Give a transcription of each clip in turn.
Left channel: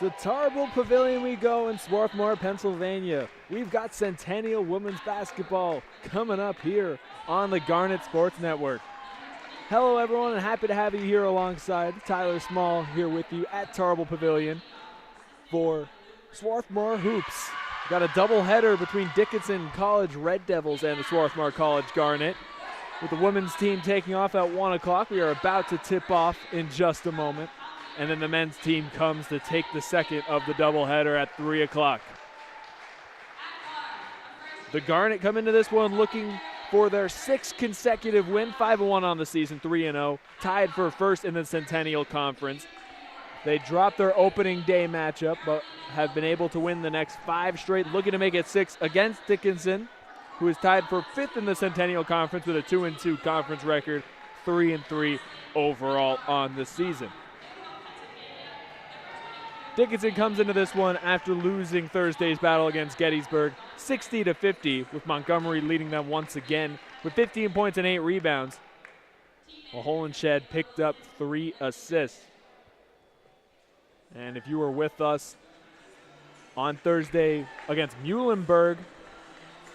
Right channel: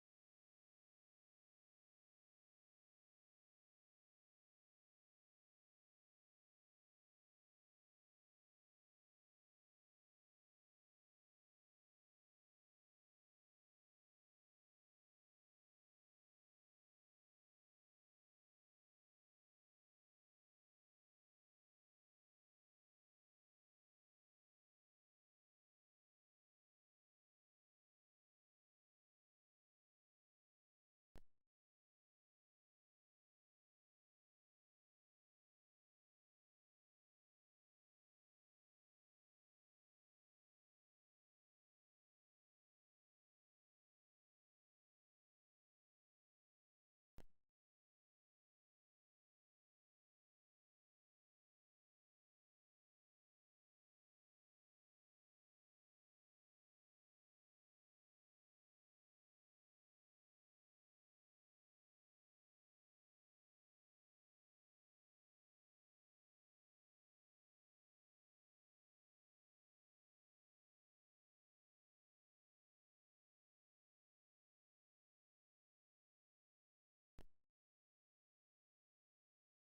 To Tarble Pavilion we go in Swarthmore, Pennsylvania. We've got Centennial women's basketball coming up here on the Garnet Sports Network. Hello everyone, and happy to have you here alongside Tyler Small here with you at Tarble Pavilion for Swarthmore Hoops. Got a doubleheader between Dickinson College Red Devils and the Swarthmore College Garnet. With the women's team taking off at 1 o'clock, we are about to tip off in just a moment. And then the men's team comes to take the second of the doubleheader at 3 o'clock. The Garnet come into this one looking for their 6th consecutive win, 5-1 on the season, 3-0, tied for first in the Centennial Conference. They dropped their opening day matchup, but have been able to win the next 5 straight, looking to make it 6 against Dickinson, who is tied for 5th in the Centennial Conference with a 2-2 conference record, 3-3 overall on the season. Dickinson comes into this one after losing Thursday's battle against Gettysburg 60-50, with Montgomery leading them once again with 15 points and 8 rebounds. While Holenshed picked up 3 assists. And if you were with us on Thursday against Muhlenberg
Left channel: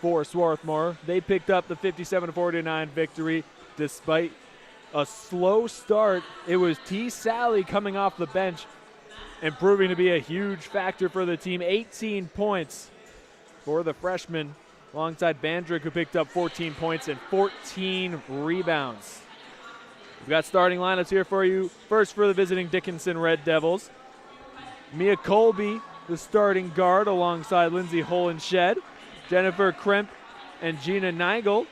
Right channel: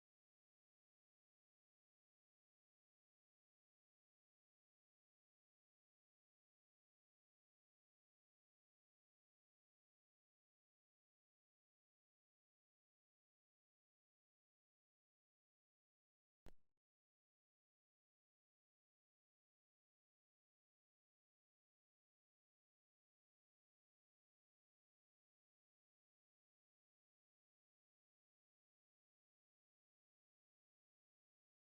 for Swarthmore, they picked up the 57-49 victory despite a slow start. It was T. Sally coming off the bench and proving to be a huge factor for the team. 18 points for the freshman, alongside Bandrick, who picked up 14 points and 14 rebounds. We've got starting lineups here for you. First for the visiting Dickinson Red Devils, Mia Colby, the starting guard, alongside Lindsay Holenshed, Jennifer Kremp, and Gina Nigel.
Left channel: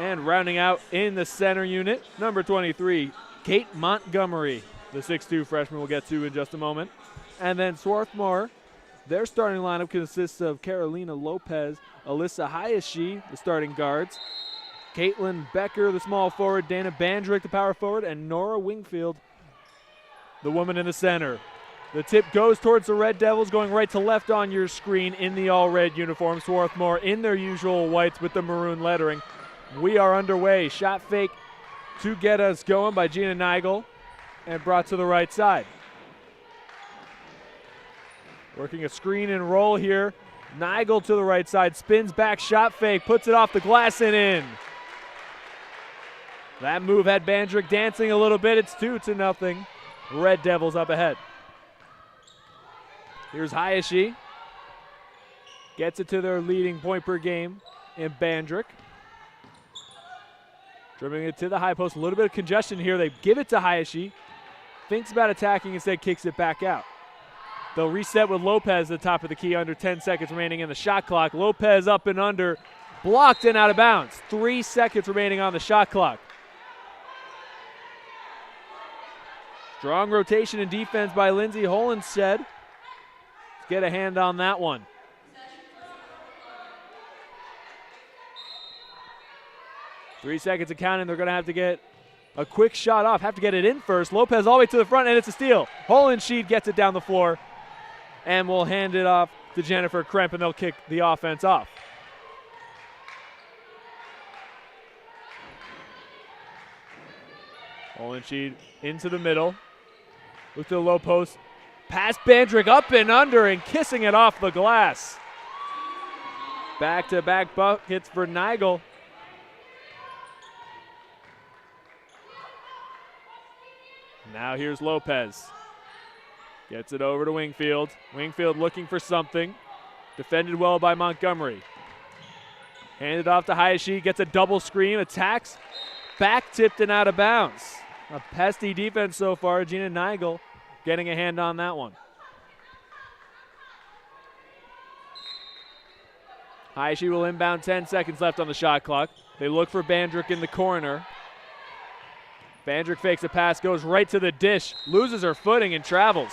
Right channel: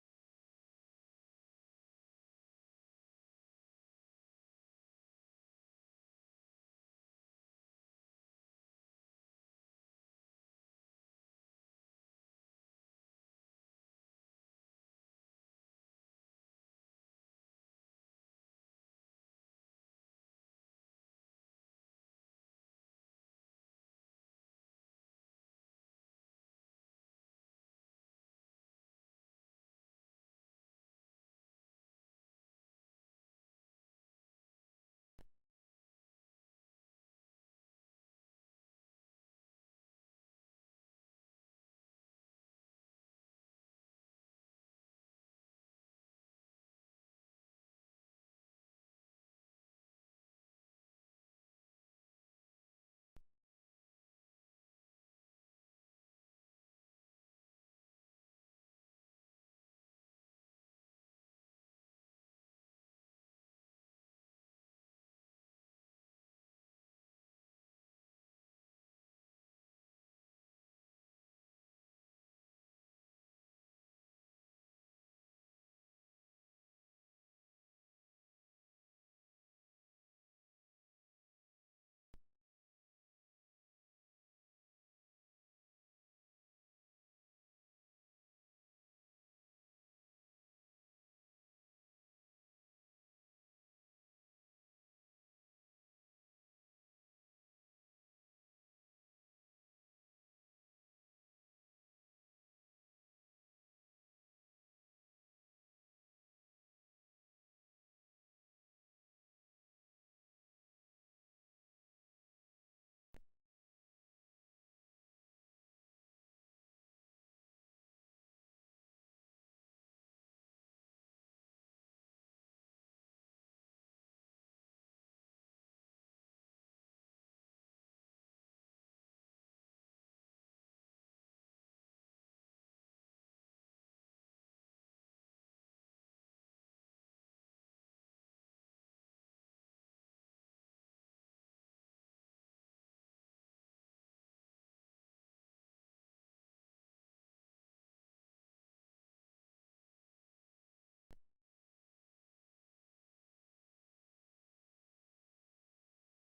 And rounding out in the center unit, number 23, Kate Montgomery, the 6'2 freshman we'll get to in just a moment. And then Swarthmore, their starting lineup consists of Carolina Lopez, Alyssa Hayashi, the starting guards, Caitlin Becker, the small forward, Dana Bandrick, the power forward, and Nora Wingfield, the woman in the center. The tip goes towards the Red Devils, going right to left on your screen in the all-red uniform. Swarthmore in their usual whites with the maroon lettering. We are underway. Shot fake to get us going by Gina Nigel, and brought to the right side. Working a screen and roll here. Nigel to the right side, spins back, shot fake, puts it off the glass and in. That move had Bandrick dancing a little bit. It's 2-0. Red Devils up ahead. Here's Hayashi. Gets it to their leading point per game in Bandrick. Dribbling it to the high post. A little bit of congestion here. They give it to Hayashi. Thinks about attacking, instead kicks it back out. They'll reset with Lopez at the top of the key, under 10 seconds remaining in the shot clock. Lopez up and under, blocked and out of bounds. 3 seconds remaining on the shot clock. Strong rotation and defense by Lindsay Holenshed. Let's get a hand on that one. Three seconds of counting. They're going to have to get a quick shot off. Have to get it in first. Lopez all the way to the front, and it's a steal. Holenshed gets it down the floor, and will hand it off to Jennifer Kremp, and they'll kick the offense off. Holenshed into the middle. Look to the low post. Pass Bandrick up and under, and kissing it off the glass. Back-to-back buckets for Nigel. Now here's Lopez. Gets it over to Wingfield. Wingfield looking for something. Defended well by Montgomery. Handed off to Hayashi. Gets a double screen. Attacks. Back tipped and out of bounds. A pesky defense so far. Gina Nigel getting a hand on that one. Hayashi will inbound. 10 seconds left on the shot clock. They look for Bandrick in the corner. Bandrick fakes a pass, goes right to the dish, loses her footing and travels.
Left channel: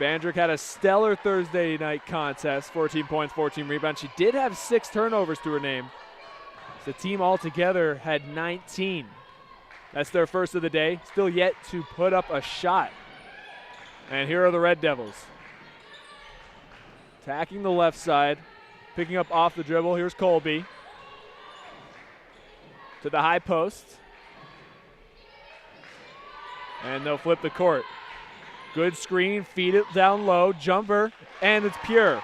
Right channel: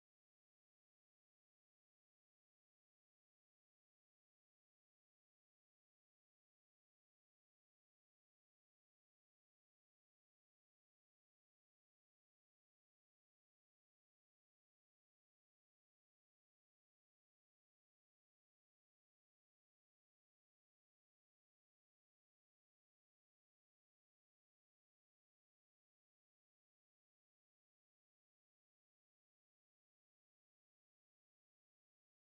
Bandrick had a stellar Thursday night contest, 14 points, 14 rebounds. She did have 6 turnovers to her name. The team altogether had 19. That's their first of the day, still yet to put up a shot. And here are the Red Devils. Attacking the left side, picking up off the dribble. Here's Colby. To the high post. And they'll flip the court. Good screen, feed it down low, jumper, and it's pure.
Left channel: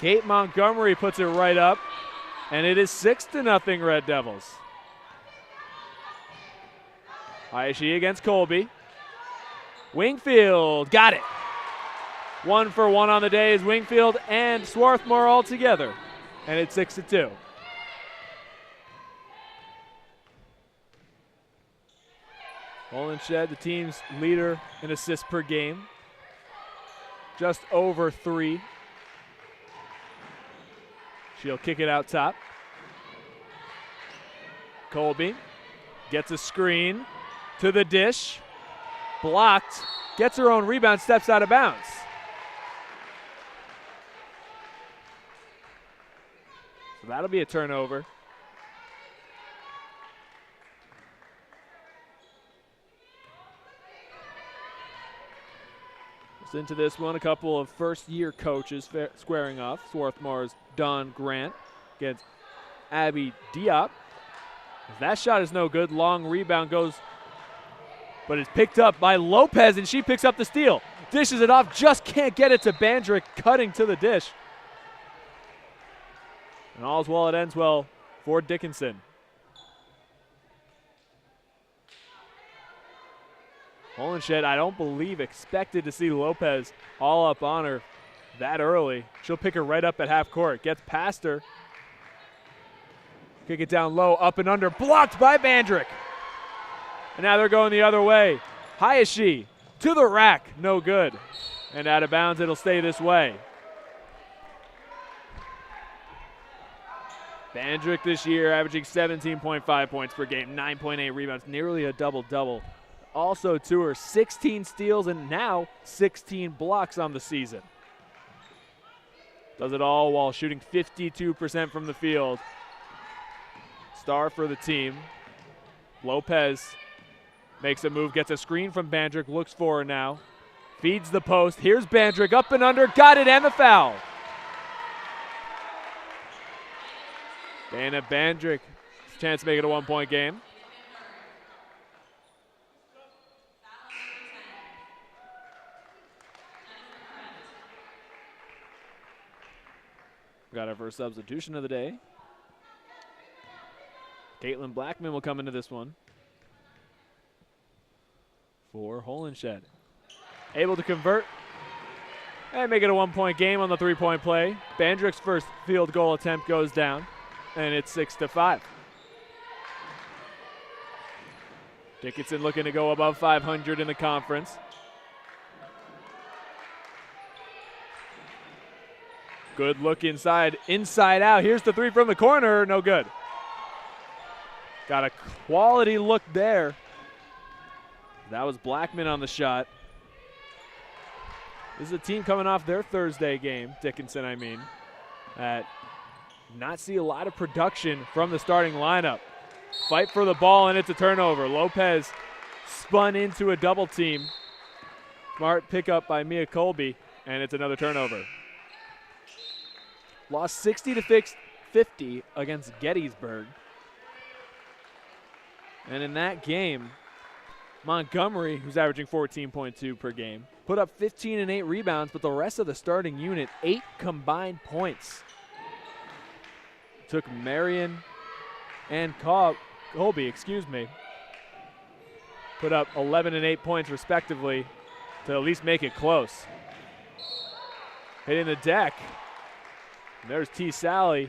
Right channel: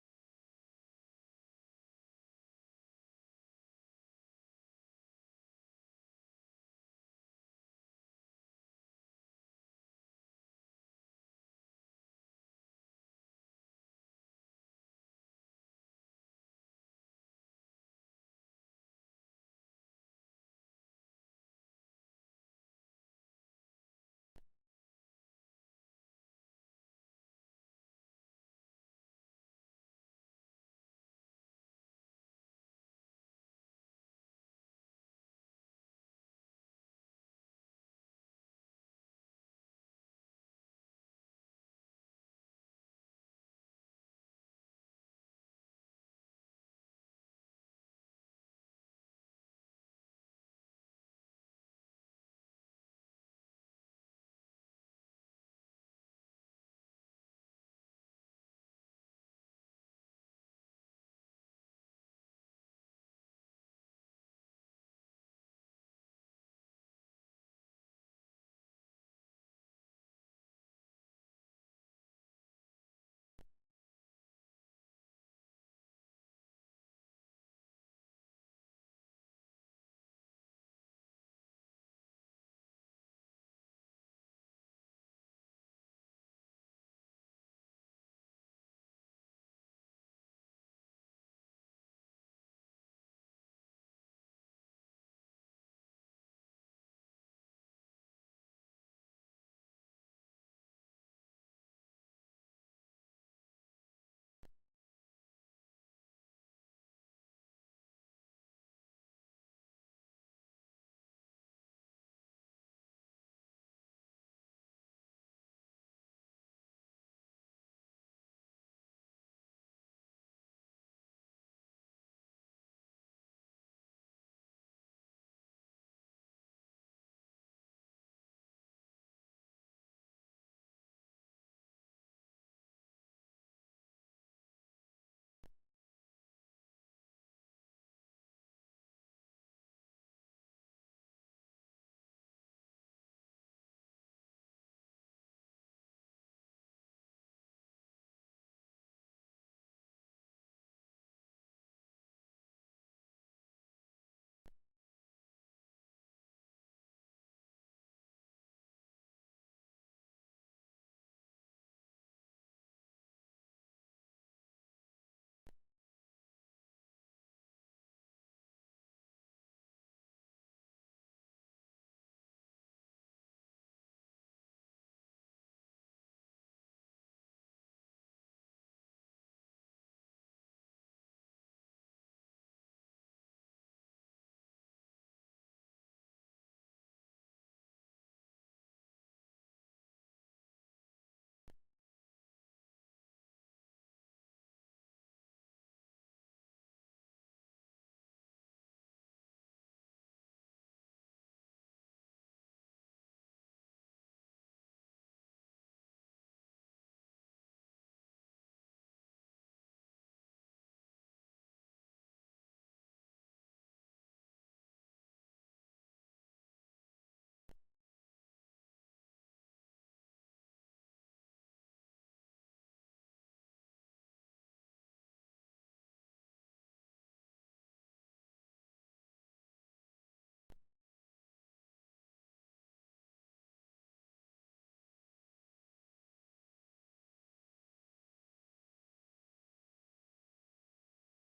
Kate Montgomery puts it right up, and it is 6-0 Red Devils. Hayashi against Colby. Wingfield, got it. 1 for 1 on the day is Wingfield and Swarthmore all together, and it's 6-2. Holenshed, the team's leader in assists per game, just over 3. She'll kick it out top. Colby gets a screen to the dish, blocked, gets her own rebound, steps out of bounds. So that'll be a turnover. Into this one, a couple of first-year coaches squaring off. Swarthmore's Don Grant against Abby Diop. That shot is no good. Long rebound goes, but it's picked up by Lopez, and she picks up the steal. Dishes it off, just can't get it to Bandrick, cutting to the dish. And all's well it ends well for Dickinson. Holenshed, I don't believe, expected to see Lopez all up on her that early. She'll pick her right up at half court. Gets past her. Kick it down low, up and under, blocked by Bandrick. And now they're going the other way. Hayashi to the rack, no good. And out of bounds, it'll stay this way. Bandrick this year averaging 17.5 points per game, 9.8 rebounds, nearly a double-double. Also to her, 16 steals and now 16 blocks on the season. Does it all while shooting 52% from the field. Star for the team. Lopez makes a move, gets a screen from Bandrick, looks for her now. Feeds the post. Here's Bandrick, up and under, got it, and the foul. Dana Bandrick, chance to make it a 1-point game. Got our first substitution of the day. Caitlin Blackman will come into this one for Holenshed. Able to convert and make it a 1-point game on the 3-point play. Bandrick's first field goal attempt goes down, and it's 6-5. Dickinson looking to go above 500 in the conference. Good look inside, inside out. Here's the 3 from the corner, no good. Got a quality look there. That was Blackman on the shot. This is a team coming off their Thursday game, Dickinson I mean, that not see a lot of production from the starting lineup. Fight for the ball, and it's a turnover. Lopez spun into a double team. Smart pickup by Mia Colby, and it's another turnover. Lost 60-50 against Gettysburg. And in that game, Montgomery, who's averaging 14.2 per game, put up 15 and 8 rebounds, but the rest of the starting unit, 8 combined points. Took Marion and Colby, put up 11 and 8 points respectively to at least make it close. Hitting the deck. There's T. Sally,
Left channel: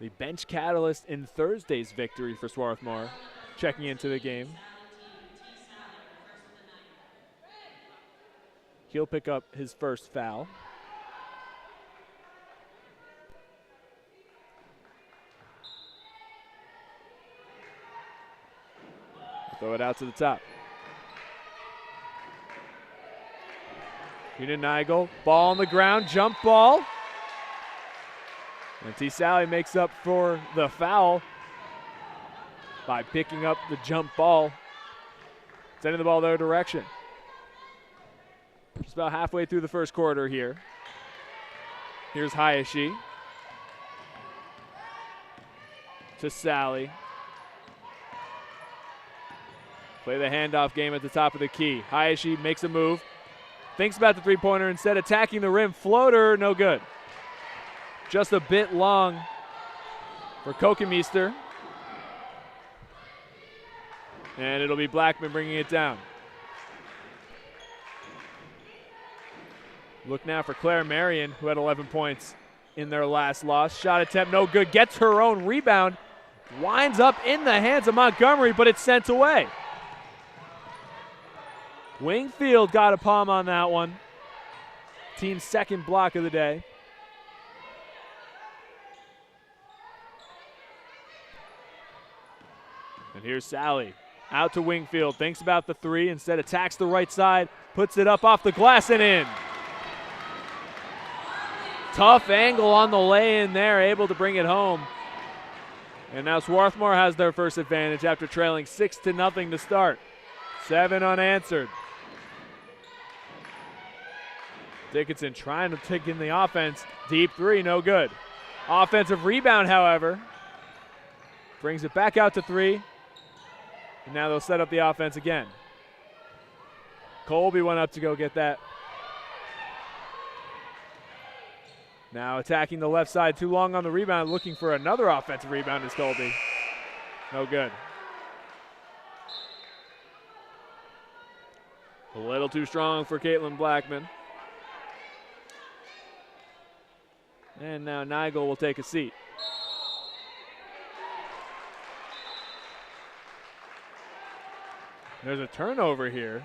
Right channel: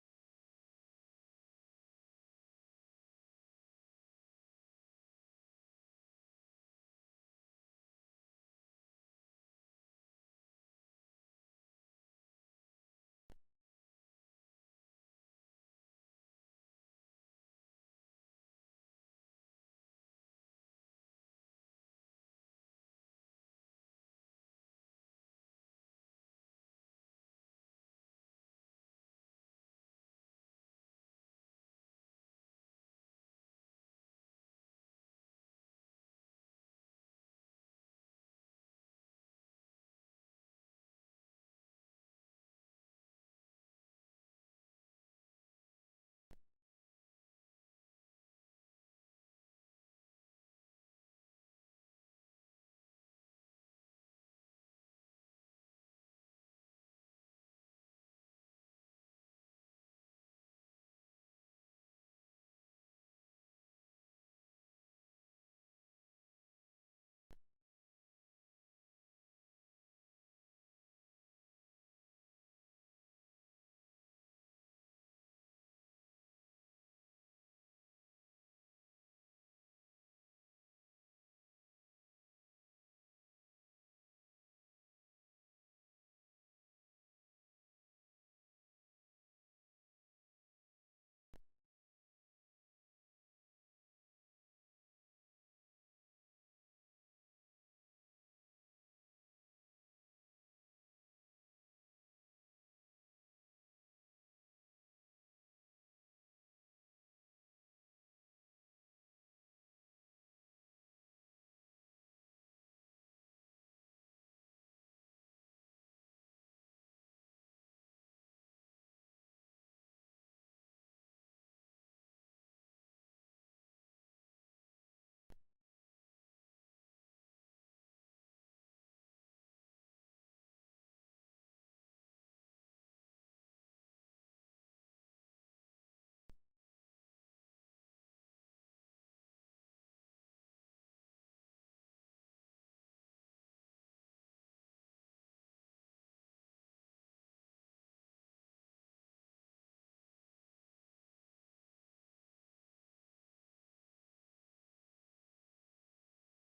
the bench catalyst in Thursday's victory for Swarthmore, checking into the game. He'll pick up his first foul. Throw it out to the top. Nigel, ball on the ground, jump ball. And T. Sally makes up for the foul by picking up the jump ball, sending the ball their direction. Just about halfway through the first quarter here. Here's Hayashi to Sally. Play the handoff game at the top of the key. Hayashi makes a move. Thinks about the three-pointer, instead attacking the rim. Floater, no good. Just a bit long for Kokemeister. And it'll be Blackman bringing it down. Look now for Claire Marion, who had 11 points in their last loss. Shot attempt, no good. Gets her own rebound. Winds up in the hands of Montgomery, but it's sent away. Wingfield got a palm on that one. Team's second block of the day. And here's Sally. Out to Wingfield. Thinks about the three. Instead attacks the right side. Puts it up off the glass and in. Tough angle on the lay-in there. Able to bring it home. And now Swarthmore has their first advantage after trailing 6-0 to start. 7 unanswered. Dickinson trying to take in the offense. Deep three, no good. Offensive rebound, however. Brings it back out to three. And now they'll set up the offense again. Colby went up to go get that. Now attacking the left side, too long on the rebound, looking for another offensive rebound is Colby. No good. A little too strong for Caitlin Blackman. And now Nigel will take a seat. There's a turnover here.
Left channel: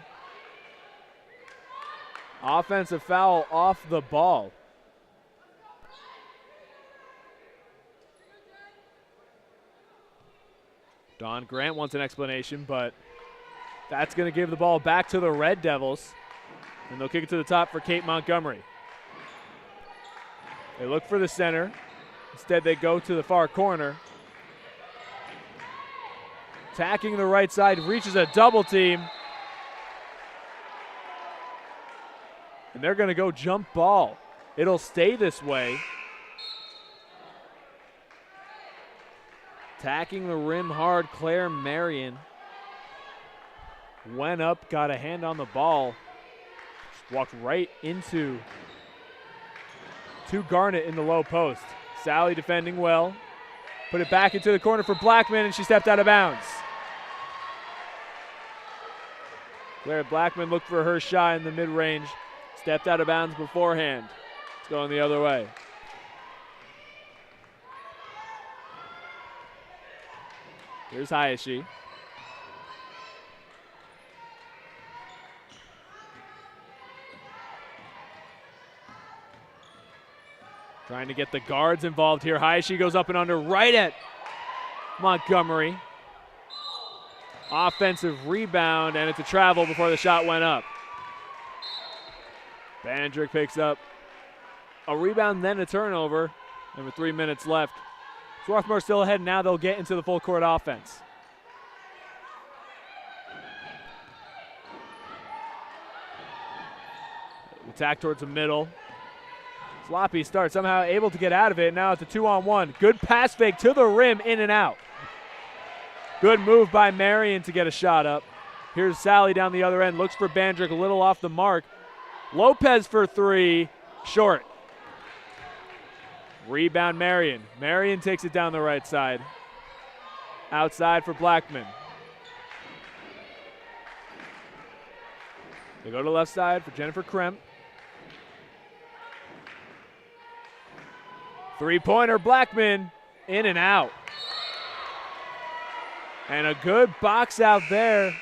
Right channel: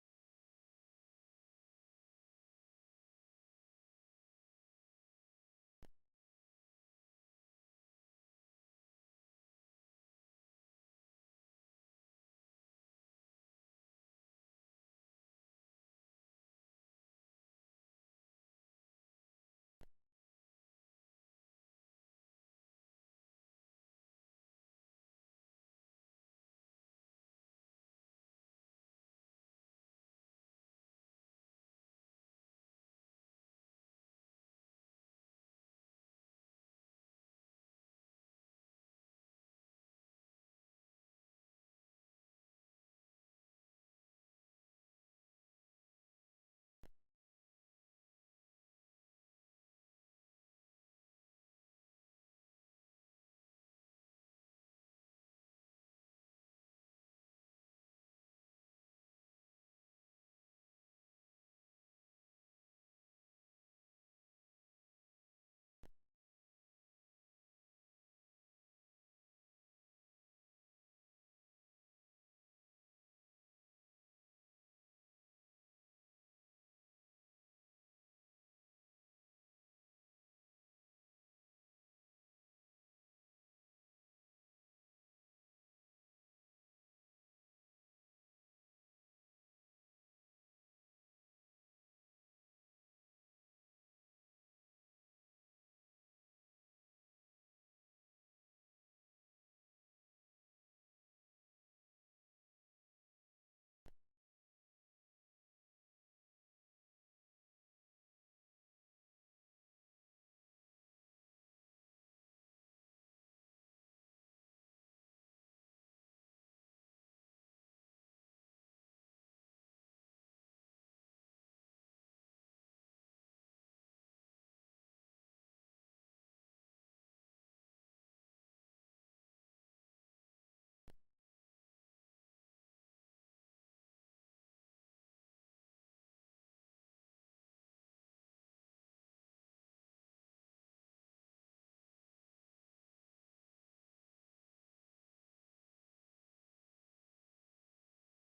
Offensive foul off the ball. Don Grant wants an explanation, but that's going to give the ball back to the Red Devils. And they'll kick it to the top for Kate Montgomery. They look for the center. Instead, they go to the far corner. Attacking the right side, reaches a double team. And they're going to go jump ball. It'll stay this way. Attacking the rim hard, Claire Marion. Went up, got a hand on the ball. Just walked right into Garnett in the low post. Sally defending well. Put it back into the corner for Blackman, and she stepped out of bounds. Claire Blackman looked for her shot in the mid-range. Stepped out of bounds beforehand. It's going the other way. Here's Hayashi. Trying to get the guards involved here. Hayashi goes up and under right at Montgomery. Offensive rebound, and it's a travel before the shot went up. Bandrick picks up a rebound, then a turnover. And with 3 minutes left, Swarthmore still ahead. Now they'll get into the full court offense. Attack towards the middle. Sloppy start, somehow able to get out of it. Now it's a 2-on-1. Good pass fake to the rim, in and out. Good move by Marion to get a shot up. Here's Sally down the other end. Looks for Bandrick, a little off the mark. Lopez for three, short. Rebound Marion. Marion takes it down the right side. Outside for Blackman. They go to the left side for Jennifer Kremp. Three-pointer, Blackman, in and out. And a good box out there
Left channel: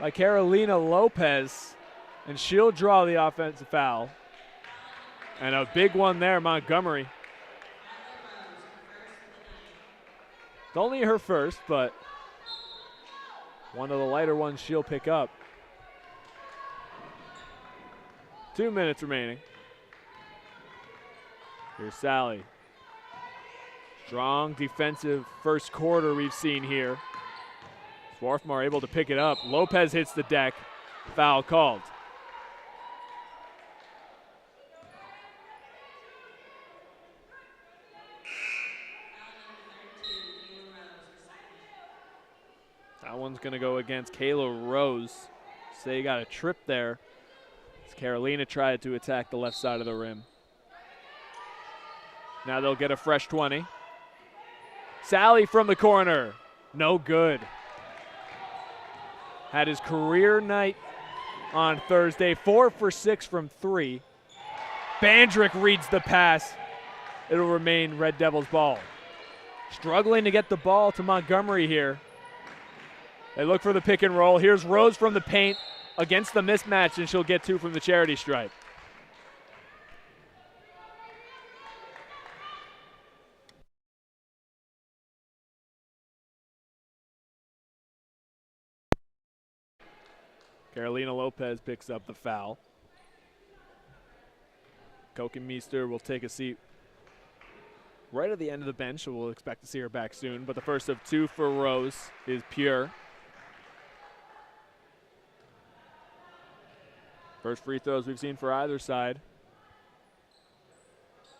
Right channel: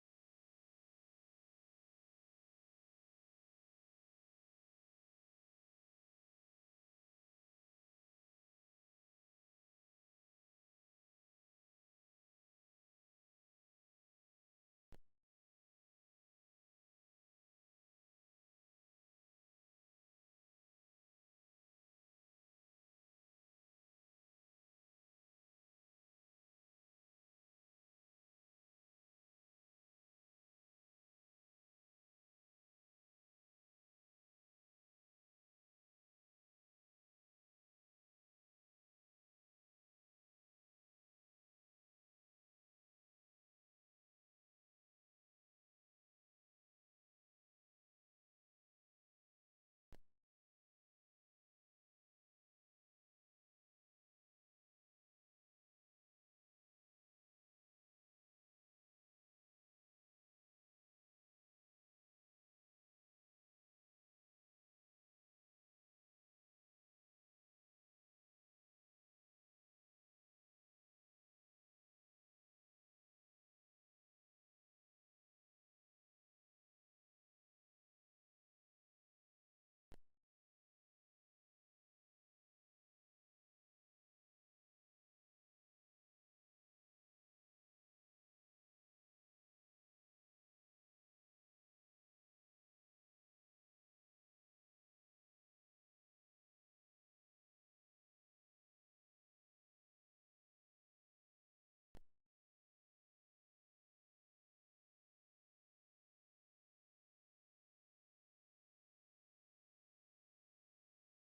by Carolina Lopez. And she'll draw the offensive foul. And a big one there, Montgomery. It's only her first, but one of the lighter ones she'll pick up. 2 minutes remaining. Here's Sally. Strong defensive first quarter we've seen here. Swarthmore able to pick it up. Lopez hits the deck. Foul called. That one's going to go against Kayla Rose. Say got a trip there as Carolina tried to attack the left side of the rim. Now they'll get a fresh 20. Sally from the corner. No good. Had his career night on Thursday. 4 for 6 from 3. Bandrick reads the pass. It'll remain Red Devils ball. Struggling to get the ball to Montgomery here. They look for the pick and roll. Here's Rose from the paint against the mismatch, and she'll get 2 from the charity stripe. Carolina Lopez picks up the foul. Kokenmeester will take a seat right at the end of the bench, so we'll expect to see her back soon. But the first of 2 for Rose is pure. First free throws we've seen for either side.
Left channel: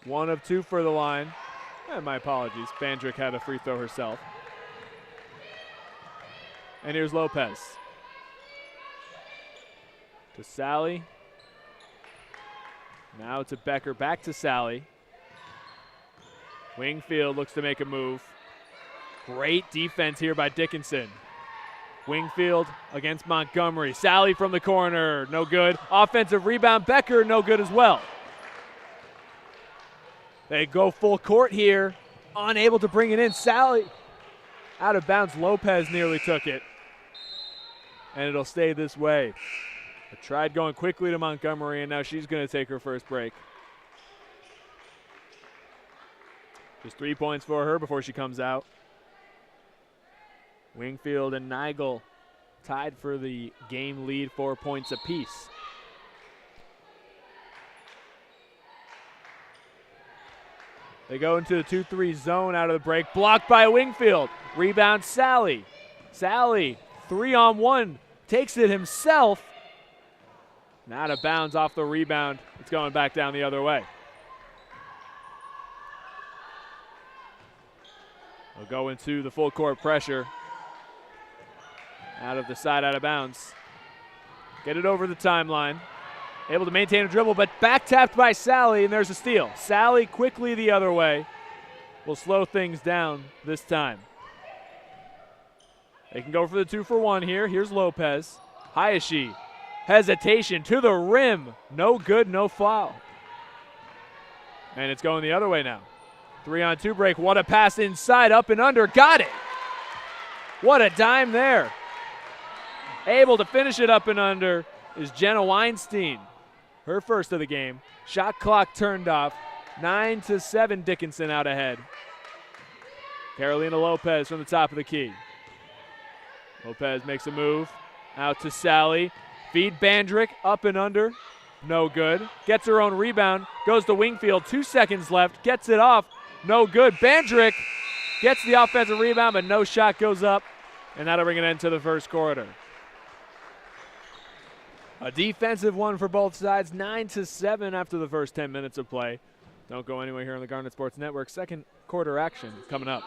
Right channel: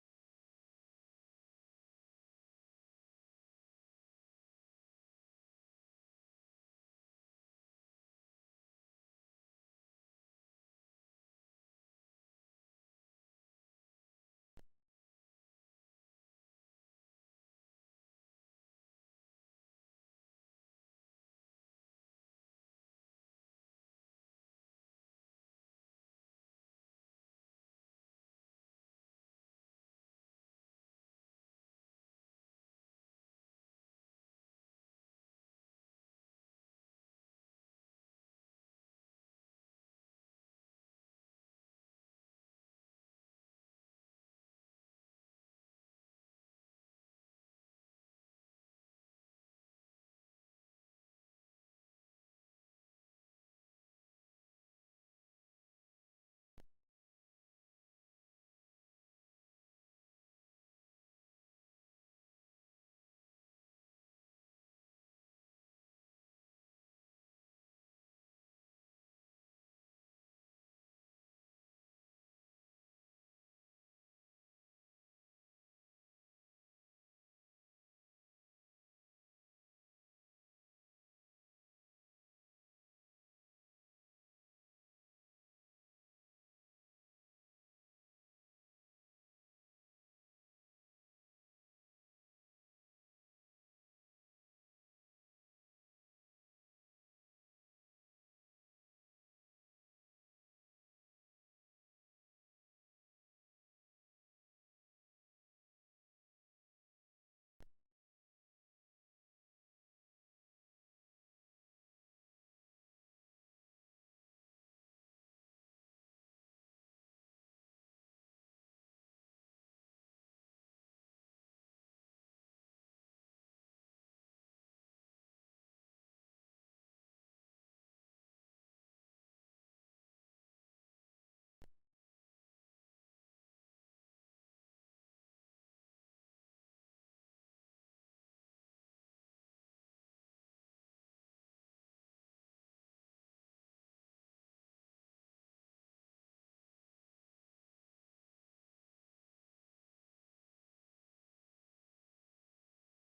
1 of 2 for the line. My apologies. Bandrick had a free throw herself. And here's Lopez. To Sally. Now to Becker, back to Sally. Wingfield looks to make a move. Great defense here by Dickinson. Wingfield against Montgomery. Sally from the corner, no good. Offensive rebound, Becker, no good as well. They go full court here, unable to bring it in. Sally out of bounds. Lopez nearly took it. And it'll stay this way. I tried going quickly to Montgomery, and now she's going to take her first break. Just 3 points for her before she comes out. Wingfield and Nigel tied for the game lead, 4 points apiece. They go into the 2-3 zone out of the break. Blocked by Wingfield. Rebound Sally. Sally, 3-on-1, takes it himself. And out of bounds off the rebound. It's going back down the other way. We'll go into the full court pressure. Out of the side, out of bounds. Get it over the timeline. Able to maintain a dribble, but back tapped by Sally, and there's a steal. Sally quickly the other way. Will slow things down this time. They can go for the 2-for-1 here. Here's Lopez. Hayashi. Hesitation to the rim. No good, no foul. And it's going the other way now. 3-on-2 break. What a pass inside, up and under. Got it. What a dime there. Able to finish it up and under is Jenna Weinstein. Her first of the game. Shot clock turned off. 9-7, Dickinson out ahead. Carolina Lopez from the top of the key. Lopez makes a move. Out to Sally. Feed Bandrick, up and under. No good. Gets her own rebound. Goes to Wingfield. 2 seconds left. Gets it off. No good. Bandrick gets the offensive rebound, but no shot goes up. And that'll bring an end to the first quarter. A defensive one for both sides. 9-7 after the first 10 minutes of play. Don't go anywhere here on the Garnet Sports Network. Second quarter action coming up.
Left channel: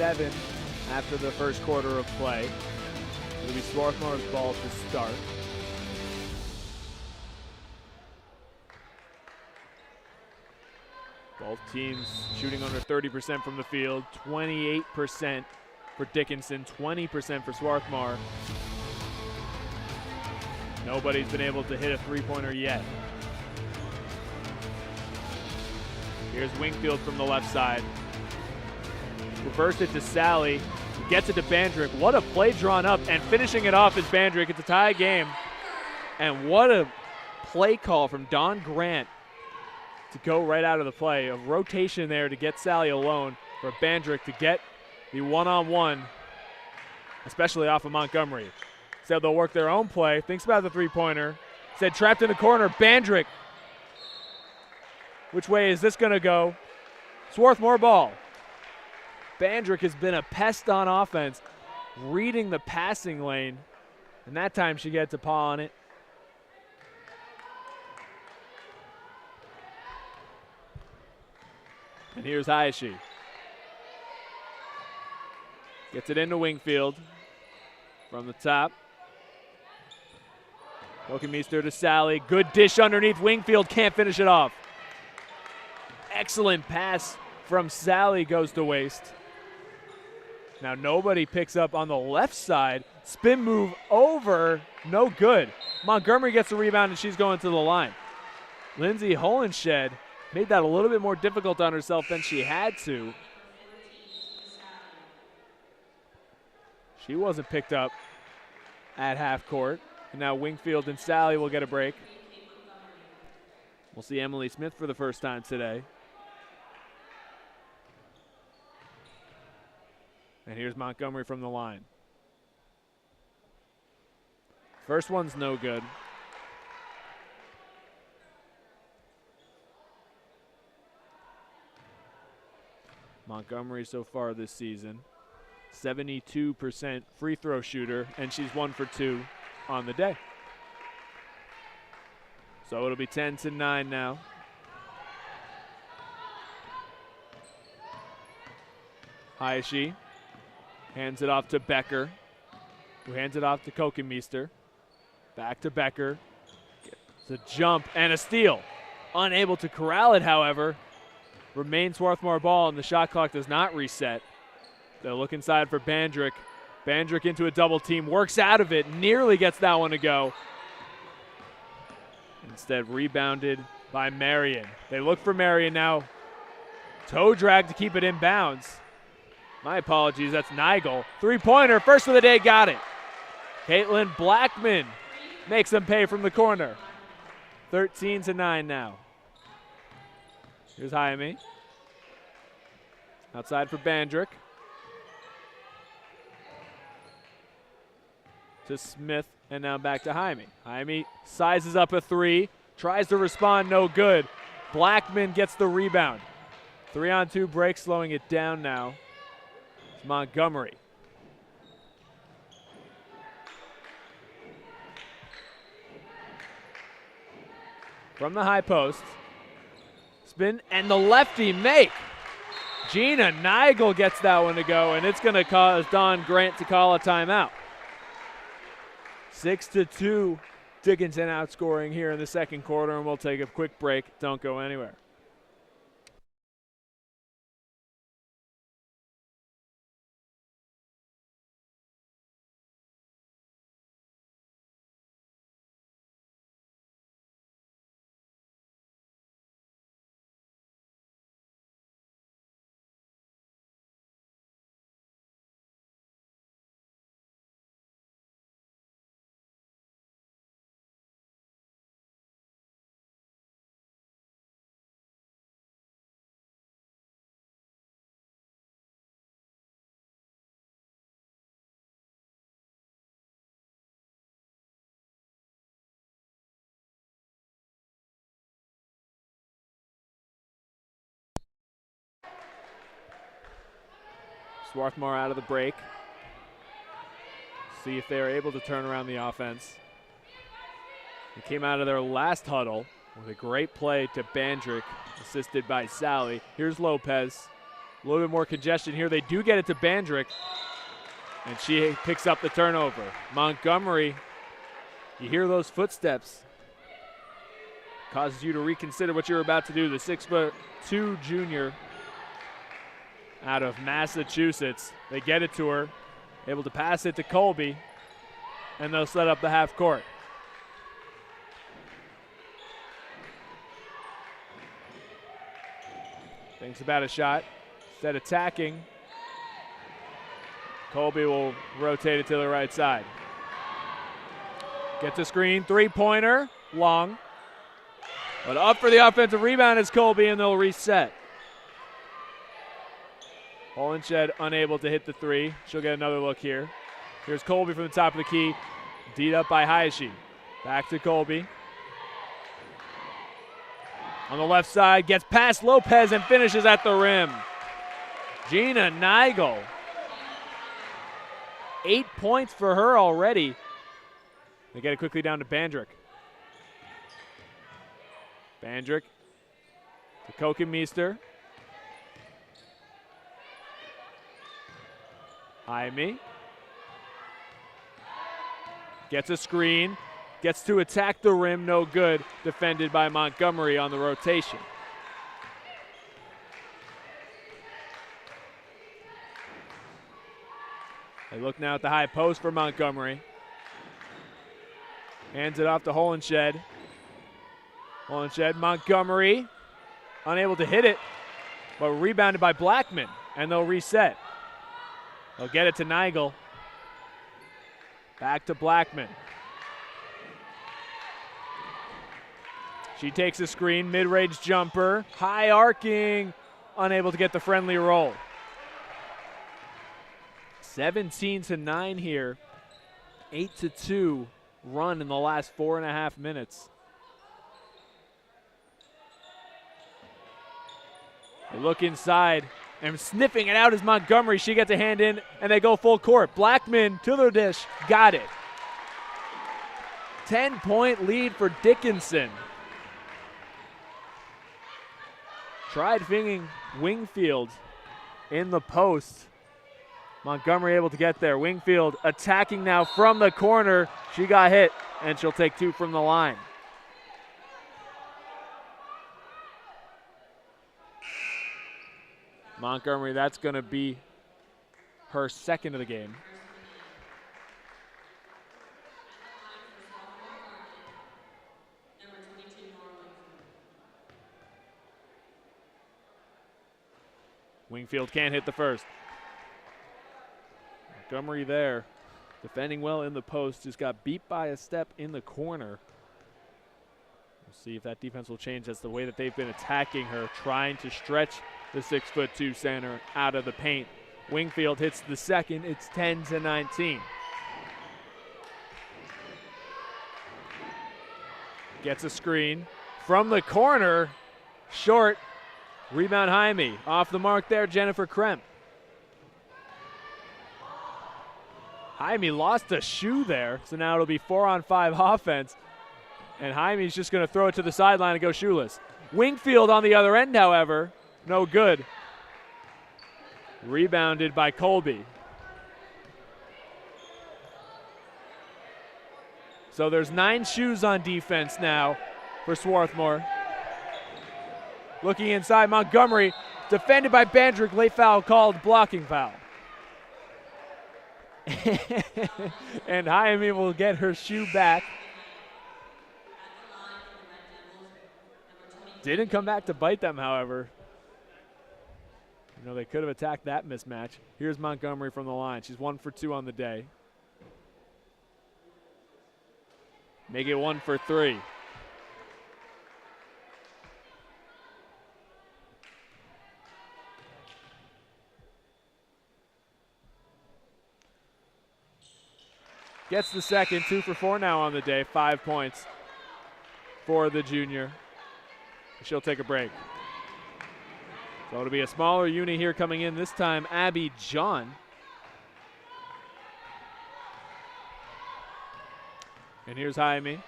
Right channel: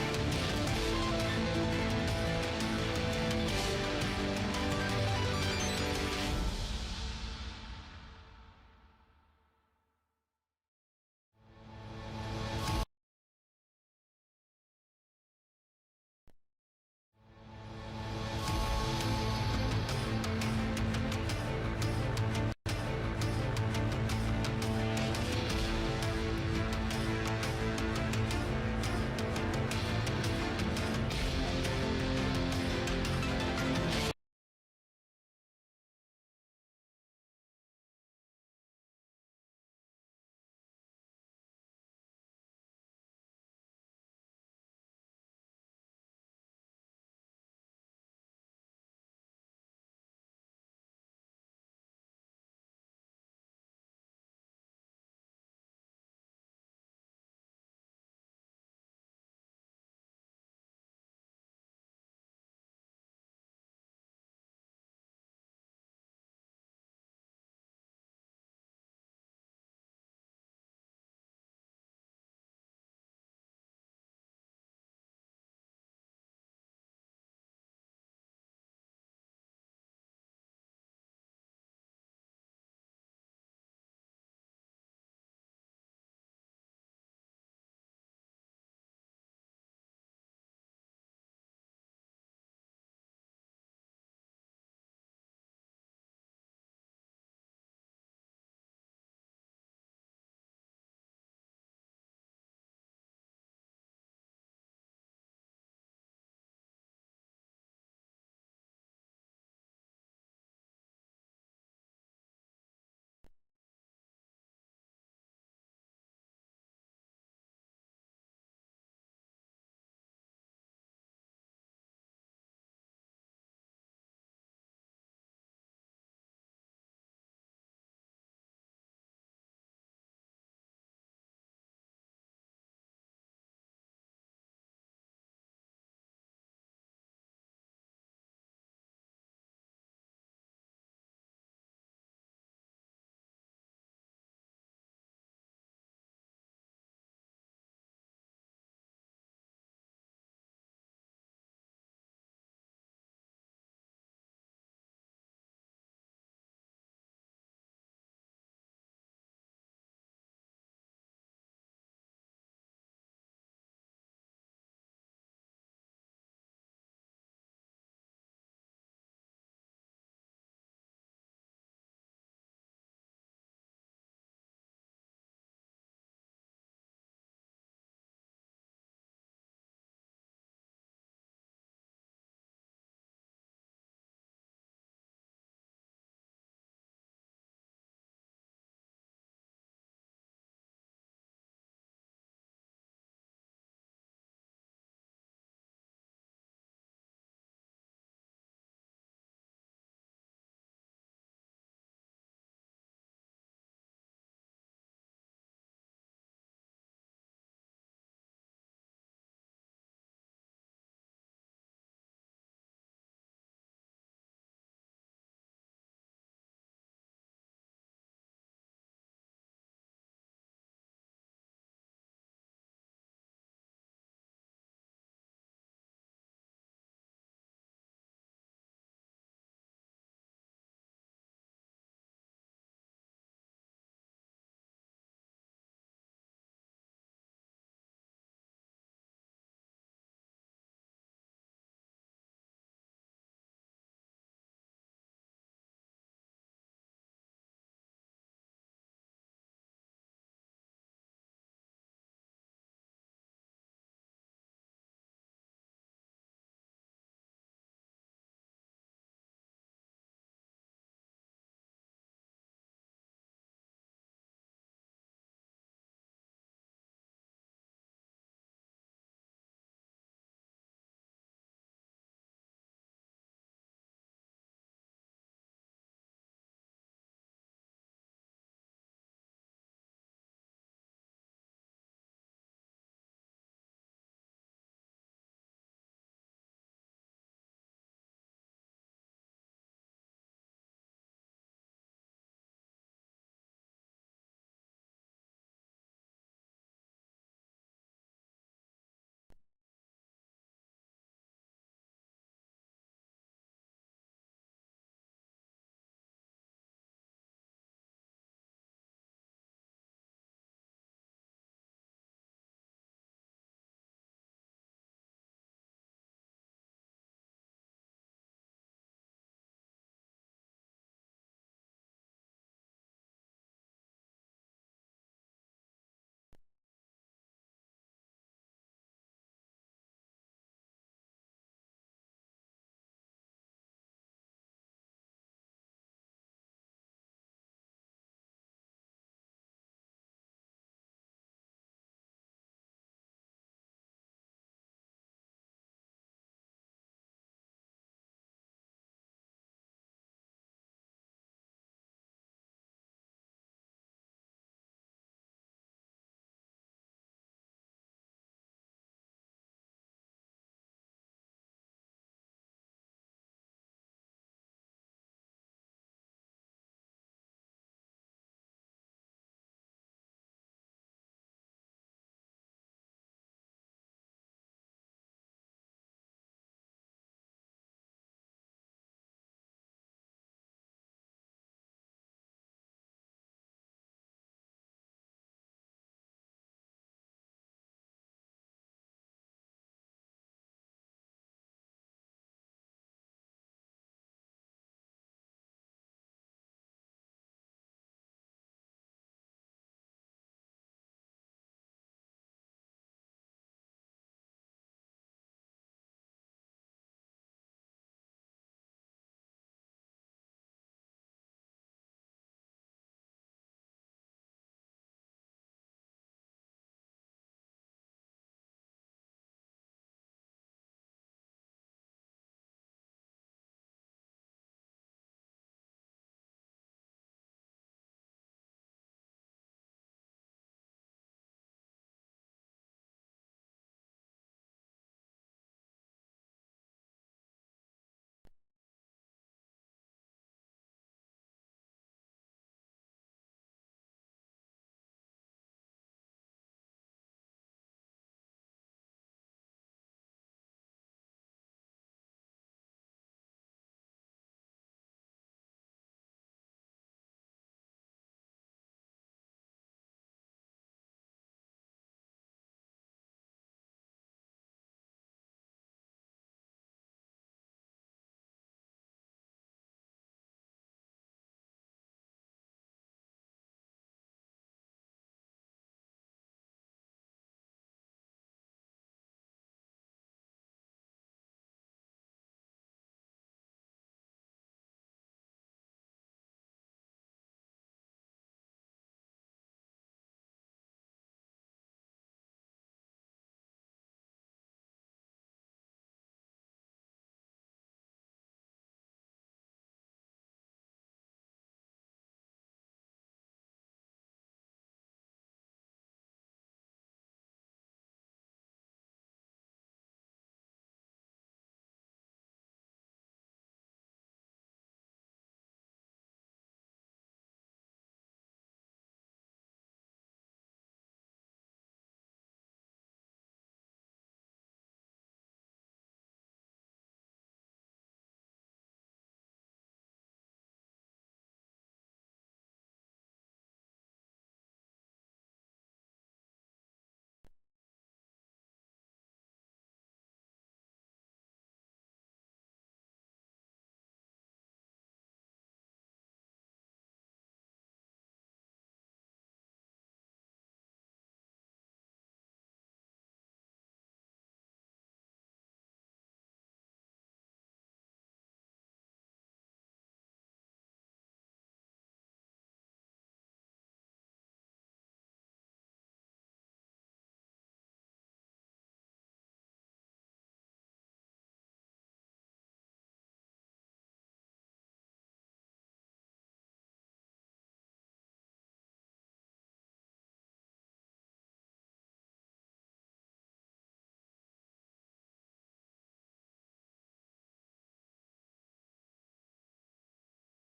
After the first quarter of play. Swarthmore's ball to start. Both teams shooting under 30% from the field, 28% for Dickinson, 20% for Swarthmore. Nobody's been able to hit a three-pointer yet. Here's Wingfield from the left side. Reversed it to Sally, gets it to Bandrick. What a play drawn up, and finishing it off is Bandrick. It's a tie game. And what a play call from Don Grant to go right out of the play. A rotation there to get Sally alone for Bandrick to get the one-on-one, especially off of Montgomery. Said they'll work their own play. Thinks about the three-pointer. Said trapped in the corner. Bandrick. Which way is this going to go? Swarthmore ball. Bandrick has been a pest on offense, reading the passing lane, and that time she gets a paw on it. And here's Hayashi. Gets it into Wingfield from the top. Wilkenmeester to Sally. Good dish underneath. Wingfield can't finish it off. Excellent pass from Sally goes to waste. Now nobody picks up on the left side. Spin move over, no good. Montgomery gets the rebound and she's going to the line. Lindsay Holenshed made that a little bit more difficult on herself than she had to. She wasn't picked up at half court. And now Wingfield and Sally will get a break. We'll see Emily Smith for the first time today. And here's Montgomery from the line. First one's no good. Montgomery so far this season, 72% free throw shooter, and she's 1 for 2 on the day. So it'll be 10-9 now. Hayashi hands it off to Becker, who hands it off to Wilkenmeester. Back to Becker. It's a jump and a steal. Unable to corral it, however. Remains Swarthmore ball, and the shot clock does not reset. They'll look inside for Bandrick. Bandrick into a double team, works out of it, nearly gets that one to go. Instead rebounded by Marion. They look for Marion now. Toe drag to keep it in bounds. My apologies, that's Nigel. Three-pointer, first of the day, got it. Caitlin Blackman makes them pay from the corner. 13-9 now. Here's Jaime. Outside for Bandrick. To Smith, and now back to Jaime. Jaime sizes up a three, tries to respond, no good. Blackman gets the rebound. 3-on-2 break, slowing it down now. It's Montgomery. From the high post. Spin, and the lefty make. Gina Nigel gets that one to go, and it's going to cause Don Grant to call a timeout. 6-2, Dickinson outscoring here in the second quarter, and we'll take a quick break. Don't go anywhere. Swarthmore out of the break. See if they're able to turn around the offense. They came out of their last huddle with a great play to Bandrick, assisted by Sally. Here's Lopez. A little bit more congestion here. They do get it to Bandrick, and she picks up the turnover. Montgomery, you hear those footsteps. causes you to reconsider what you're about to do. The 6'2" junior out of Massachusetts. They get it to her, able to pass it to Colby, and they'll set up the half court. Thinks about a shot, instead attacking. Colby will rotate it to the right side. Gets a screen, three-pointer, long. But up for the offensive rebound is Colby, and they'll reset. Holenshed unable to hit the three. She'll get another look here. Here's Colby from the top of the key. D'd up by Hayashi. Back to Colby. On the left side, gets past Lopez and finishes at the rim. Gina Nigel. 8 points for her already. They get it quickly down to Bandrick. Bandrick to Kokenmeester. Jaime. Gets a screen. Gets to attack the rim, no good. Defended by Montgomery on the rotation. They look now at the high post for Montgomery. Hands it off to Holenshed. Holenshed, Montgomery, unable to hit it, but rebounded by Blackman, and they'll reset. They'll get it to Nigel. Back to Blackman. She takes a screen, mid-range jumper, high arcing, unable to get the friendly roll. 17-9 here, 8-2 run in the last 4.5 minutes. They look inside, and sniffing it out is Montgomery. She gets a hand in, and they go full court. Blackman to the dish, got it. 10-point lead for Dickinson. Tried finging Wingfield in the post. Montgomery able to get there. Wingfield attacking now from the corner. She got hit, and she'll take two from the line. Montgomery, that's going to be her second of the game. Wingfield can't hit the first. Montgomery there, defending well in the post, just got beat by a step in the corner. We'll see if that defense will change. That's the way that they've been attacking her, trying to stretch the 6'2" center out of the paint. Wingfield hits the second. It's 10-19. Gets a screen from the corner, short. Rebound Jaime. Off the mark there, Jennifer Kremp. Jaime lost a shoe there, so now it'll be 4-on-5 offense. And Jaime's just going to throw it to the sideline and go shoeless. Wingfield on the other end, however, no good. Rebounded by Colby. So there's 9 shoes on defense now for Swarthmore. Looking inside, Montgomery, defended by Bandrick, late foul called, blocking foul. And Jaime will get her shoe back. Didn't come back to bite them, however. You know, they could have attacked that mismatch. Here's Montgomery from the line. She's 1 for 2 on the day. Make it 1 for 3. Gets the second, 2 for 4 now on the day, 5 points for the junior. She'll take a break. So it'll be a smaller unit here coming in, this time Abby John. And here's Jaime.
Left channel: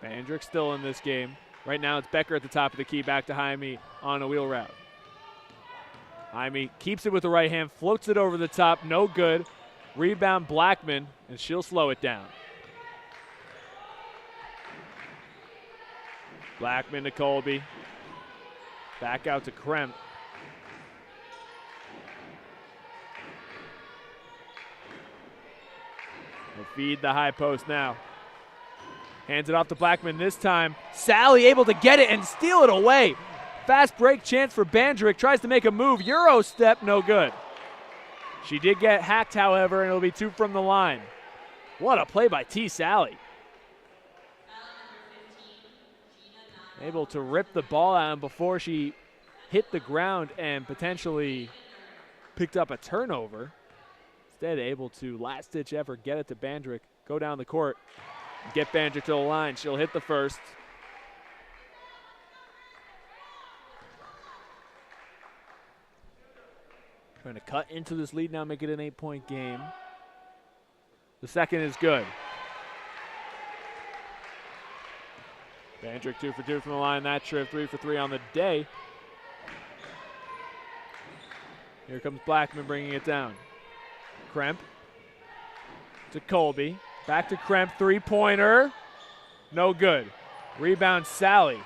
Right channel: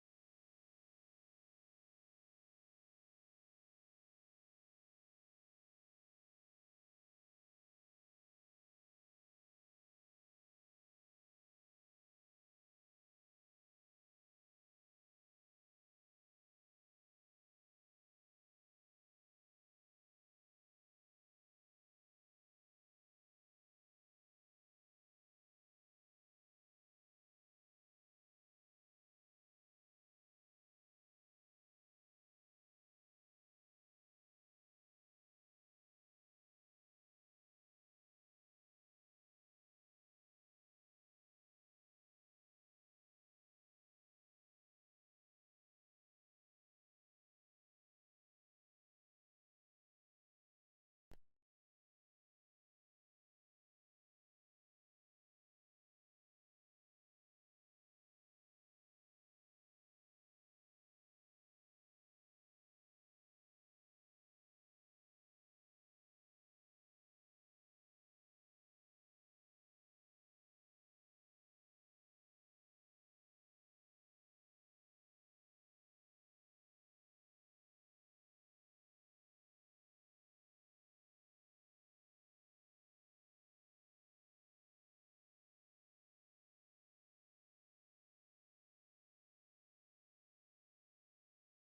Bandrick still in this game. Right now it's Becker at the top of the key, back to Jaime on a wheel route. Jaime keeps it with the right hand, floats it over the top, no good. Rebound Blackman, and she'll slow it down. Blackman to Colby. Back out to Kremp. They'll feed the high post now. Hands it off to Blackman this time. Sally able to get it and steal it away. Fast break chance for Bandrick. Tries to make a move. Euro step, no good. She did get hacked, however, and it'll be 2 from the line. What a play by T. Sally. Able to rip the ball out before she hit the ground and potentially picked up a turnover. Instead, able to last-ditch effort, get it to Bandrick, go down the court, get Bandrick to the line. She'll hit the first. Trying to cut into this lead now, make it an 8-point game. The second is good. Bandrick 2 for 2 from the line that trip, 3 for 3 on the day. Here comes Blackman bringing it down. Kremp to Colby. Back to Kremp, 3-pointer. No good. Rebound Sally.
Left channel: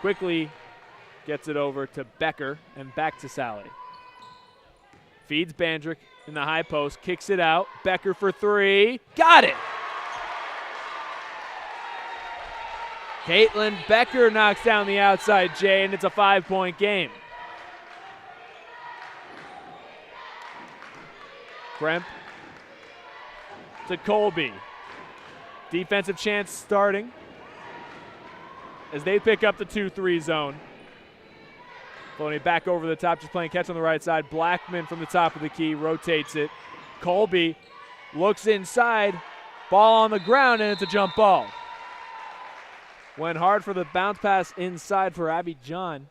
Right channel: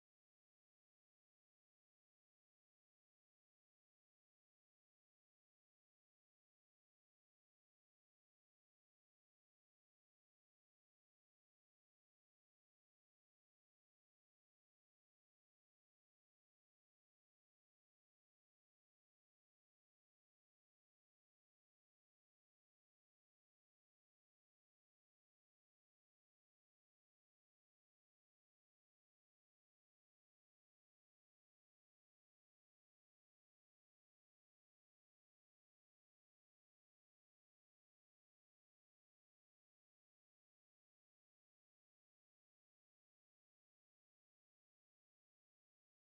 Quickly gets it over to Becker and back to Sally. Feeds Bandrick in the high post, kicks it out. Becker for 3. Got it! Caitlin Becker knocks down the outside J, and it's a 5-point game. Kremp to Colby. Defensive chance starting as they pick up the 2-3 zone. Flowing back over the top, just playing catch on the right side. Blackman from the top of the key, rotates it. Colby looks inside, ball on the ground, and it's a jump ball. Went hard for the bounce pass inside for Abby John.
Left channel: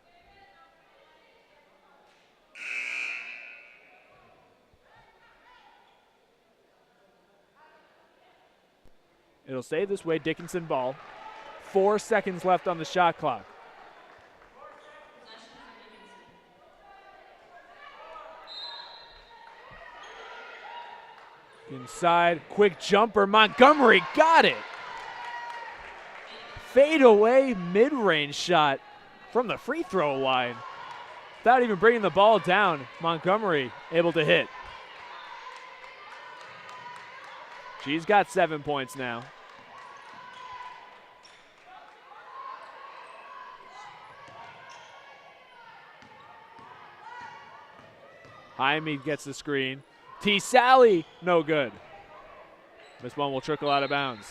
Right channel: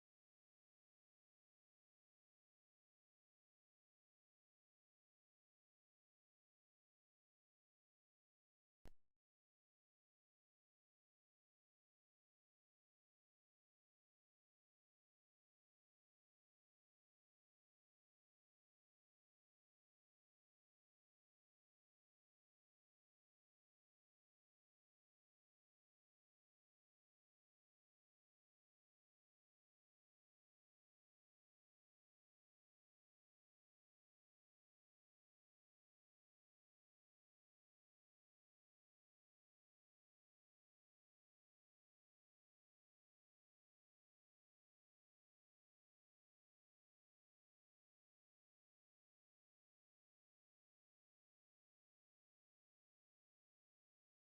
It'll stay this way, Dickinson ball. 4 seconds left on the shot clock. Inside, quick jumper, Montgomery got it. Fade away mid-range shot from the free throw line. Without even bringing the ball down, Montgomery able to hit. She's got 7 points now. Jaime gets the screen. T. Sally, no good. This one will trickle out of bounds.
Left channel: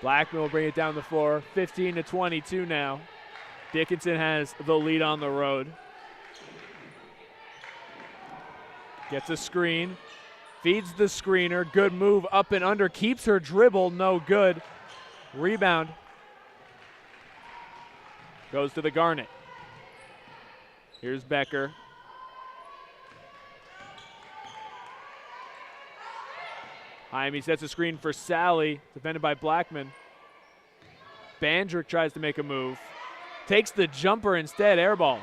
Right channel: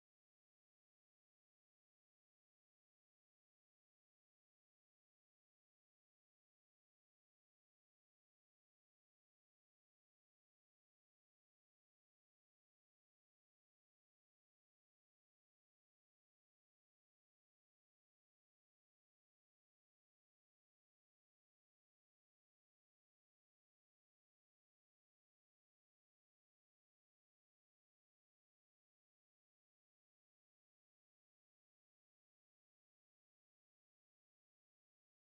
Blackman will bring it down the floor. 15-22 now. Dickinson has the lead on the road. Gets a screen. Feeds the screener. Good move up and under. Keeps her dribble. No good. Rebound. Goes to the Garnet. Here's Becker. Jaime sets a screen for Sally, defended by Blackman. Bandrick tries to make a move. Takes the jumper instead, air ball.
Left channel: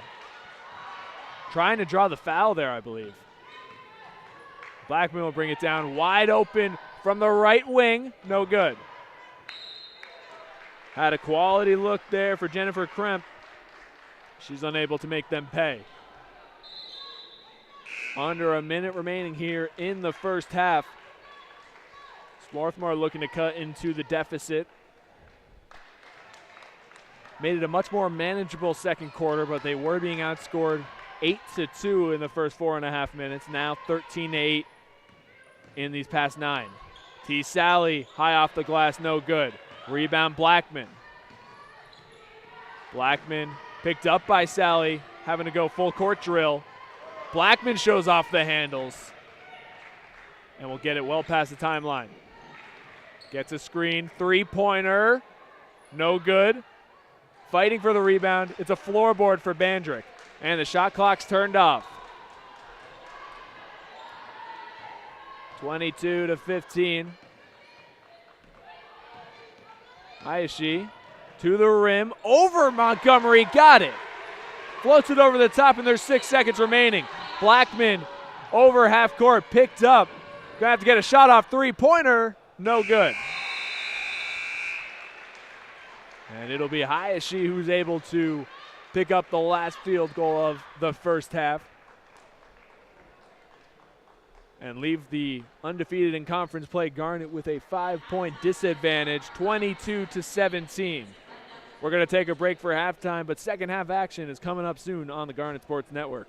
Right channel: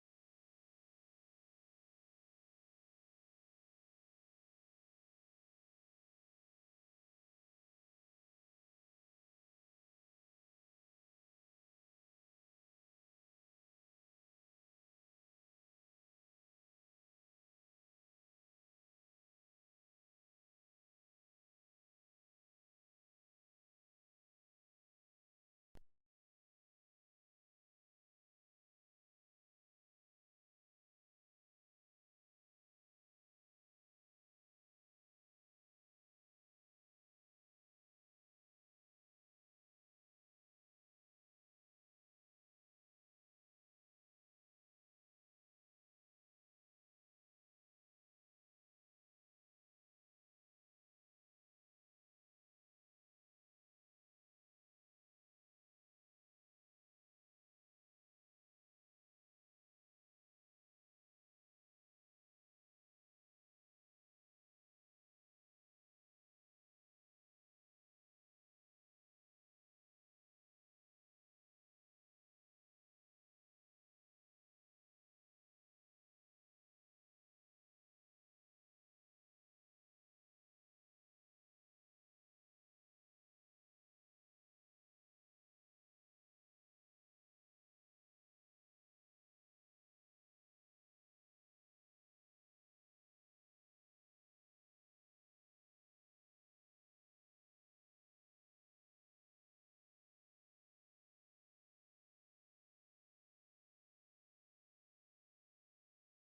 Trying to draw the foul there, I believe. Blackman will bring it down wide open from the right wing. No good. Had a quality look there for Jennifer Kremp. She's unable to make them pay. Under a minute remaining here in the first half. Swarthmore looking to cut into the deficit. Made it a much more manageable second quarter, but they were being outscored 8-2 in the first 4.5 minutes. Now 13-8 in these past 9. T. Sally, high off the glass, no good. Rebound Blackman. Blackman picked up by Sally, having to go full court drill. Blackman shows off the handles and will get it well past the timeline. Gets a screen, 3-pointer, no good. Fighting for the rebound. It's a floorboard for Bandrick, and the shot clock's turned off. 22-15. Hayashi to the rim, over Montgomery, got it. Floats it over the top, and there's 6 seconds remaining. Blackman over half court, picked up. Gonna have to get a shot off three-pointer, no good. And it'll be Hayashi who's able to pick up the last field goal of the first half and leave the undefeated in conference play Garnet with a 5-point disadvantage, 22-17. We're going to take a break for halftime, but second half action is coming up soon on the Garnet Sports Network.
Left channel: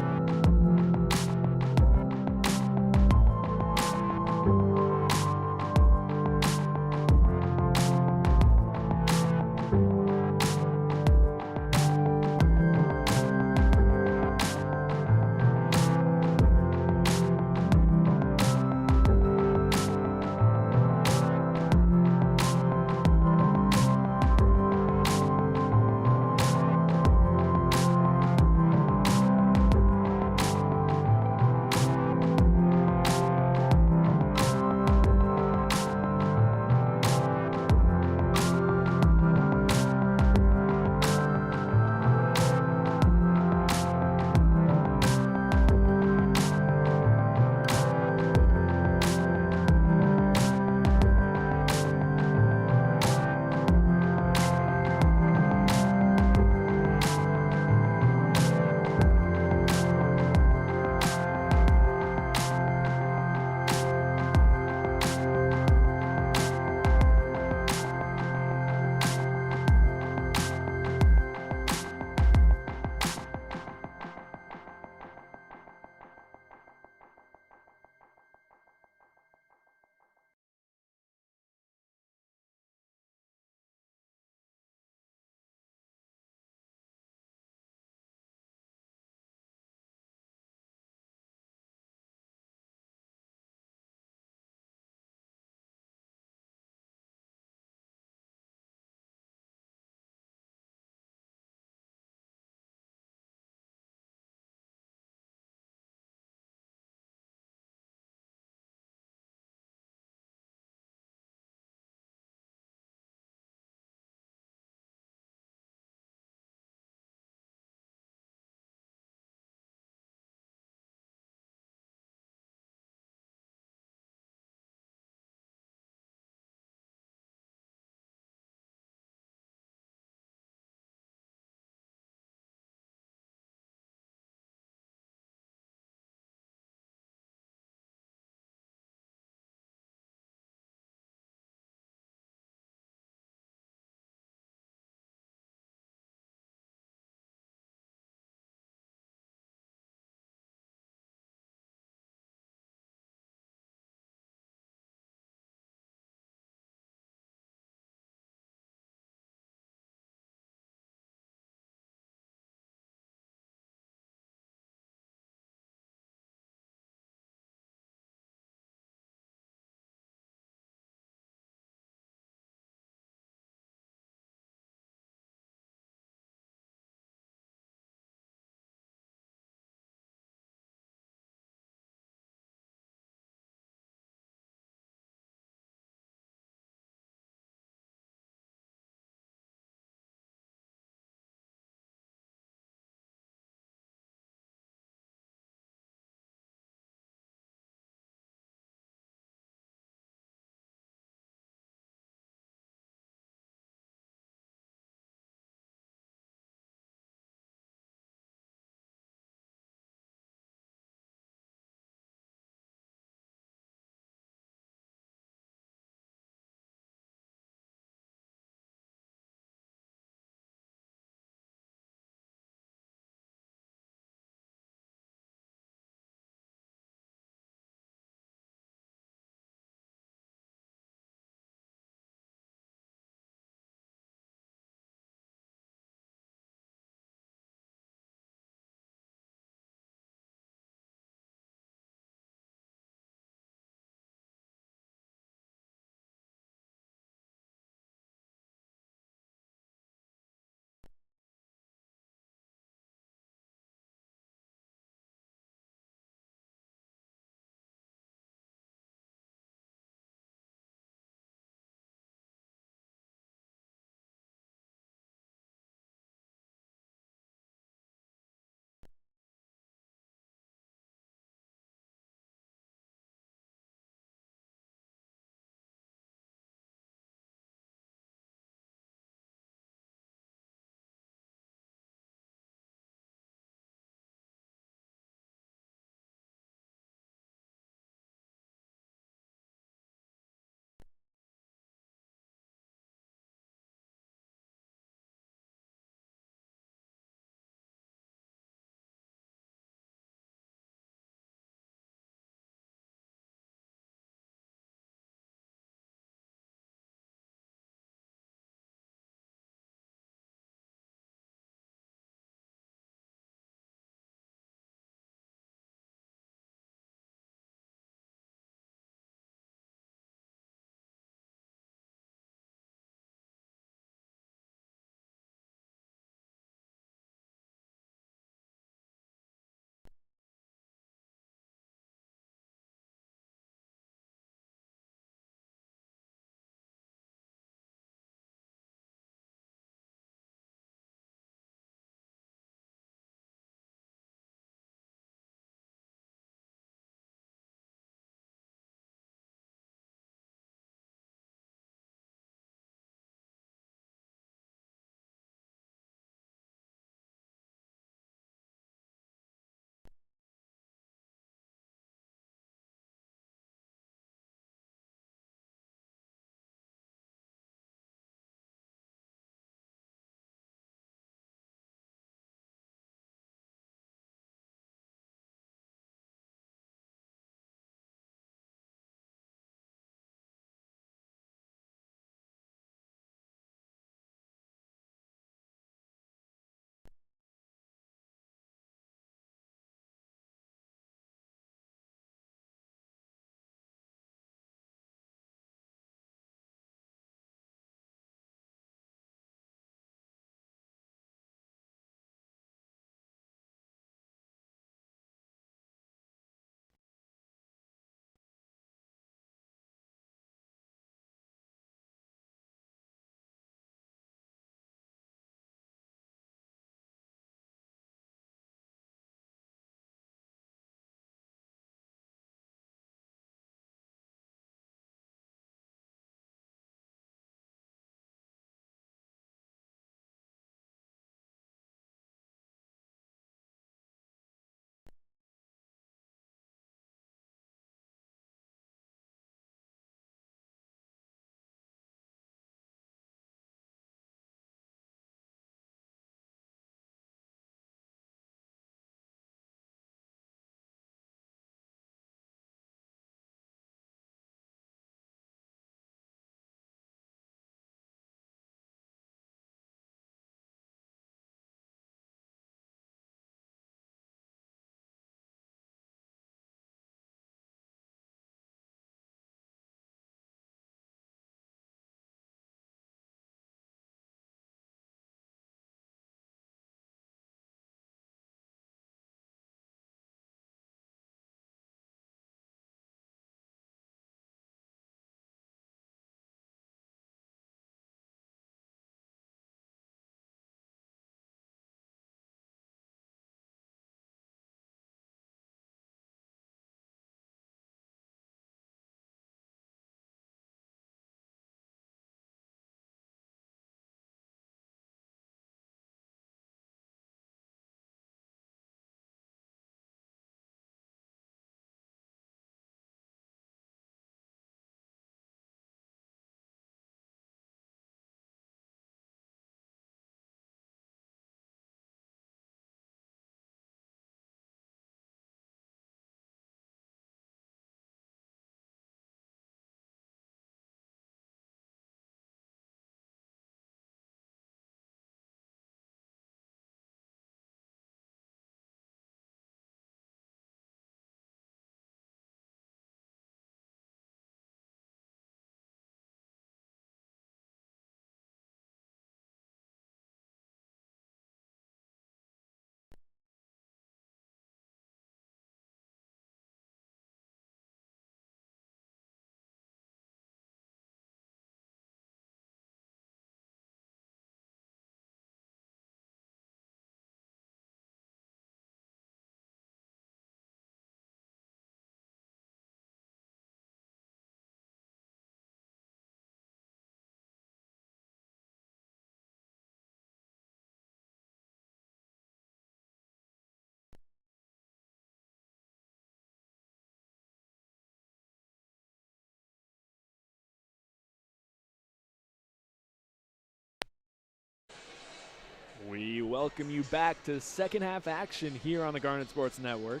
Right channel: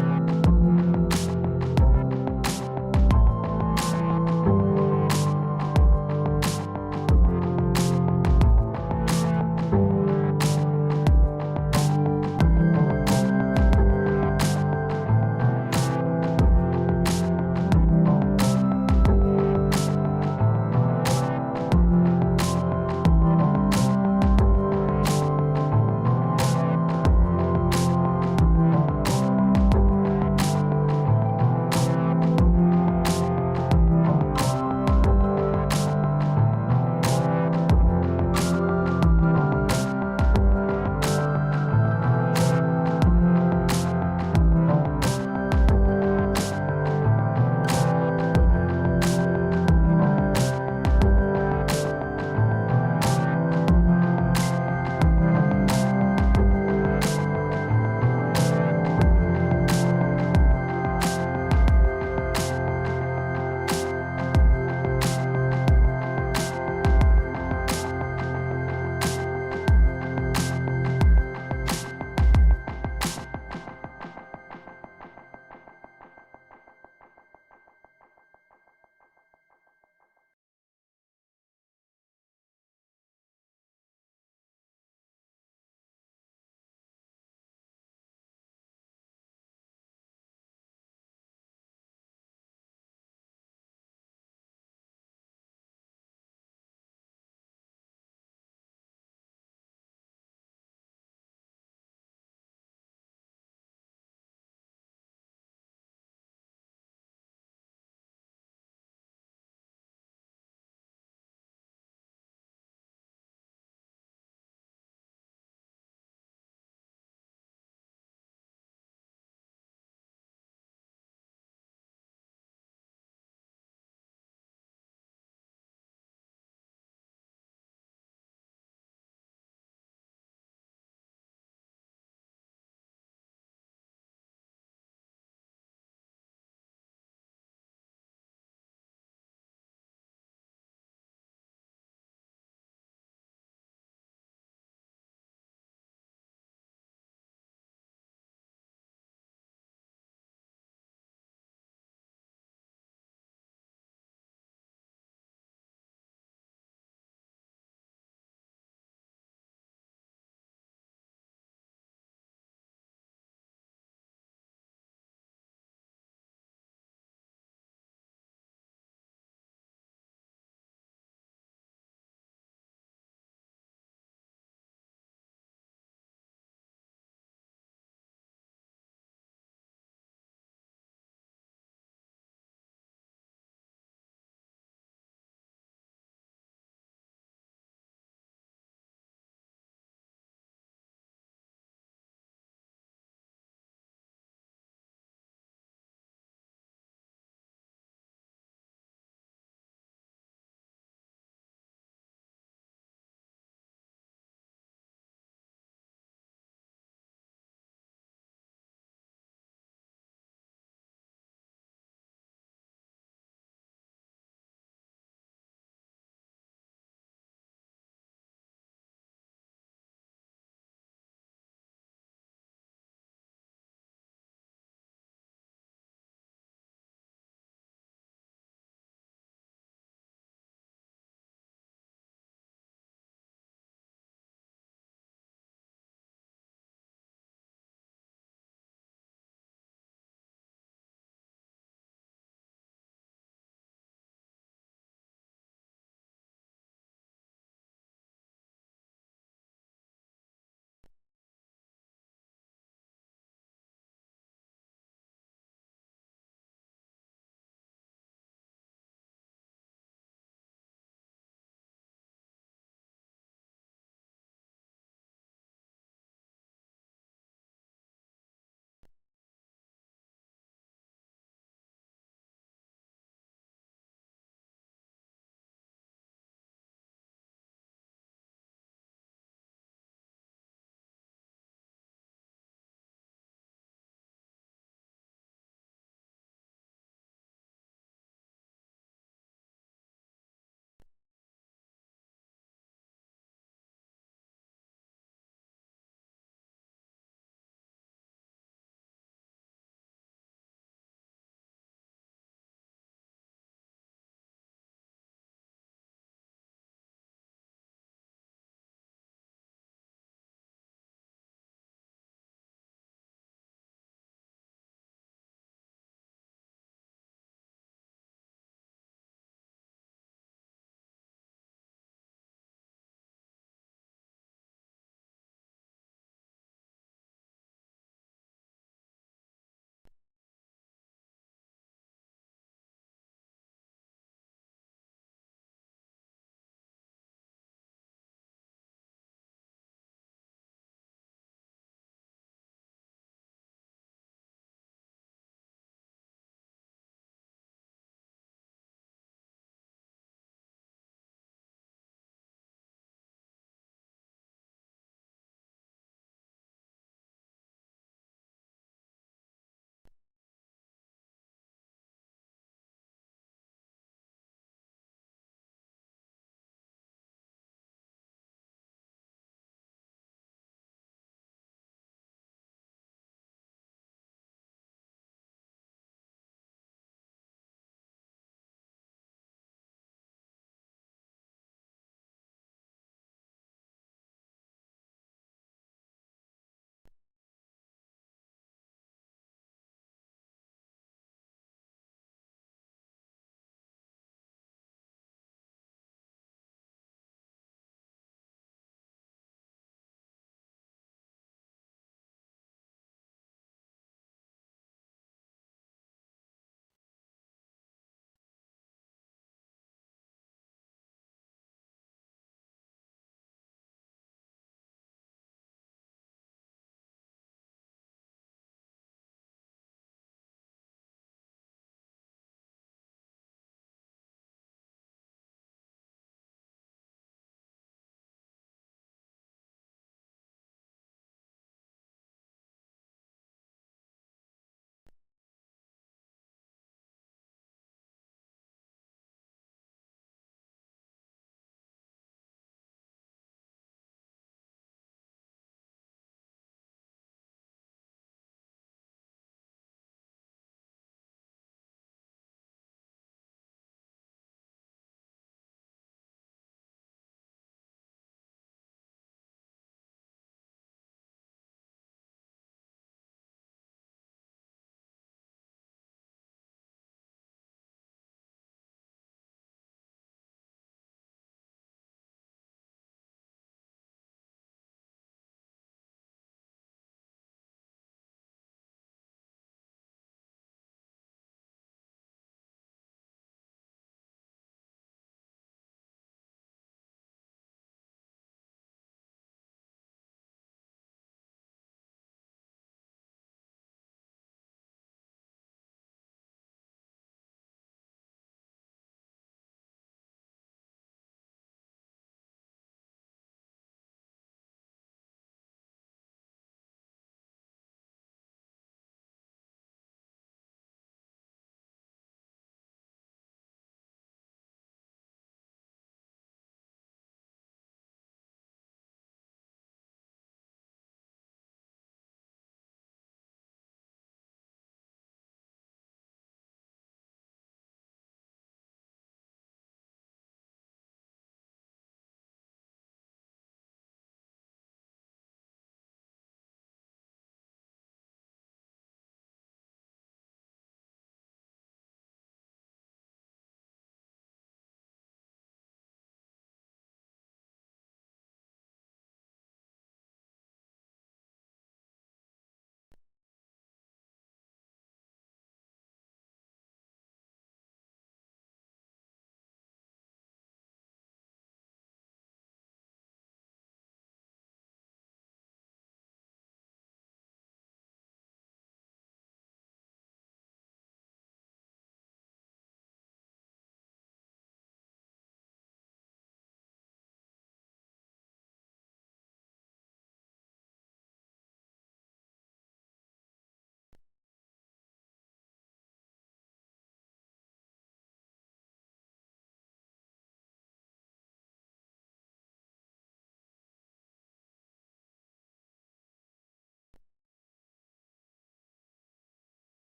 welcome you back to second half action here on the Garnet Sports Network.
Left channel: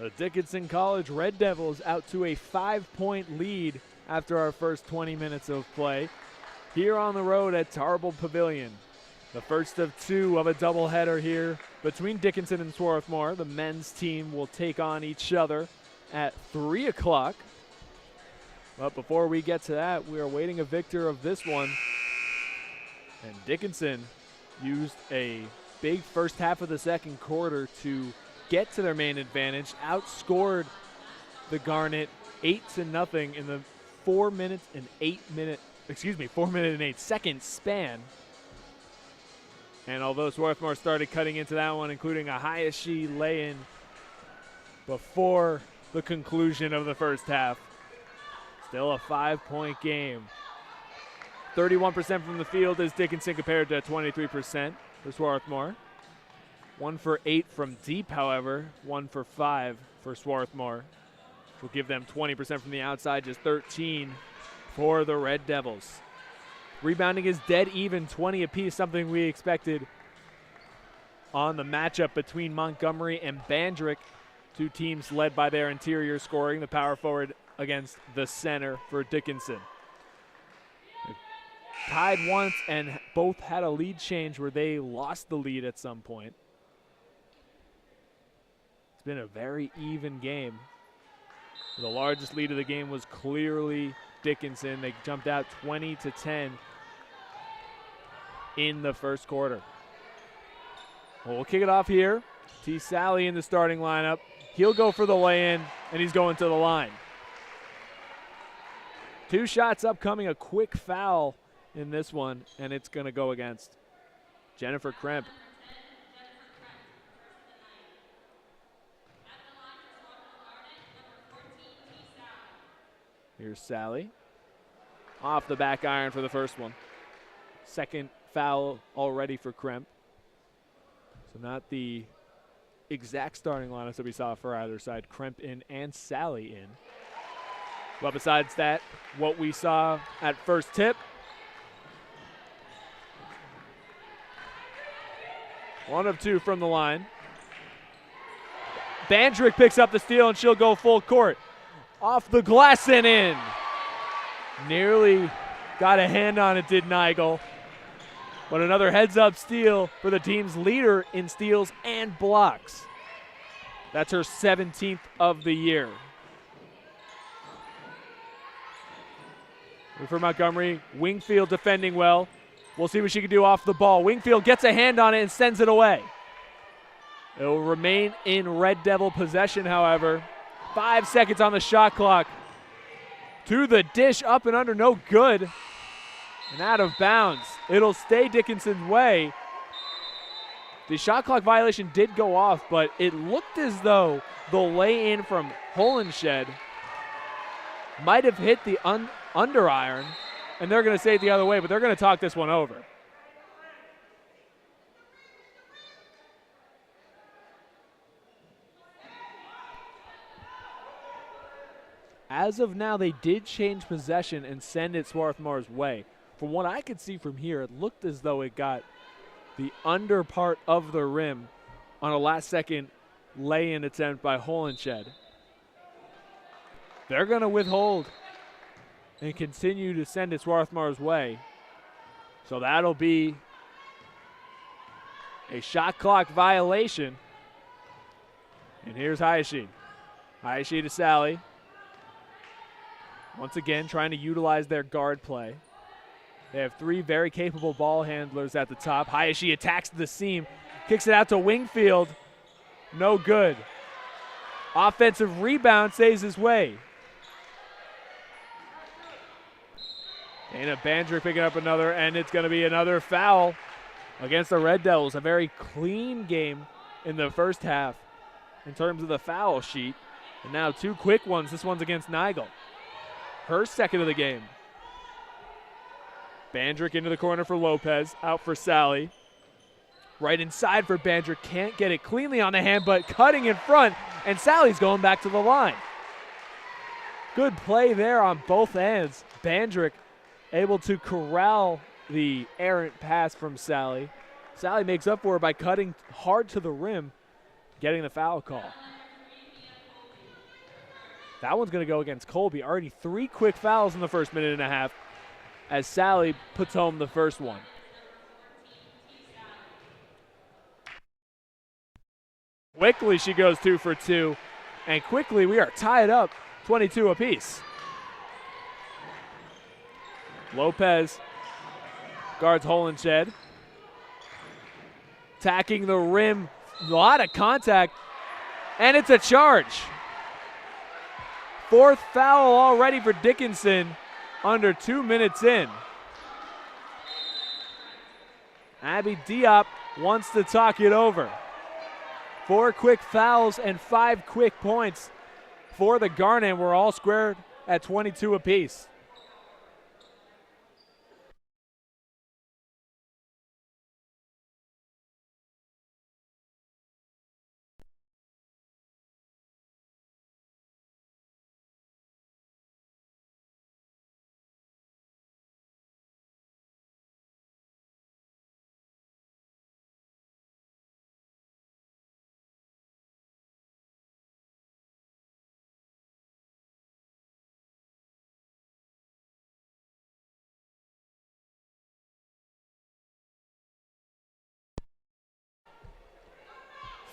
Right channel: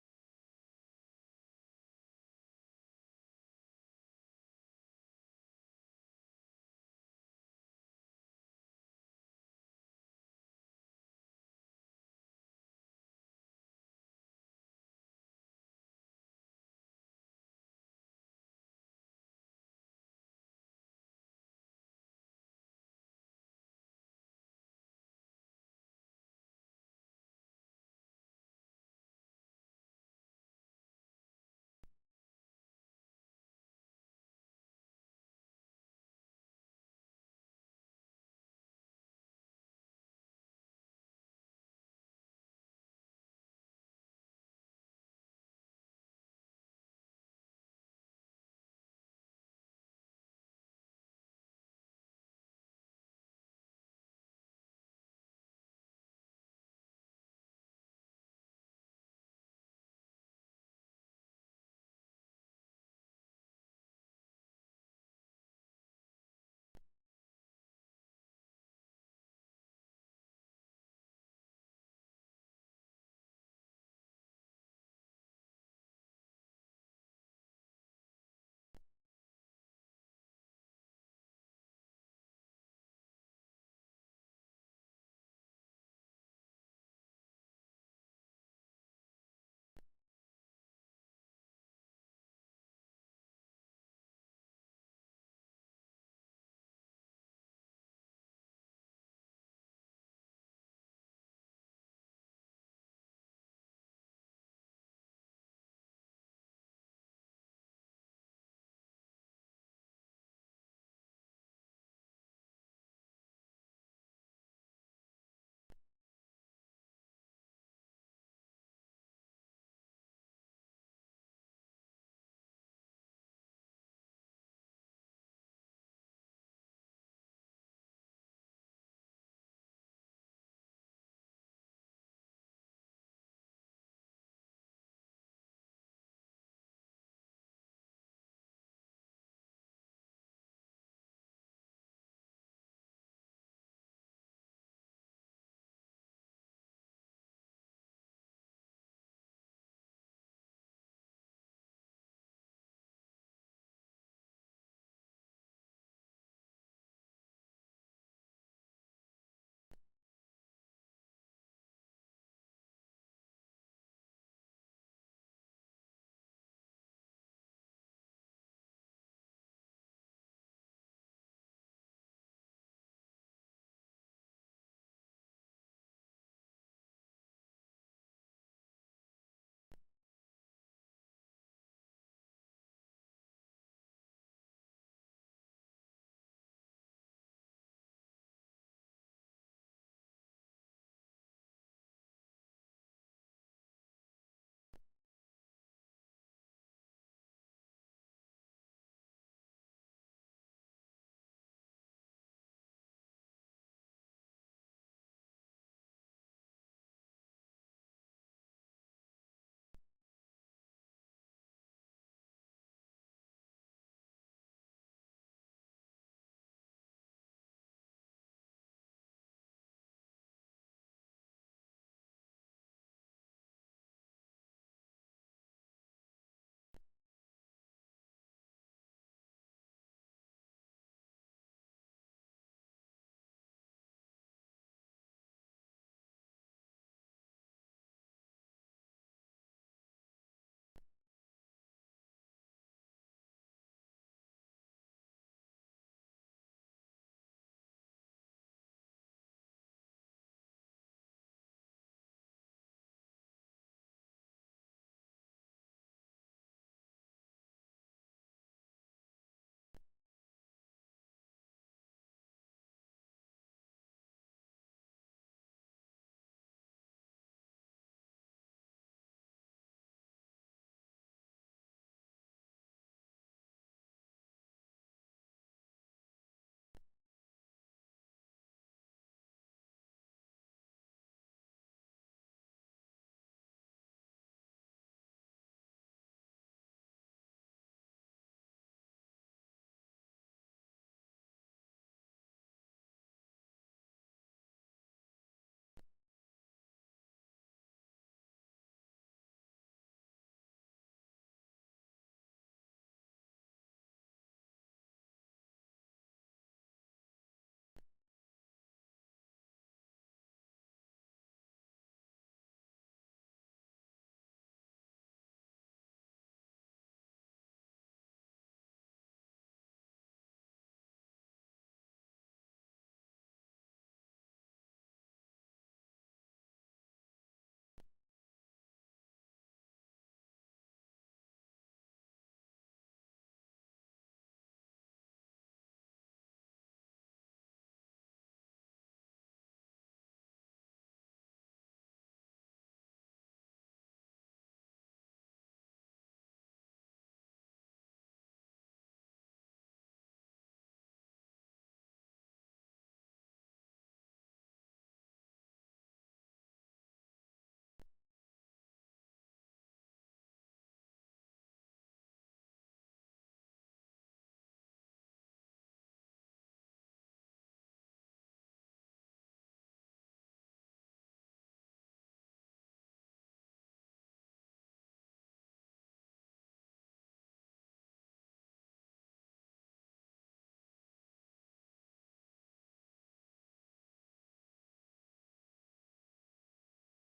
The Dickinson College Red Devils out to a 5-point lead after our first 20 minutes of play here on the road at Tarble Pavilion. The first of two of a doubleheader here between Dickinson and Swarthmore. The men's team will take on each other at 3 o'clock. But before we get to that, we are awaiting a victor of this one. And Dickinson used a big first half of the second quarter to get to their main advantage, outscored the Garnet 8-0 in the 4 minute and 8 second span. And although Swarthmore started cutting into that one, including a Hayashi lay-in before the conclusion of the first half, still a 5-point game. 31% from the field is Dickinson compared to 23% for Swarthmore. 1 for 8 from deep, however. 1 for 5 for Swarthmore. Will give them 20% from the outside, just 13 for the Red Devils. Rebounding is dead even, 20 apiece, something we expected on the matchup between Montgomery and Bandrick. Two teams led by their interior scoring, the power forward against the center for Dickinson. Tied once and both had a lead change where they lost the lead at some point. It's been a very even game. The largest lead of the game was clearly Dickinson. They jumped out 20-10 in the first quarter. Well, we'll kick it off here. T. Sally in the starting lineup. He'll go for the lay-in, and he's going to the line. 2 shots upcoming, a quick foul in this one, and it's going to go against Jennifer Kremp. Here's Sally. Off the back iron for the first one. Second foul already for Kremp. So not the exact starting lineups that we saw for either side. Kremp in and Sally in. But besides that, what we saw at first tip. 1 of 2 from the line. Bandrick picks up the steal, and she'll go full court. Off the glass and in. Nearly got a hand on it, did Nigel. But another heads-up steal for the team's leader in steals and blocks. That's her 17th of the year. For Montgomery, Wingfield defending well. We'll see what she can do off the ball. Wingfield gets a hand on it and sends it away. It will remain in Red Devil possession, however. 5 seconds on the shot clock. To the dish, up and under, no good. And out of bounds. It'll stay Dickinson's way. The shot clock violation did go off, but it looked as though the lay-in from Holenshed might have hit the under iron, and they're going to say it the other way, but they're going to talk this one over. As of now, they did change possession and send it Swarthmore's way. From what I could see from here, it looked as though it got the under part of the rim on a last-second lay-in attempt by Holenshed. They're going to withhold and continue to send it Swarthmore's way. So that'll be a shot clock violation. And here's Hayashi. Hayashi to Sally. Once again, trying to utilize their guard play. They have 3 very capable ball handlers at the top. Hayashi attacks the seam, kicks it out to Wingfield. No good. Offensive rebound saves his way. Dana Bandrick picking up another, and it's going to be another foul against the Red Devils. A very clean game in the first half in terms of the foul sheet. And now 2 quick ones. This one's against Nigel. Her second of the game. Bandrick into the corner for Lopez, out for Sally. Right inside for Bandrick, can't get it cleanly on the hand, but cutting in front, and Sally's going back to the line. Good play there on both ends. Bandrick able to corral the errant pass from Sally. Sally makes up for it by cutting hard to the rim, getting the foul call. That one's going to go against Colby. Already 3 quick fouls in the first minute and a half as Sally puts home the first one. Quickly she goes 2 for 2, and quickly we are tied up 22 apiece. Lopez guards Holenshed. Attacking the rim, a lot of contact, and it's a charge. 4th foul already for Dickinson under 2 minutes in. Abby Diop wants to talk it over. 4 quick fouls and 5 quick points for the Garnet. We're all squared at 22 apiece.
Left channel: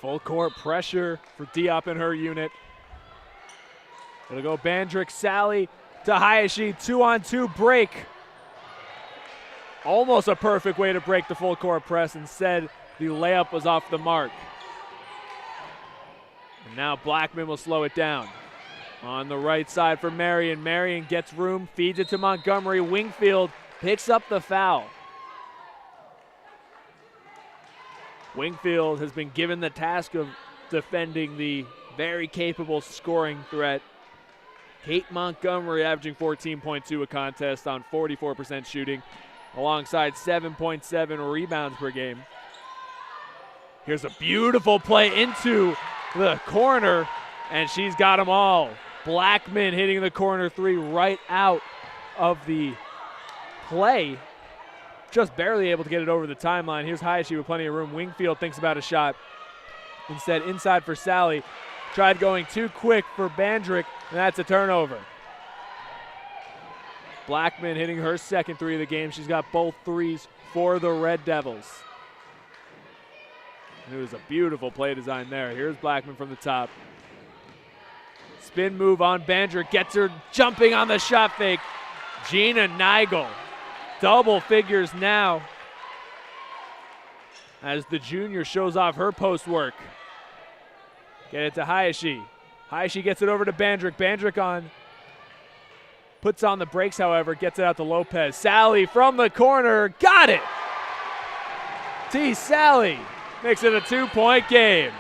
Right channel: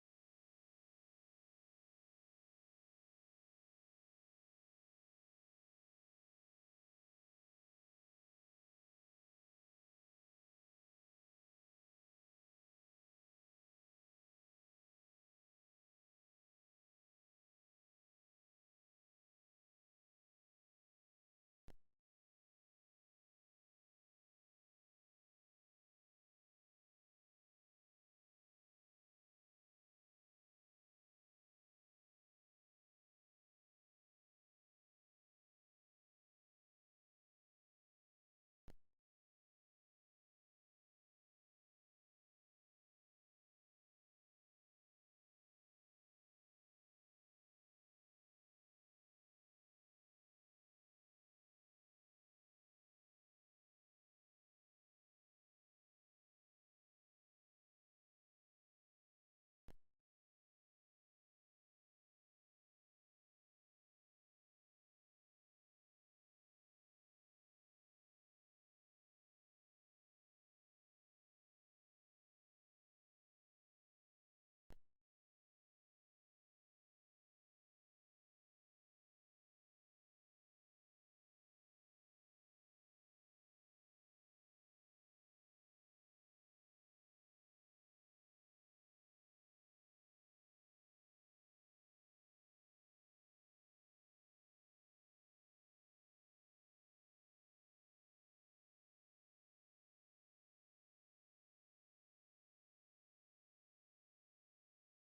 Full court pressure for Diop and her unit. It'll go Bandrick, Sally to Hayashi, 2-on-2 break. Almost a perfect way to break the full court press. Instead, the layup was off the mark. And now Blackman will slow it down. On the right side for Marion. Marion gets room, feeds it to Montgomery. Wingfield picks up the foul. Wingfield has been given the task of defending the very capable scoring threat. Kate Montgomery averaging 14.2 a contest on 44% shooting, alongside 7.7 rebounds per game. Here's a beautiful play into the corner, and she's got them all. Blackman hitting the corner 3 right out of the play. Just barely able to get it over the timeline. Here's Hayashi with plenty of room. Wingfield thinks about a shot. Instead, inside for Sally. Tried going too quick for Bandrick, and that's a turnover. Blackman hitting her second 3 of the game. She's got both 3s for the Red Devils. And it was a beautiful play design there. Here's Blackman from the top. Spin move on Bandrick. Gets her jumping on the shot fake. Gina Nigel. Double figures now as the junior shows off her post work. Get it to Hayashi. Hayashi gets it over to Bandrick. Bandrick on. Puts on the brakes, however. Gets it out to Lopez. Sally from the corner. Got it! T. Sally makes it a 2-point game.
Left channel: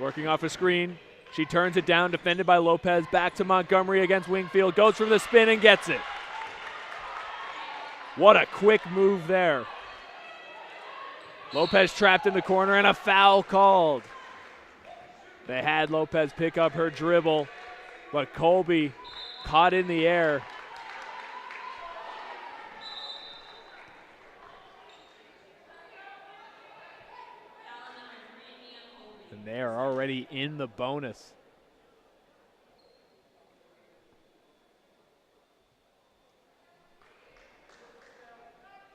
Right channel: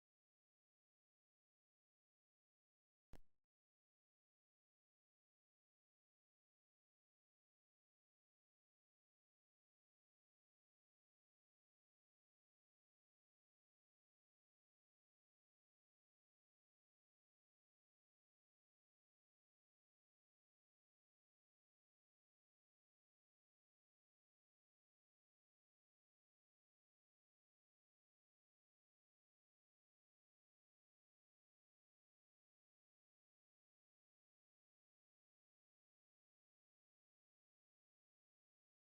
Working off a screen. She turns it down, defended by Lopez. Back to Montgomery against Wingfield. Goes from the spin and gets it. What a quick move there. Lopez trapped in the corner and a foul called. They had Lopez pick up her dribble, but Colby caught in the air. They are already in the bonus.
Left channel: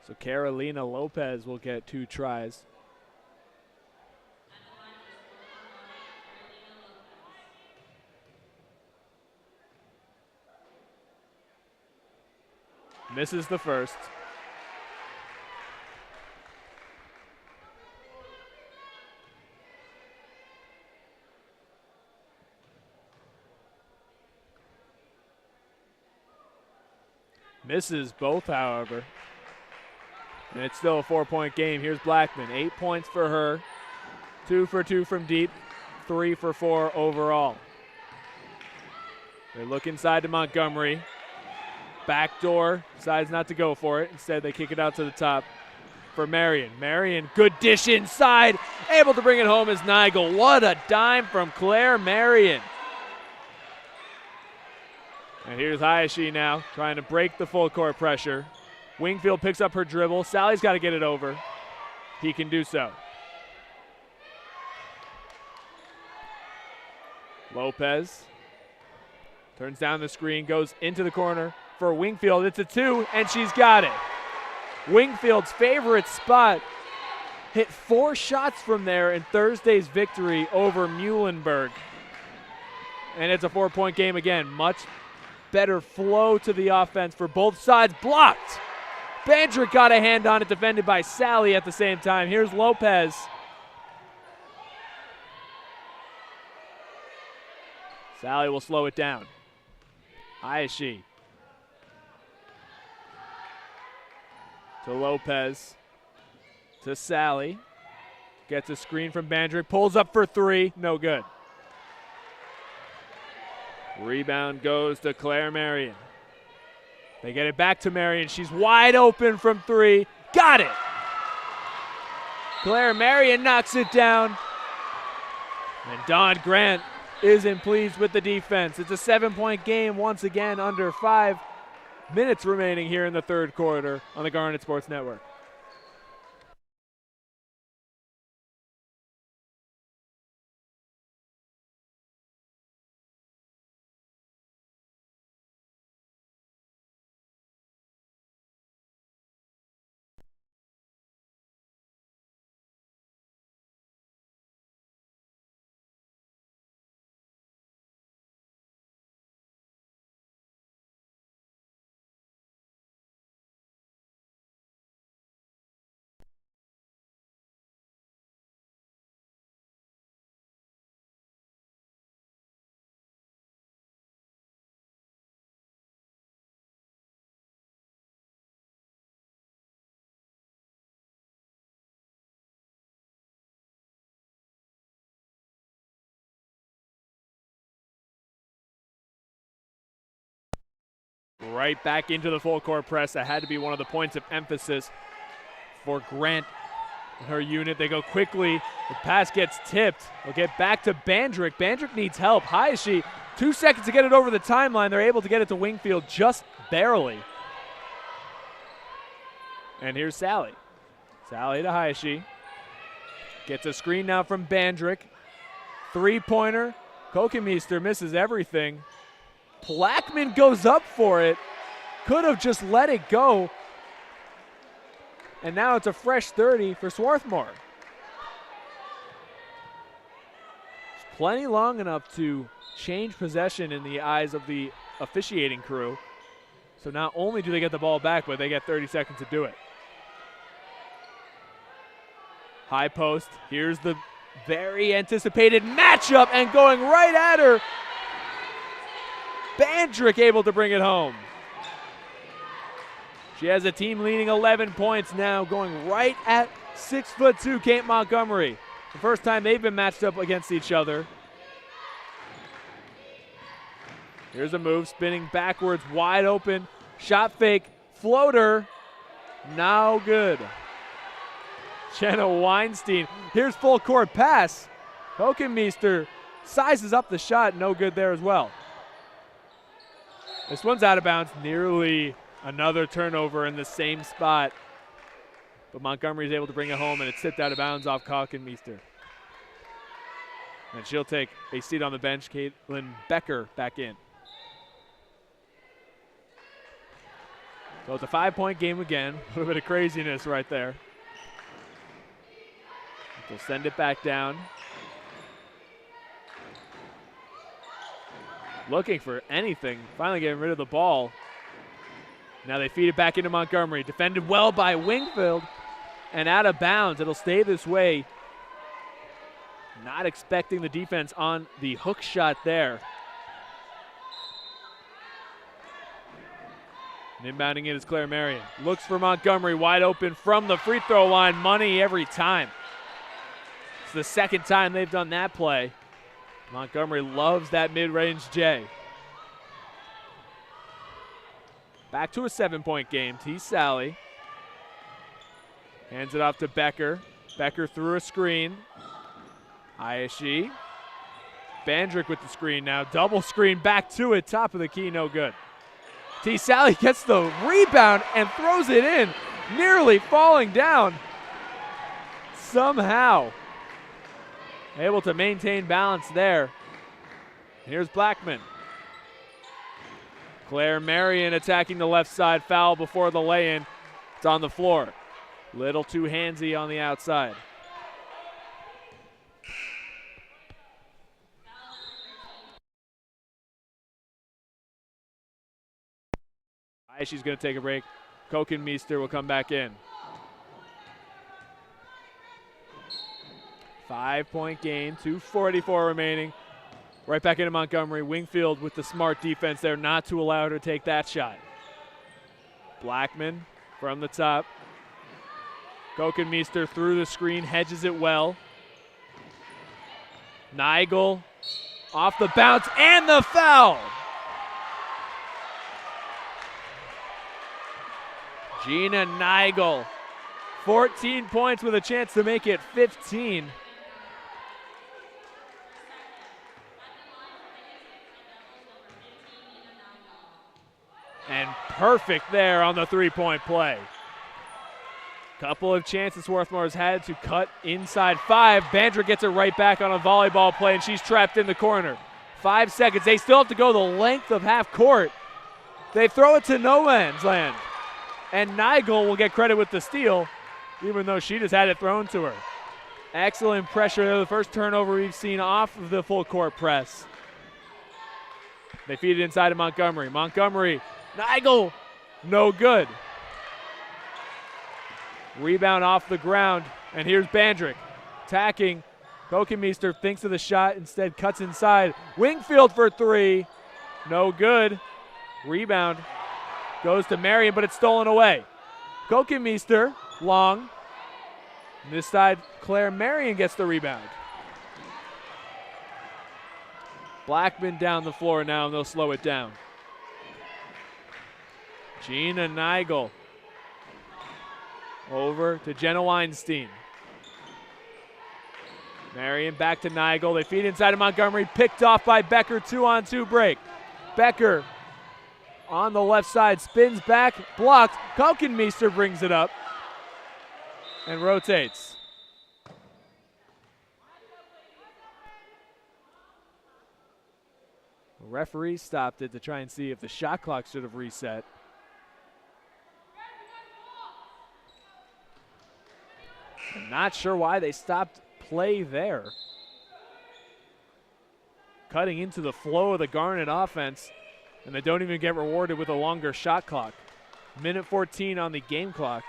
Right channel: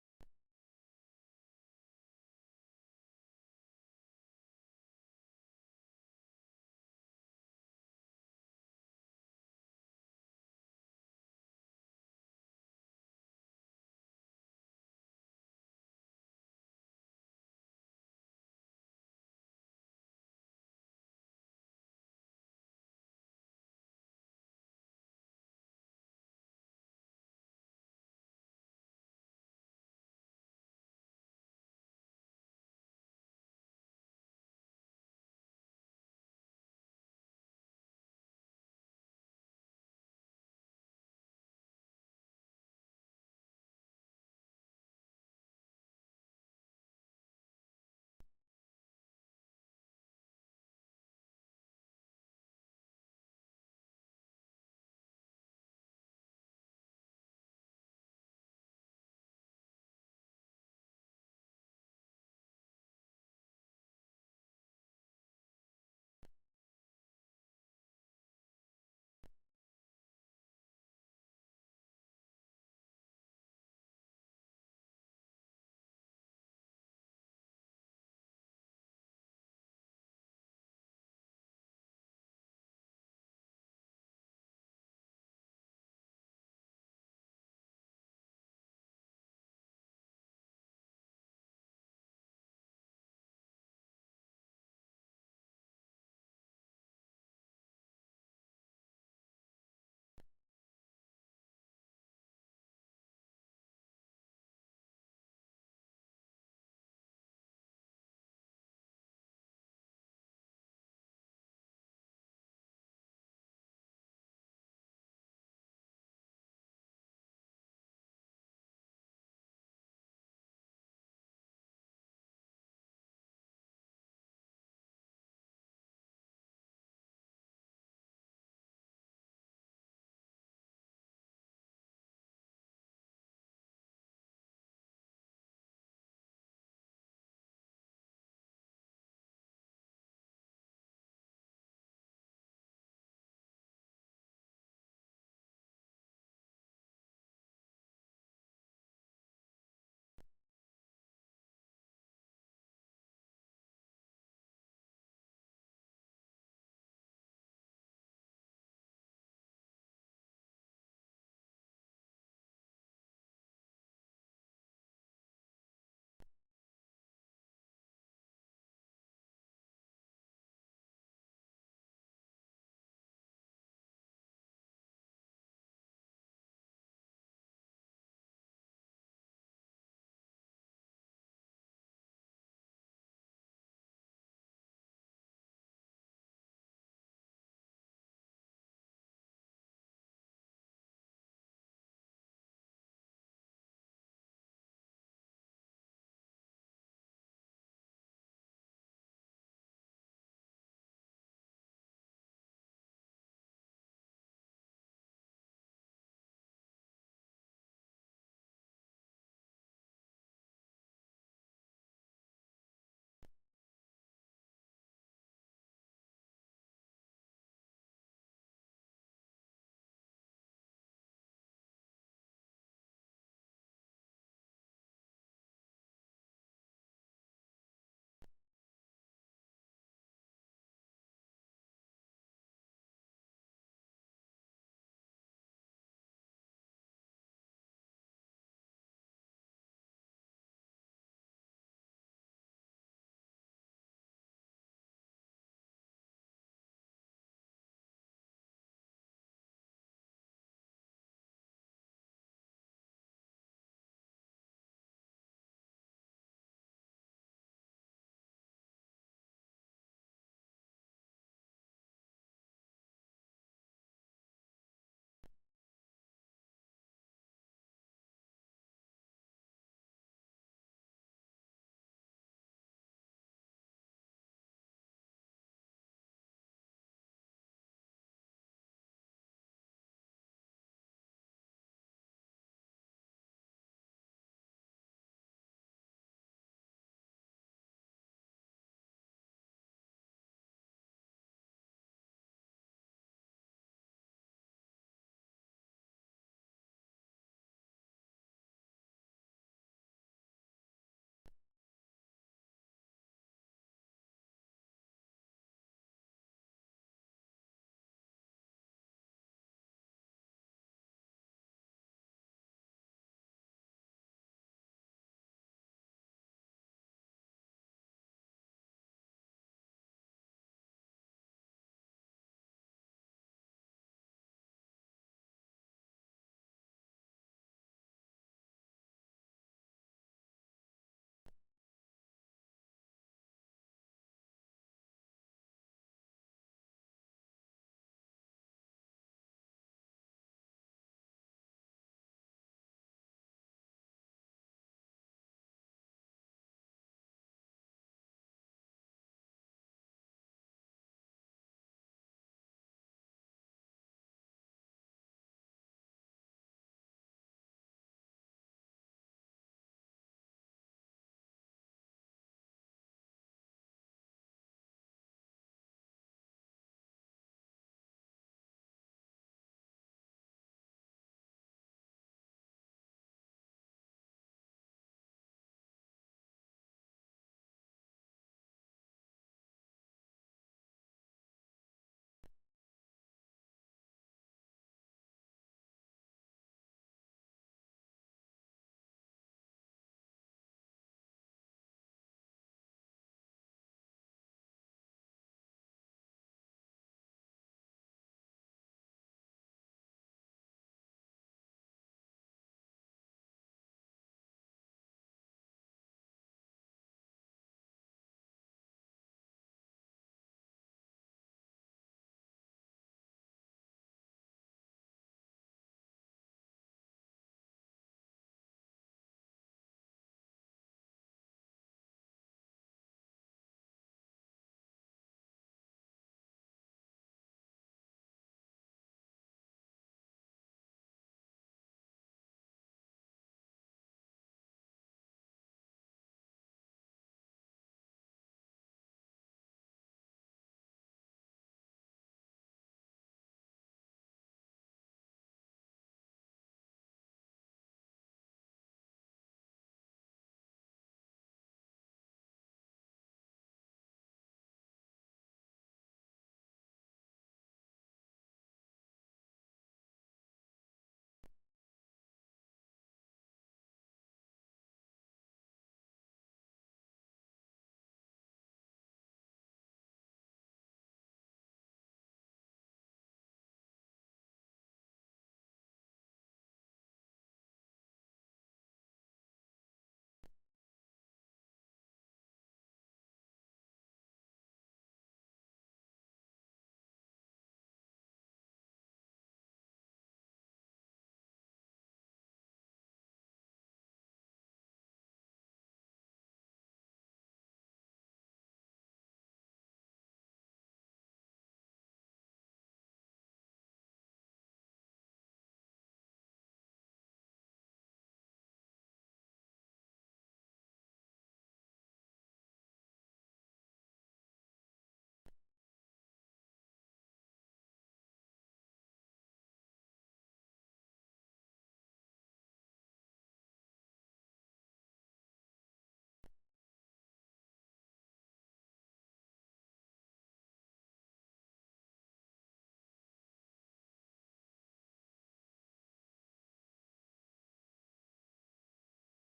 So Carolina Lopez will get 2 tries. Misses the first. Misses both, however. And it's still a 4-point game. Here's Blackman. 8 points for her. 2 for 2 from deep. 3 for 4 overall. They look inside to Montgomery. Backdoor. Decides not to go for it. Instead, they kick it out to the top for Marion. Marion, good dish inside. Able to bring it home is Nigel. What a dime from Claire Marion. And here's Hayashi now trying to break the full court pressure. Wingfield picks up her dribble. Sally's got to get it over. He can do so. Lopez turns down the screen, goes into the corner for Wingfield. It's a 2, and she's got it. Wingfield's favorite spot. Hit 4 shots from there in Thursday's victory over Muhlenberg. And it's a 4-point game again. Much better flow to the offense for both sides. Blocked. Bandrick got a hand on it, defended by Sally at the same time. Here's Lopez. Sally will slow it down. Hayashi to Lopez to Sally. Gets a screen from Bandrick, pulls up for 3, no good. Rebound goes to Claire Marion. They get it back to Marion. She's wide open from 3. Got it! Claire Marion knocks it down. And Dawn Grant isn't pleased with the defense. It's a 7-point game once again, under 5 minutes remaining here in the third quarter on the Garnet Sports Network. Right back into the full court press. That had to be one of the points of emphasis for Grant and her unit. They go quickly. The pass gets tipped. They'll get back to Bandrick. Bandrick needs help. Hayashi, 2 seconds to get it over the timeline. They're able to get it to Wingfield just barely. And here's Sally. Sally to Hayashi. Gets a screen now from Bandrick. 3-pointer. Kokemeister misses everything. Blackman goes up for it. Could have just let it go. And now it's a fresh 30 for Swarthmore. It's plenty long enough to change possession in the eyes of the officiating crew. So not only do they get the ball back, but they get 30 seconds to do it. High post. Here's the very anticipated matchup, and going right at her. Bandrick able to bring it home. She has a team leading 11 points now, going right at 6'2" Kate Montgomery. The first time they've been matched up against each other. Here's a move, spinning backwards, wide open, shot fake, floater, now good. Jenna Weinstein, here's full court pass. Kokemeister sizes up the shot, no good there as well. This one's out of bounds, nearly another turnover in the same spot. But Montgomery's able to bring it home, and it's tipped out of bounds off Kokemeister. And she'll take a seat on the bench. Caitlin Becker back in. So it's a 5-point game again. A little bit of craziness right there. They'll send it back down. Looking for anything, finally getting rid of the ball. Now they feed it back into Montgomery. Defended well by Wingfield and out of bounds. It'll stay this way. Not expecting the defense on the hook shot there. And inbounding it is Claire Marion. Looks for Montgomery, wide open from the free throw line. Money every time. It's the second time they've done that play. Montgomery loves that mid-range J. Back to a 7-point game. T. Sally hands it off to Becker. Becker through a screen. Hayashi Bandrick with the screen now. Double screen back to it. Top of the key, no good. T. Sally gets the rebound and throws it in, nearly falling down. Somehow able to maintain balance there. Here's Blackman. Claire Marion attacking the left side. Foul before the lay-in. It's on the floor. Little too handsy on the outside. She's going to take a break. Kokenmeester will come back in. 5-point game, 2:44 remaining. Right back into Montgomery. Wingfield with the smart defense there not to allow her to take that shot. Blackman from the top. Kokenmeester through the screen, hedges it well. Nigel off the bounce and the foul. Gina Nigel, 14 points with a chance to make it 15. And perfect there on the three-point play. Couple of chances Swarthmore's had to cut inside 5. Bandrick gets it right back on a volleyball play, and she's trapped in the corner. 5 seconds. They still have to go the length of half court. They throw it to no man's land. And Nigel will get credit with the steal, even though she just had it thrown to her. Excellent pressure there. The first turnover we've seen off of the full court press. They feed it inside of Montgomery. Montgomery, Nigel, no good. Rebound off the ground, and here's Bandrick attacking. Kokenmeester thinks of the shot, instead cuts inside. Wingfield for 3, no good. Rebound goes to Marion, but it's stolen away. Kokenmeester, long. This side, Claire Marion gets the rebound. Blackman down the floor now, and they'll slow it down. Gina Nigel over to Jenna Weinstein. Marion back to Nigel. They feed inside of Montgomery, picked off by Becker. 2-on-2 break. Becker on the left side, spins back, blocked. Kokenmeester brings it up and rotates. The referee stopped it to try and see if the shot clock should have reset. I'm not sure why they stopped play there. Cutting into the flow of the Garnet offense, and they don't even get rewarded with a longer shot clock. Minute 14 on the game clock.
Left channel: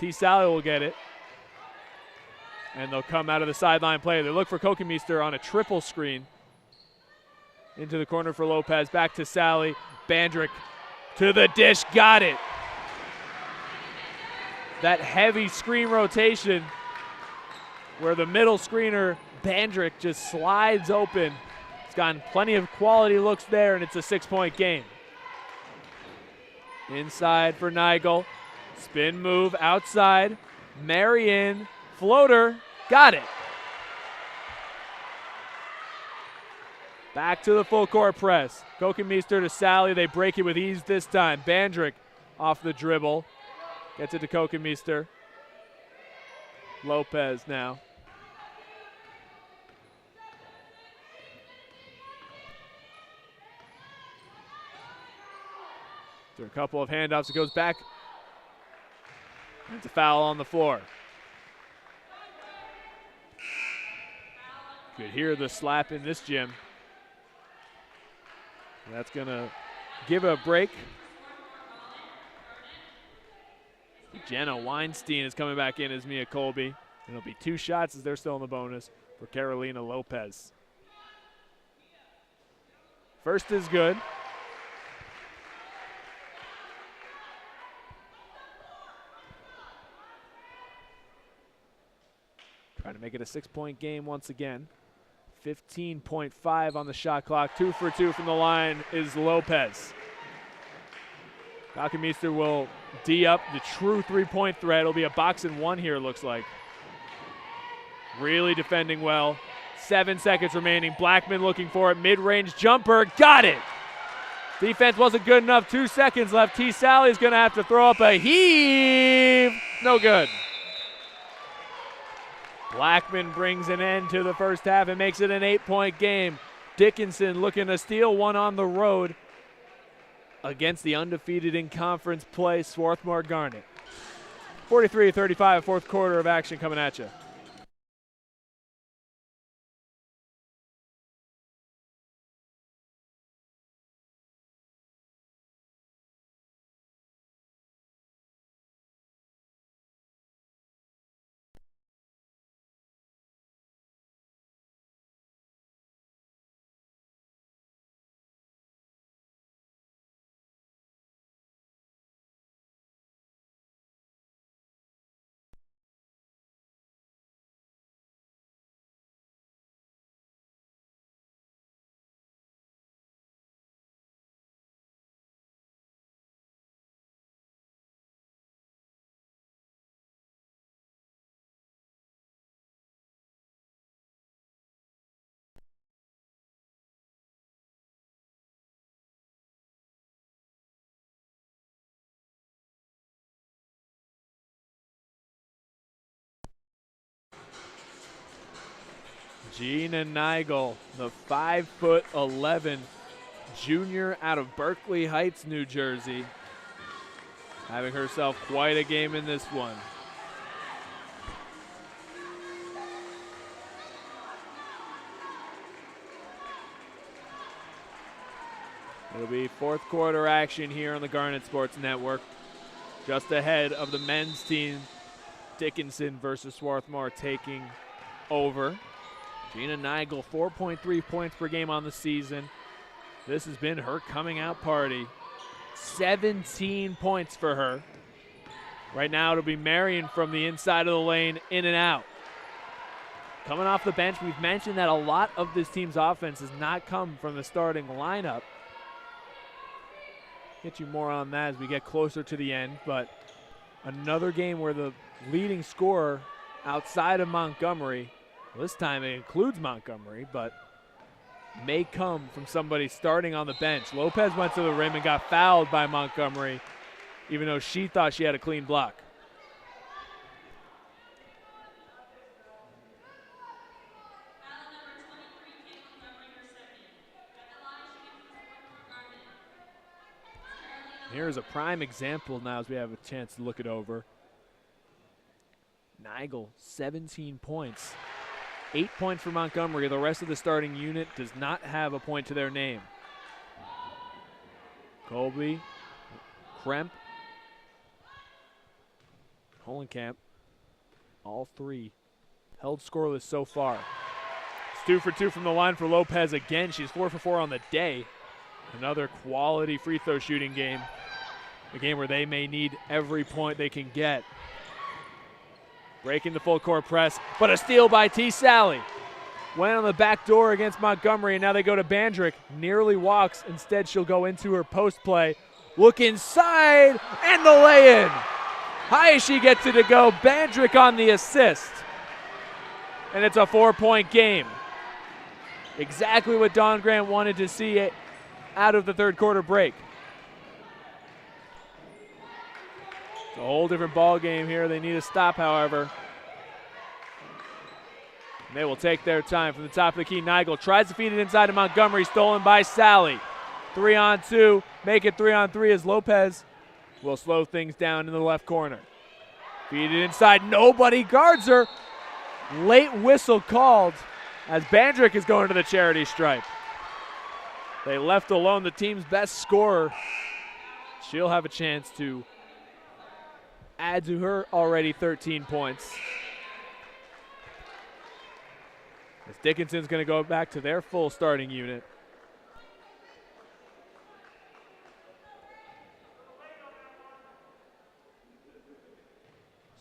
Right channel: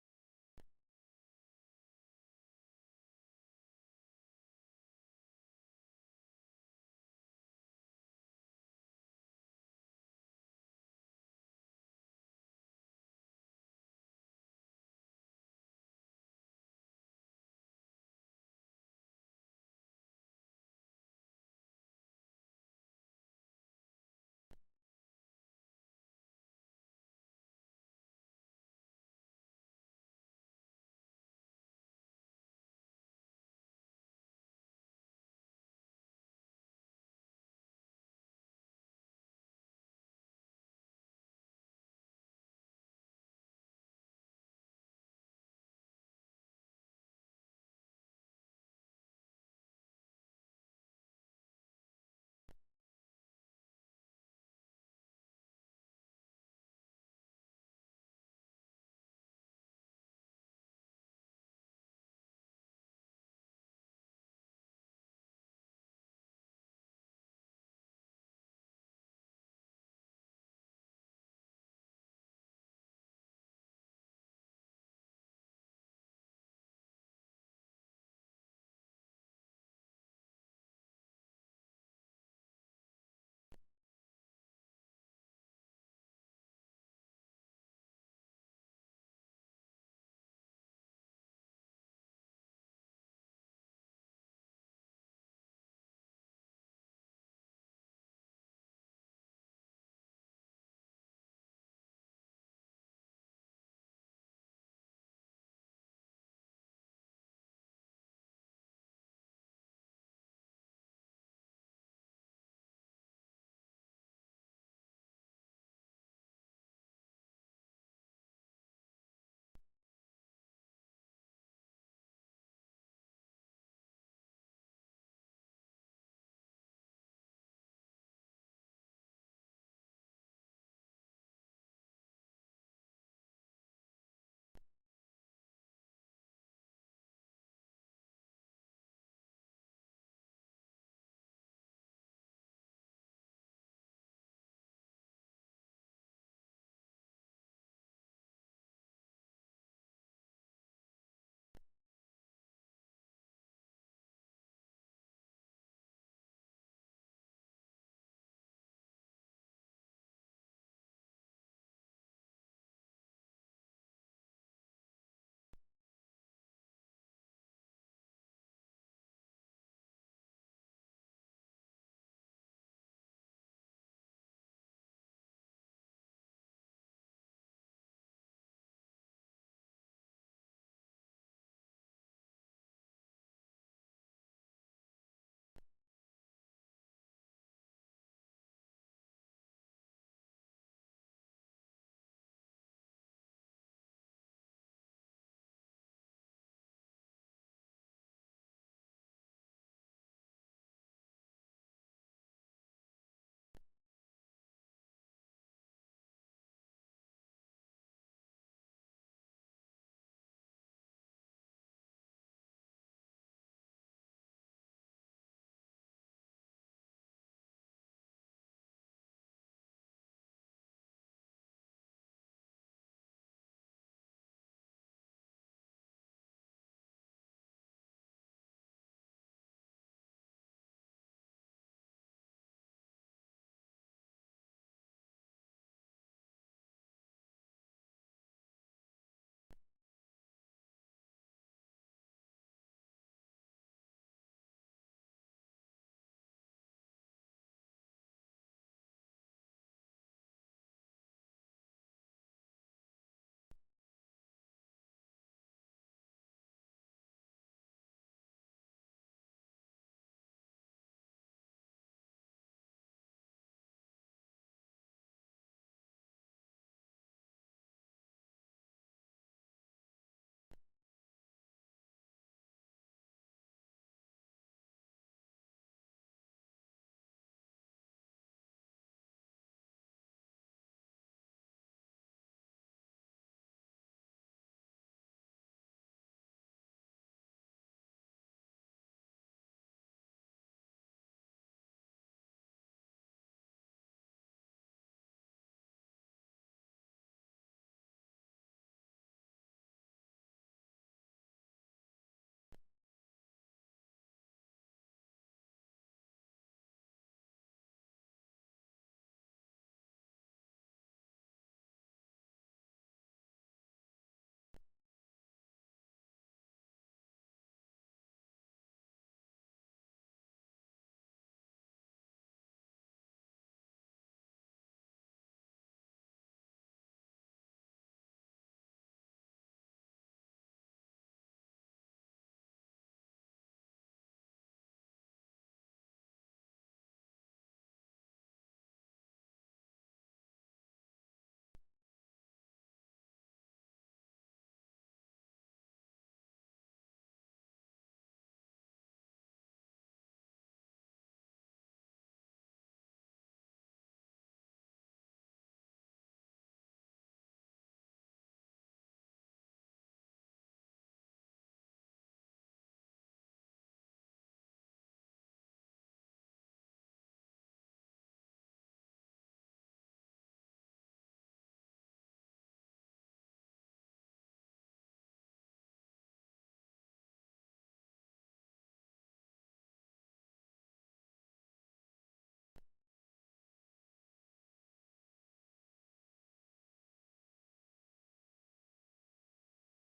T. Sally will get it. And they'll come out of the sideline play. They look for Kokenmeester on a triple screen. Into the corner for Lopez. Back to Sally. Bandrick to the dish. Got it. That heavy screen rotation where the middle screener, Bandrick, just slides open. It's gotten plenty of quality looks there, and it's a 6-point game. Inside for Nigel. Spin move outside. Marion, floater, got it. Back to the full court press. Kokenmeester to Sally. They break it with ease this time. Bandrick off the dribble. Gets it to Kokenmeester. Lopez now. After a couple of handoffs, it goes back. It's a foul on the floor. You could hear the slap in this gym. That's going to give a break. Jenna Weinstein is coming back in as Mia Colby. It'll be 2 shots as they're still in the bonus for Carolina Lopez. First is good. Trying to make it a 6-point game once again. 15.5 on the shot clock. 2 for 2 from the line is Lopez. Kokenmeester will D up the true 3-point threat. It'll be a box and 1 here, it looks like. Really defending well. 7 seconds remaining. Blackman looking for it. Mid-range jumper. Got it. Defense wasn't good enough. 2 seconds left. T. Sally's going to have to throw up a heave. No good. Blackman brings an end to the first half and makes it an 8-point game. Dickinson looking to steal one on the road against the undefeated in conference play, Swarthmore Garnet. 43-35, fourth quarter of action coming at you. Gina Nigel, the 5'11" junior out of Berkeley Heights, New Jersey, having herself quite a game in this one. It'll be fourth quarter action here on the Garnet Sports Network. Just ahead of the men's team, Dickinson versus Swarthmore taking over. Gina Nigel, 4.3 points per game on the season. This has been her coming out party. 17 points for her. Right now it'll be Marion from the inside of the lane, in and out. Coming off the bench, we've mentioned that a lot of this team's offense has not come from the starting lineup. Get you more on that as we get closer to the end, but another game where the leading scorer outside of Montgomery, well, this time it includes Montgomery, but may come from somebody starting on the bench. Lopez went to the rim and got fouled by Montgomery, even though she thought she had a clean block. Here's a prime example now as we have a chance to look it over. Nigel, 17 points. 8 points for Montgomery. The rest of the starting unit does not have a point to their name. Colby, Kremp, Holenkamp, all three held scoreless so far. It's 2 for 2 from the line for Lopez again. She's 4 for 4 on the day. Another quality free throw shooting game. A game where they may need every point they can get. Breaking the full court press, but a steal by T. Sally. Went on the back door against Montgomery, and now they go to Bandrick. Nearly walks. Instead, she'll go into her post play. Look inside, and the lay-in. High as she gets it to go. Bandrick on the assist. And it's a 4-point game. Exactly what Dawn Grant wanted to see out of the third quarter break. It's a whole different ball game here. They need a stop, however. And they will take their time from the top of the key. Nigel tries to feed it inside to Montgomery, stolen by Sally. 3-on-2, make it 3-on-3 as Lopez will slow things down in the left corner. Feed it inside, nobody guards her. Late whistle called as Bandrick is going to the charity stripe. They left alone the team's best scorer. She'll have a chance to add to her already 13 points. As Dickinson's going to go back to their full starting unit.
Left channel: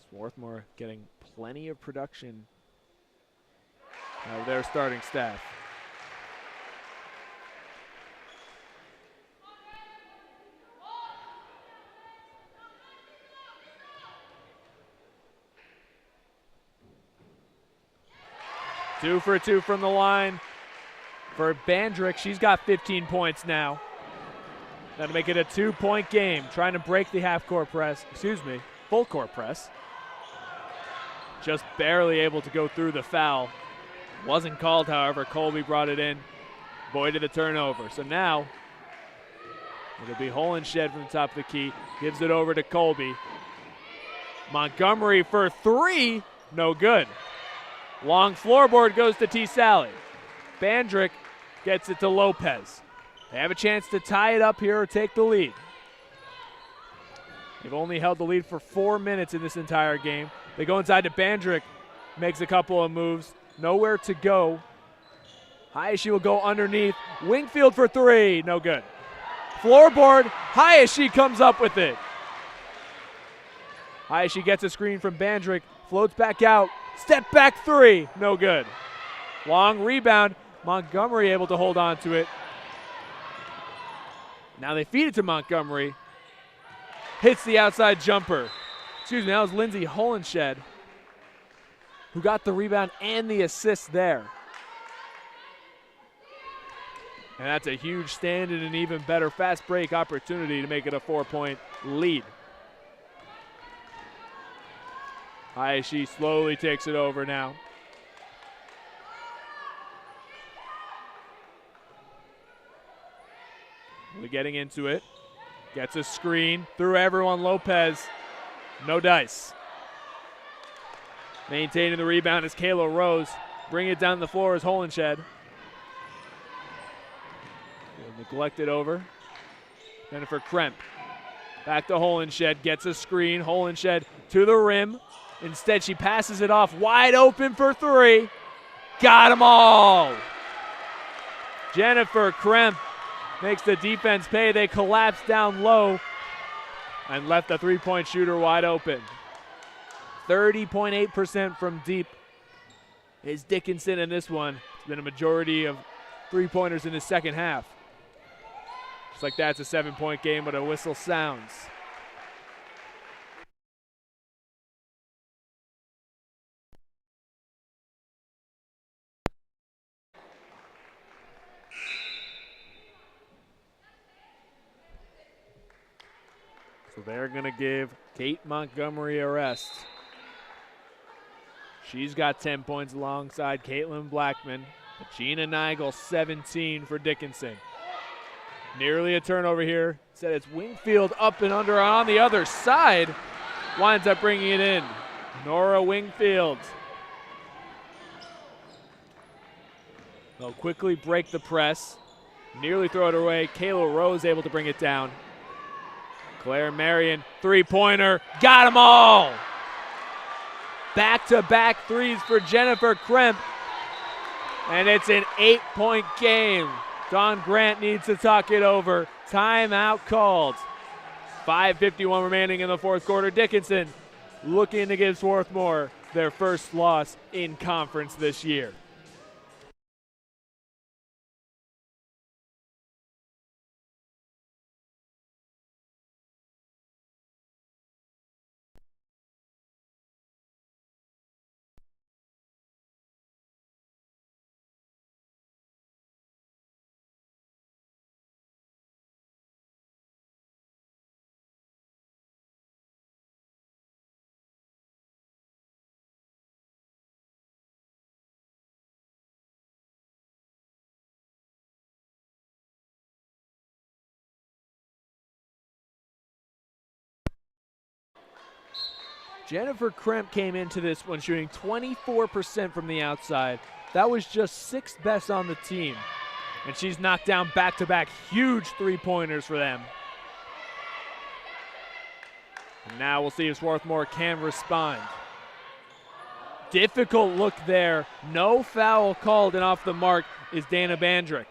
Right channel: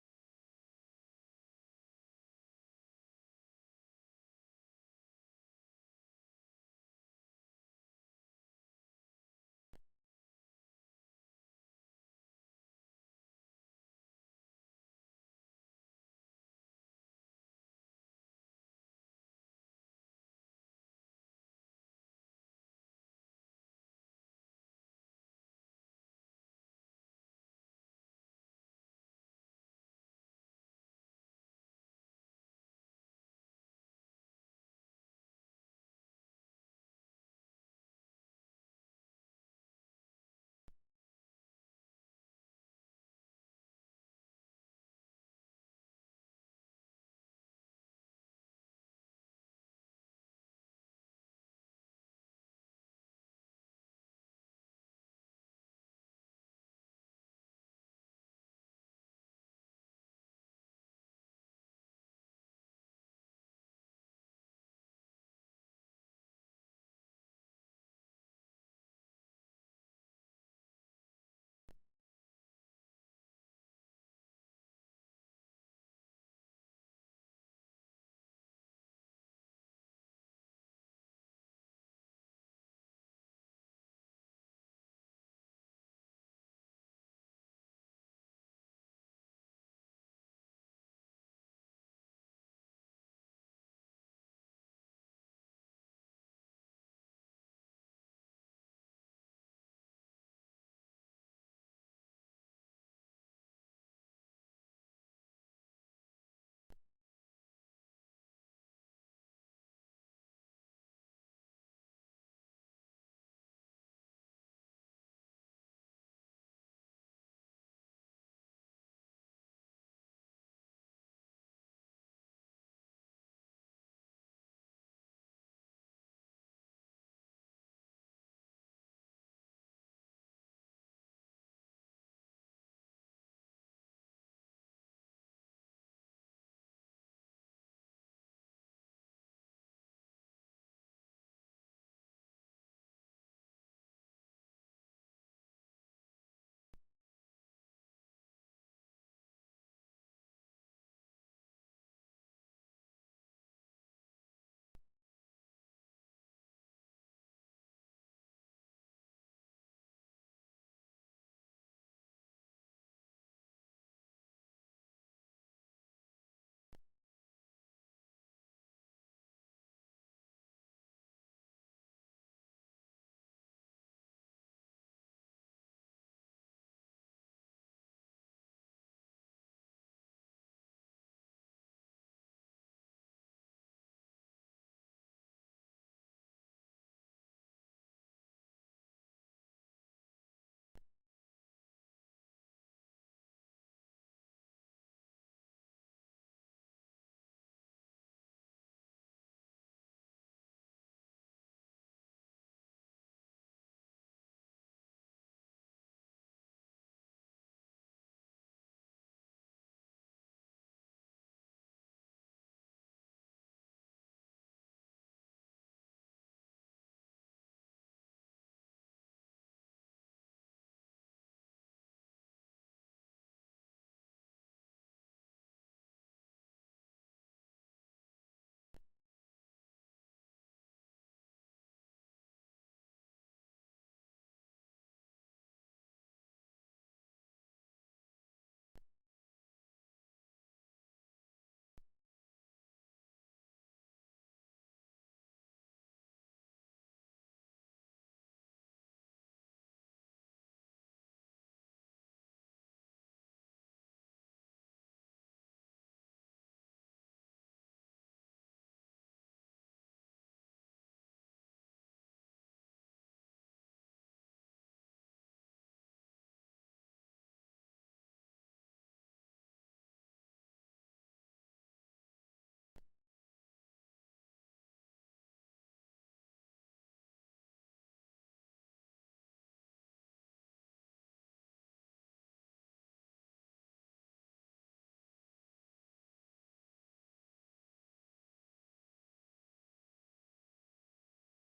Swarthmore getting plenty of production out of their starting staff. 2 for 2 from the line for Bandrick. She's got 15 points now. That'll make it a 2-point game. Trying to break the half-court press, full court press. Just barely able to go through the foul. Wasn't called, however. Colby brought it in, voided the turnover. So now it'll be Holenshed from the top of the key. Gives it over to Colby. Montgomery for 3, no good. Long floorboard goes to T. Sally. Bandrick gets it to Lopez. They have a chance to tie it up here or take the lead. They've only held the lead for 4 minutes in this entire game. They go inside to Bandrick, makes a couple of moves, nowhere to go. Hayashi will go underneath. Wingfield for 3, no good. Floorboard, Hayashi comes up with it. Hayashi gets a screen from Bandrick, floats back out, step back 3, no good. Long rebound, Montgomery able to hold on to it. Now they feed it to Montgomery. Hits the outside jumper. That was Lindsay Holenshed who got the rebound and the assist there. And that's a huge stand and an even better fast break opportunity to make it a 4-point lead. Hayashi slowly takes it over now. We're getting into it. Gets a screen through everyone. Lopez, no dice. Maintaining the rebound is Kayla Rose. Bring it down the floor is Holenshed. Neglected over. Jennifer Kremp. Back to Holenshed. Gets a screen. Holenshed to the rim. Instead, she passes it off. Wide open for 3. Got them all. Jennifer Kremp makes the defense pay. They collapse down low and left the 3-point shooter wide open. 30.8% from deep is Dickinson in this one. It's been a majority of 3-pointers in the second half. Just like that, it's a 7-point game, but a whistle sounds. So they're going to give Kate Montgomery a rest. She's got 10 points alongside Caitlin Blackman. Gina Nigel, 17 for Dickinson. Nearly a turnover here. Said it's Wingfield up and under on the other side. Winds up bringing it in. Nora Wingfield. They'll quickly break the press. Nearly throw it away. Kayla Rose able to bring it down. Claire Marion, 3-pointer. Got them all. Back-to-back threes for Jennifer Kremp. And it's an 8-point game. Dawn Grant needs to talk it over. Timeout called. 5:51 remaining in the fourth quarter. Dickinson looking to give Swarthmore their first loss in conference this year. Jennifer Kremp came into this one shooting 24% from the outside. That was just 6th best on the team. And she's knocked down back-to-back huge 3-pointers for them. And now we'll see if Swarthmore can respond. Difficult look there. No foul called, and off the mark is Dana Bandrick.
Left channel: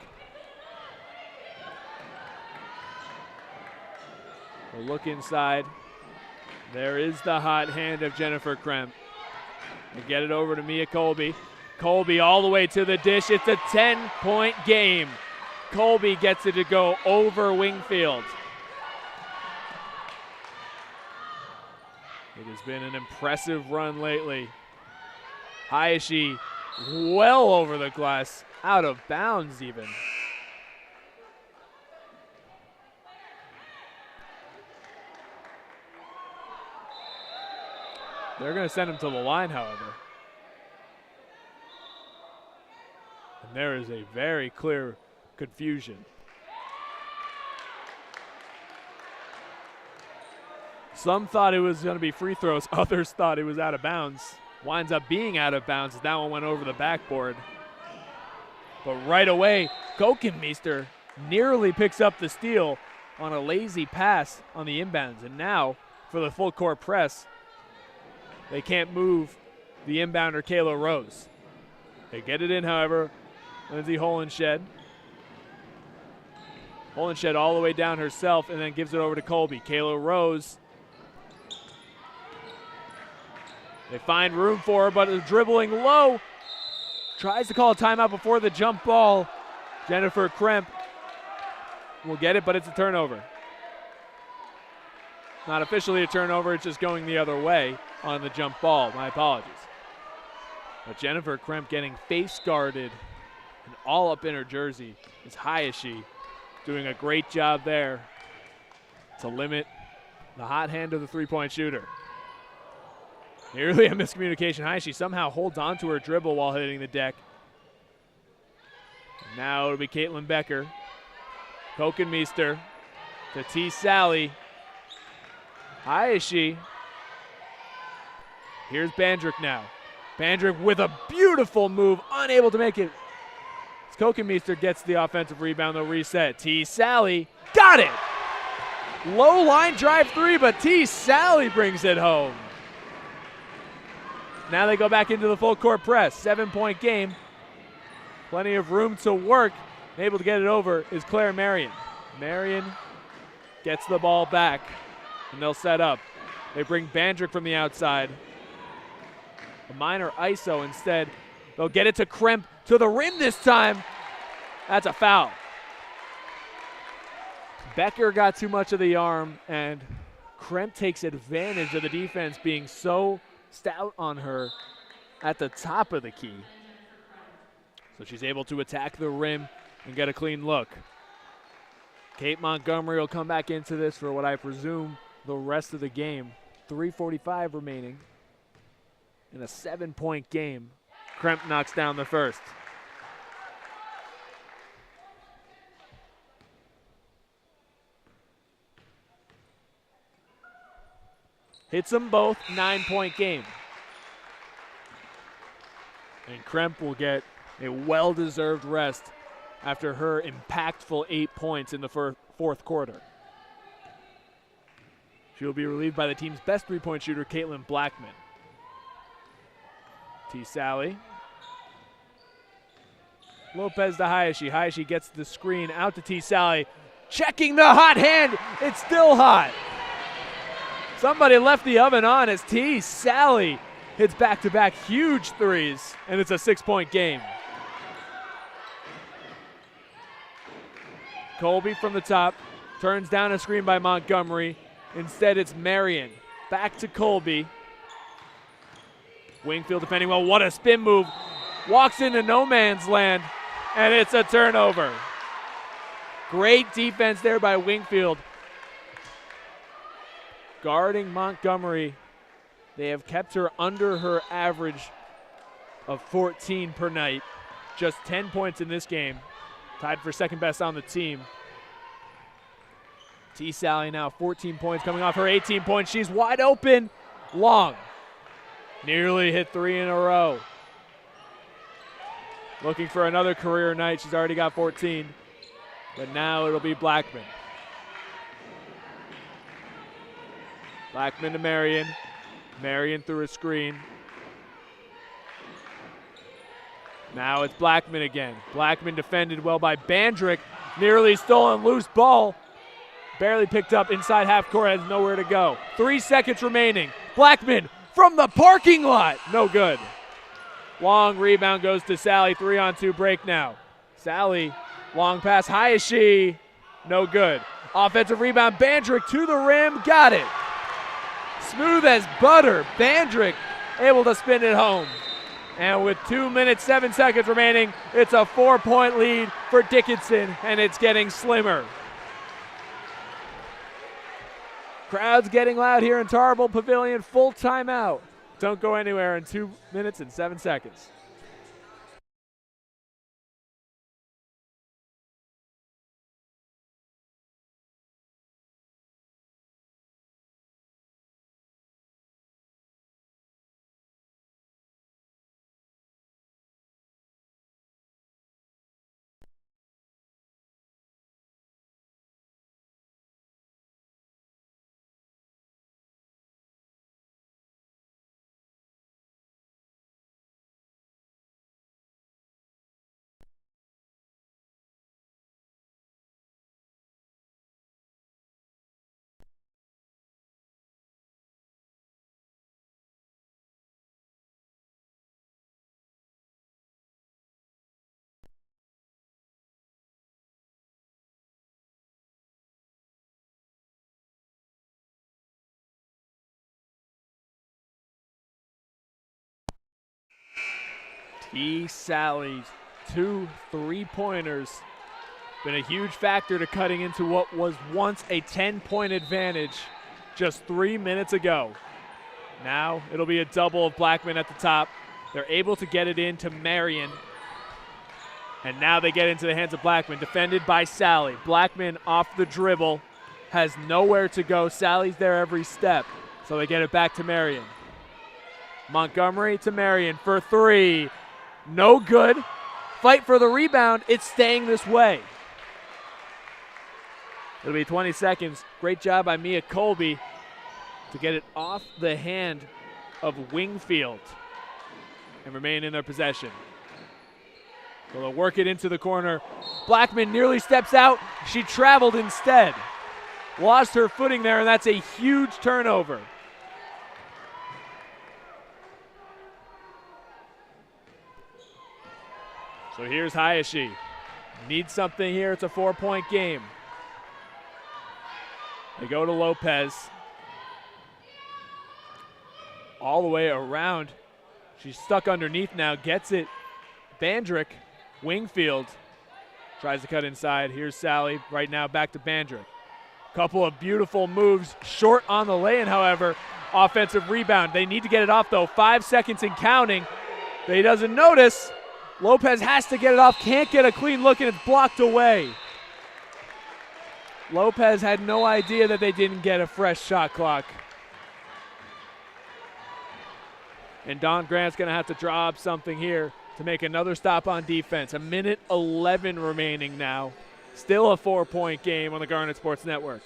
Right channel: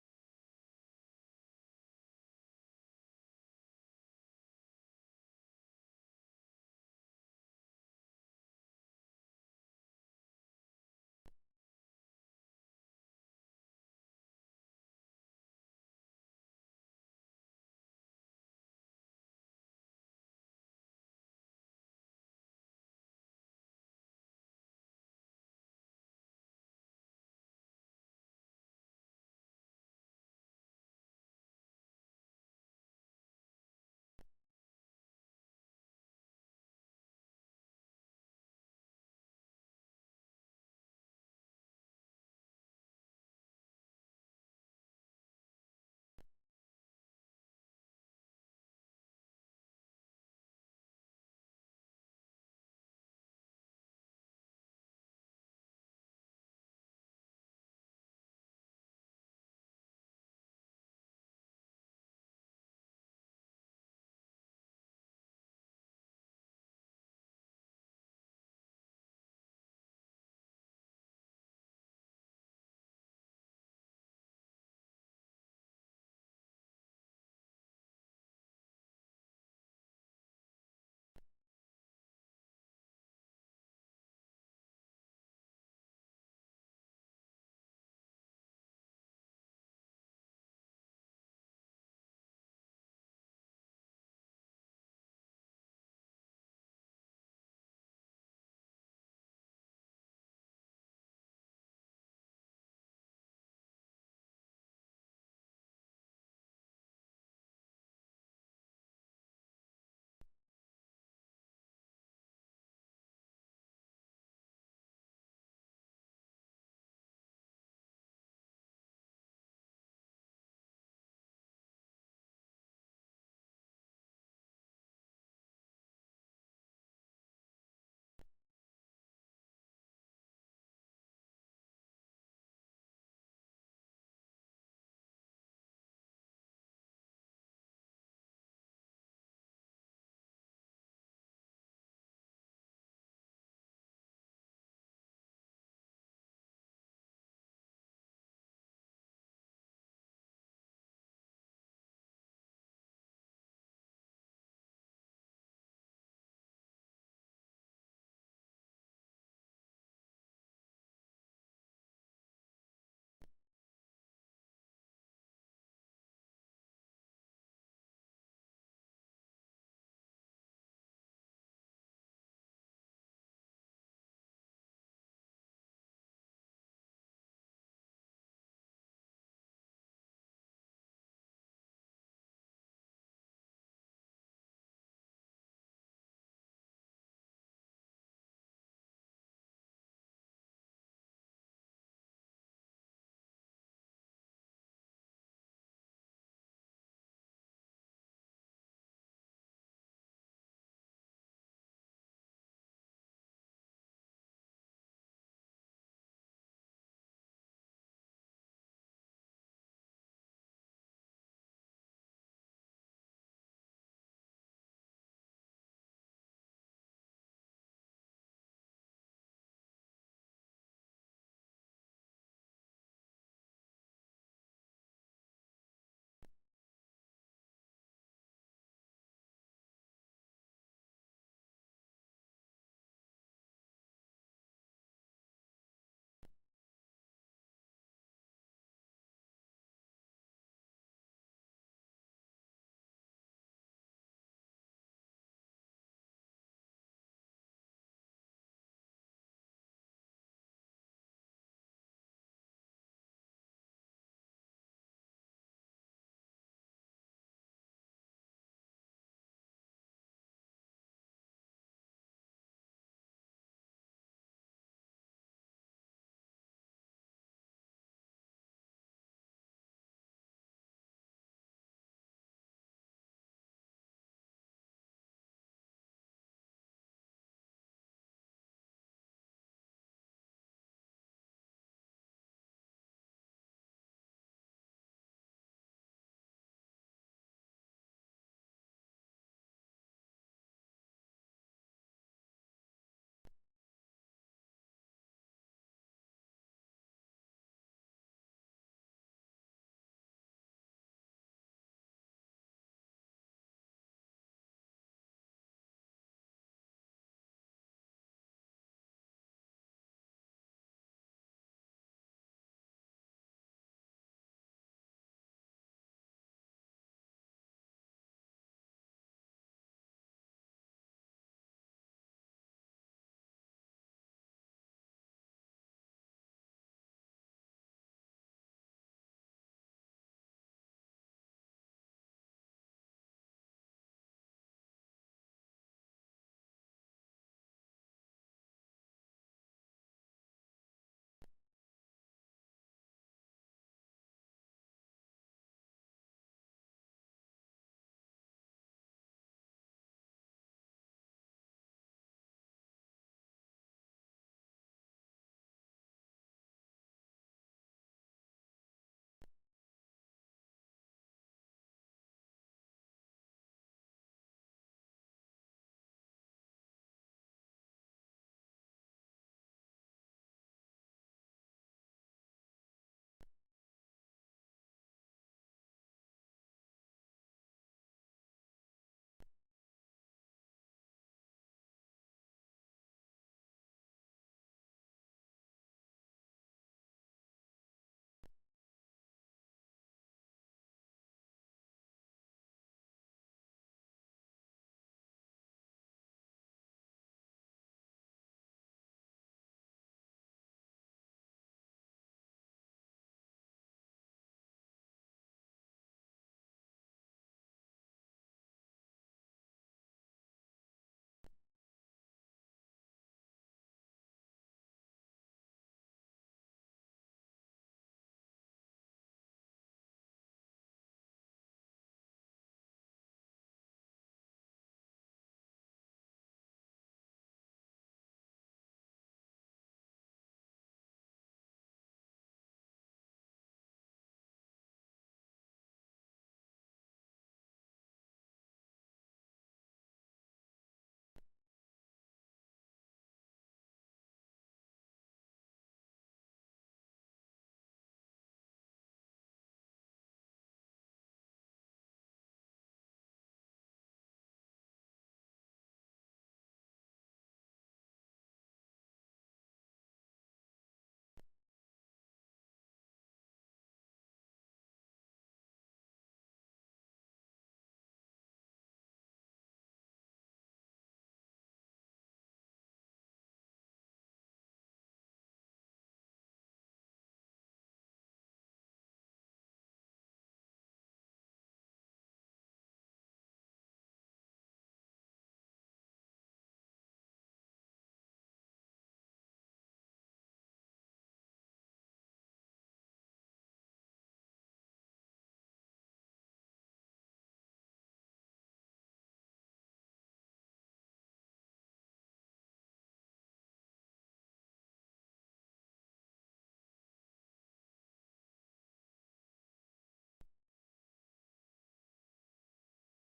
We'll look inside. There is the hot hand of Jennifer Kremp. They get it over to Mia Colby. Colby all the way to the dish. It's a 10-point game. Colby gets it to go over Wingfield. It has been an impressive run lately. Hayashi well over the glass, out of bounds even. They're going to send him to the line, however. And there is a very clear confusion. Some thought it was going to be free throws. Others thought it was out of bounds. Winds up being out of bounds as that one went over the backboard. But right away, Kokenmeister nearly picks up the steal on a lazy pass on the inbounds. And now for the full court press, they can't move the inbounder, Kayla Rose. They get it in, however. Lindsay Holenshed. Holenshed all the way down herself and then gives it over to Colby. Kayla Rose. They find room for her, but is dribbling low. Tries to call a timeout before the jump ball. Jennifer Kremp will get it, but it's a turnover. Not officially a turnover, it's just going the other way on the jump ball. My apologies. But Jennifer Kremp getting face guarded and all up in her jersey. It's Hayashi doing a great job there to limit the hot hand of the three-point shooter. Nearly a miscommunication. Hayashi somehow holds on to her dribble while hitting the deck. Now it'll be Caitlin Becker. Kokenmeister to T. Sally. Hayashi. Here's Bandrick now. Bandrick with a beautiful move, unable to make it. Kokenmeister gets the offensive rebound, they'll reset. T. Sally, got it! Low line drive three, but T. Sally brings it home. Now they go back into the full court press. 7-point game. Plenty of room to work. Able to get it over is Claire Marion. Marion gets the ball back, and they'll set up. They bring Bandrick from the outside. A minor ISO instead. They'll get it to Kremp to the rim this time. That's a foul. Becker got too much of the arm, and Kremp takes advantage of the defense being so stout on her at the top of the key. So she's able to attack the rim and get a clean look. Kate Montgomery will come back into this for what I presume the rest of the game. 3:45 remaining in a 7-point game. Kremp knocks down the first. Hits them both, 9-point game. And Kremp will get a well-deserved rest after her impactful 8 points in the fourth quarter. She will be relieved by the team's best three-point shooter, Caitlin Blackman. T. Sally. Lopez to Hayashi. Hayashi gets the screen out to T. Sally. Checking the hot hand. It's still hot. Somebody left the oven on as T. Sally hits back-to-back huge threes, and it's a 6-point game. Colby from the top, turns down a screen by Montgomery. Instead, it's Marion. Back to Colby. Wingfield defending well. What a spin move. Walks into no man's land, and it's a turnover. Great defense there by Wingfield. Guarding Montgomery. They have kept her under her average of 14 per night. Just 10 points in this game. Tied for second best on the team. T. Sally now 14 points coming off her 18 points. She's wide open. Long. Nearly hit 3 in a row. Looking for another career night. She's already got 14. But now it'll be Blackman. Blackman to Marion. Marion through a screen. Now it's Blackman again. Blackman defended well by Bandrick. Nearly stolen loose ball. Barely picked up inside half court. Has nowhere to go. 3 seconds remaining. Blackman from the parking lot. No good. Long rebound goes to Sally. 3-on-2 break now. Sally, long pass. Hayashi. No good. Offensive rebound. Bandrick to the rim. Got it. Smooth as butter. Bandrick able to spin it home. And with 2 minutes, 7 seconds remaining, it's a 4-point lead for Dickinson, and it's getting slimmer. Crowd's getting loud here in Tarble Pavilion. Full timeout. Don't go anywhere in 2 minutes and 7 seconds. T. Sally's 2 3-pointers been a huge factor to cutting into what was once a 10-point advantage just 3 minutes ago. Now it'll be a double of Blackman at the top. They're able to get it into Marion. And now they get into the hands of Blackman, defended by Sally. Blackman off the dribble, has nowhere to go. Sally's there every step, so they get it back to Marion. Montgomery to Marion for 3. No good. Fight for the rebound. It's staying this way. It'll be 20 seconds. Great job by Mia Colby to get it off the hand of Wingfield and remain in their possession. So they'll work it into the corner. Blackman nearly steps out. She traveled instead. Lost her footing there, and that's a huge turnover. So here's Hayashi. Needs something here. It's a 4-point game. They go to Lopez. All the way around. She's stuck underneath now. Gets it. Bandrick. Wingfield tries to cut inside. Here's Sally. Right now back to Bandrick. Couple of beautiful moves. Short on the lay-in, however. Offensive rebound. They need to get it off, though. 5 seconds and counting. He doesn't notice. Lopez has to get it off. Can't get a clean look, and it's blocked away. Lopez had no idea that they didn't get a fresh shot clock. And Don Grant's going to have to draw up something here to make another stop on defense. 1:11 remaining now. Still a 4-point game on the Garnet Sports Network.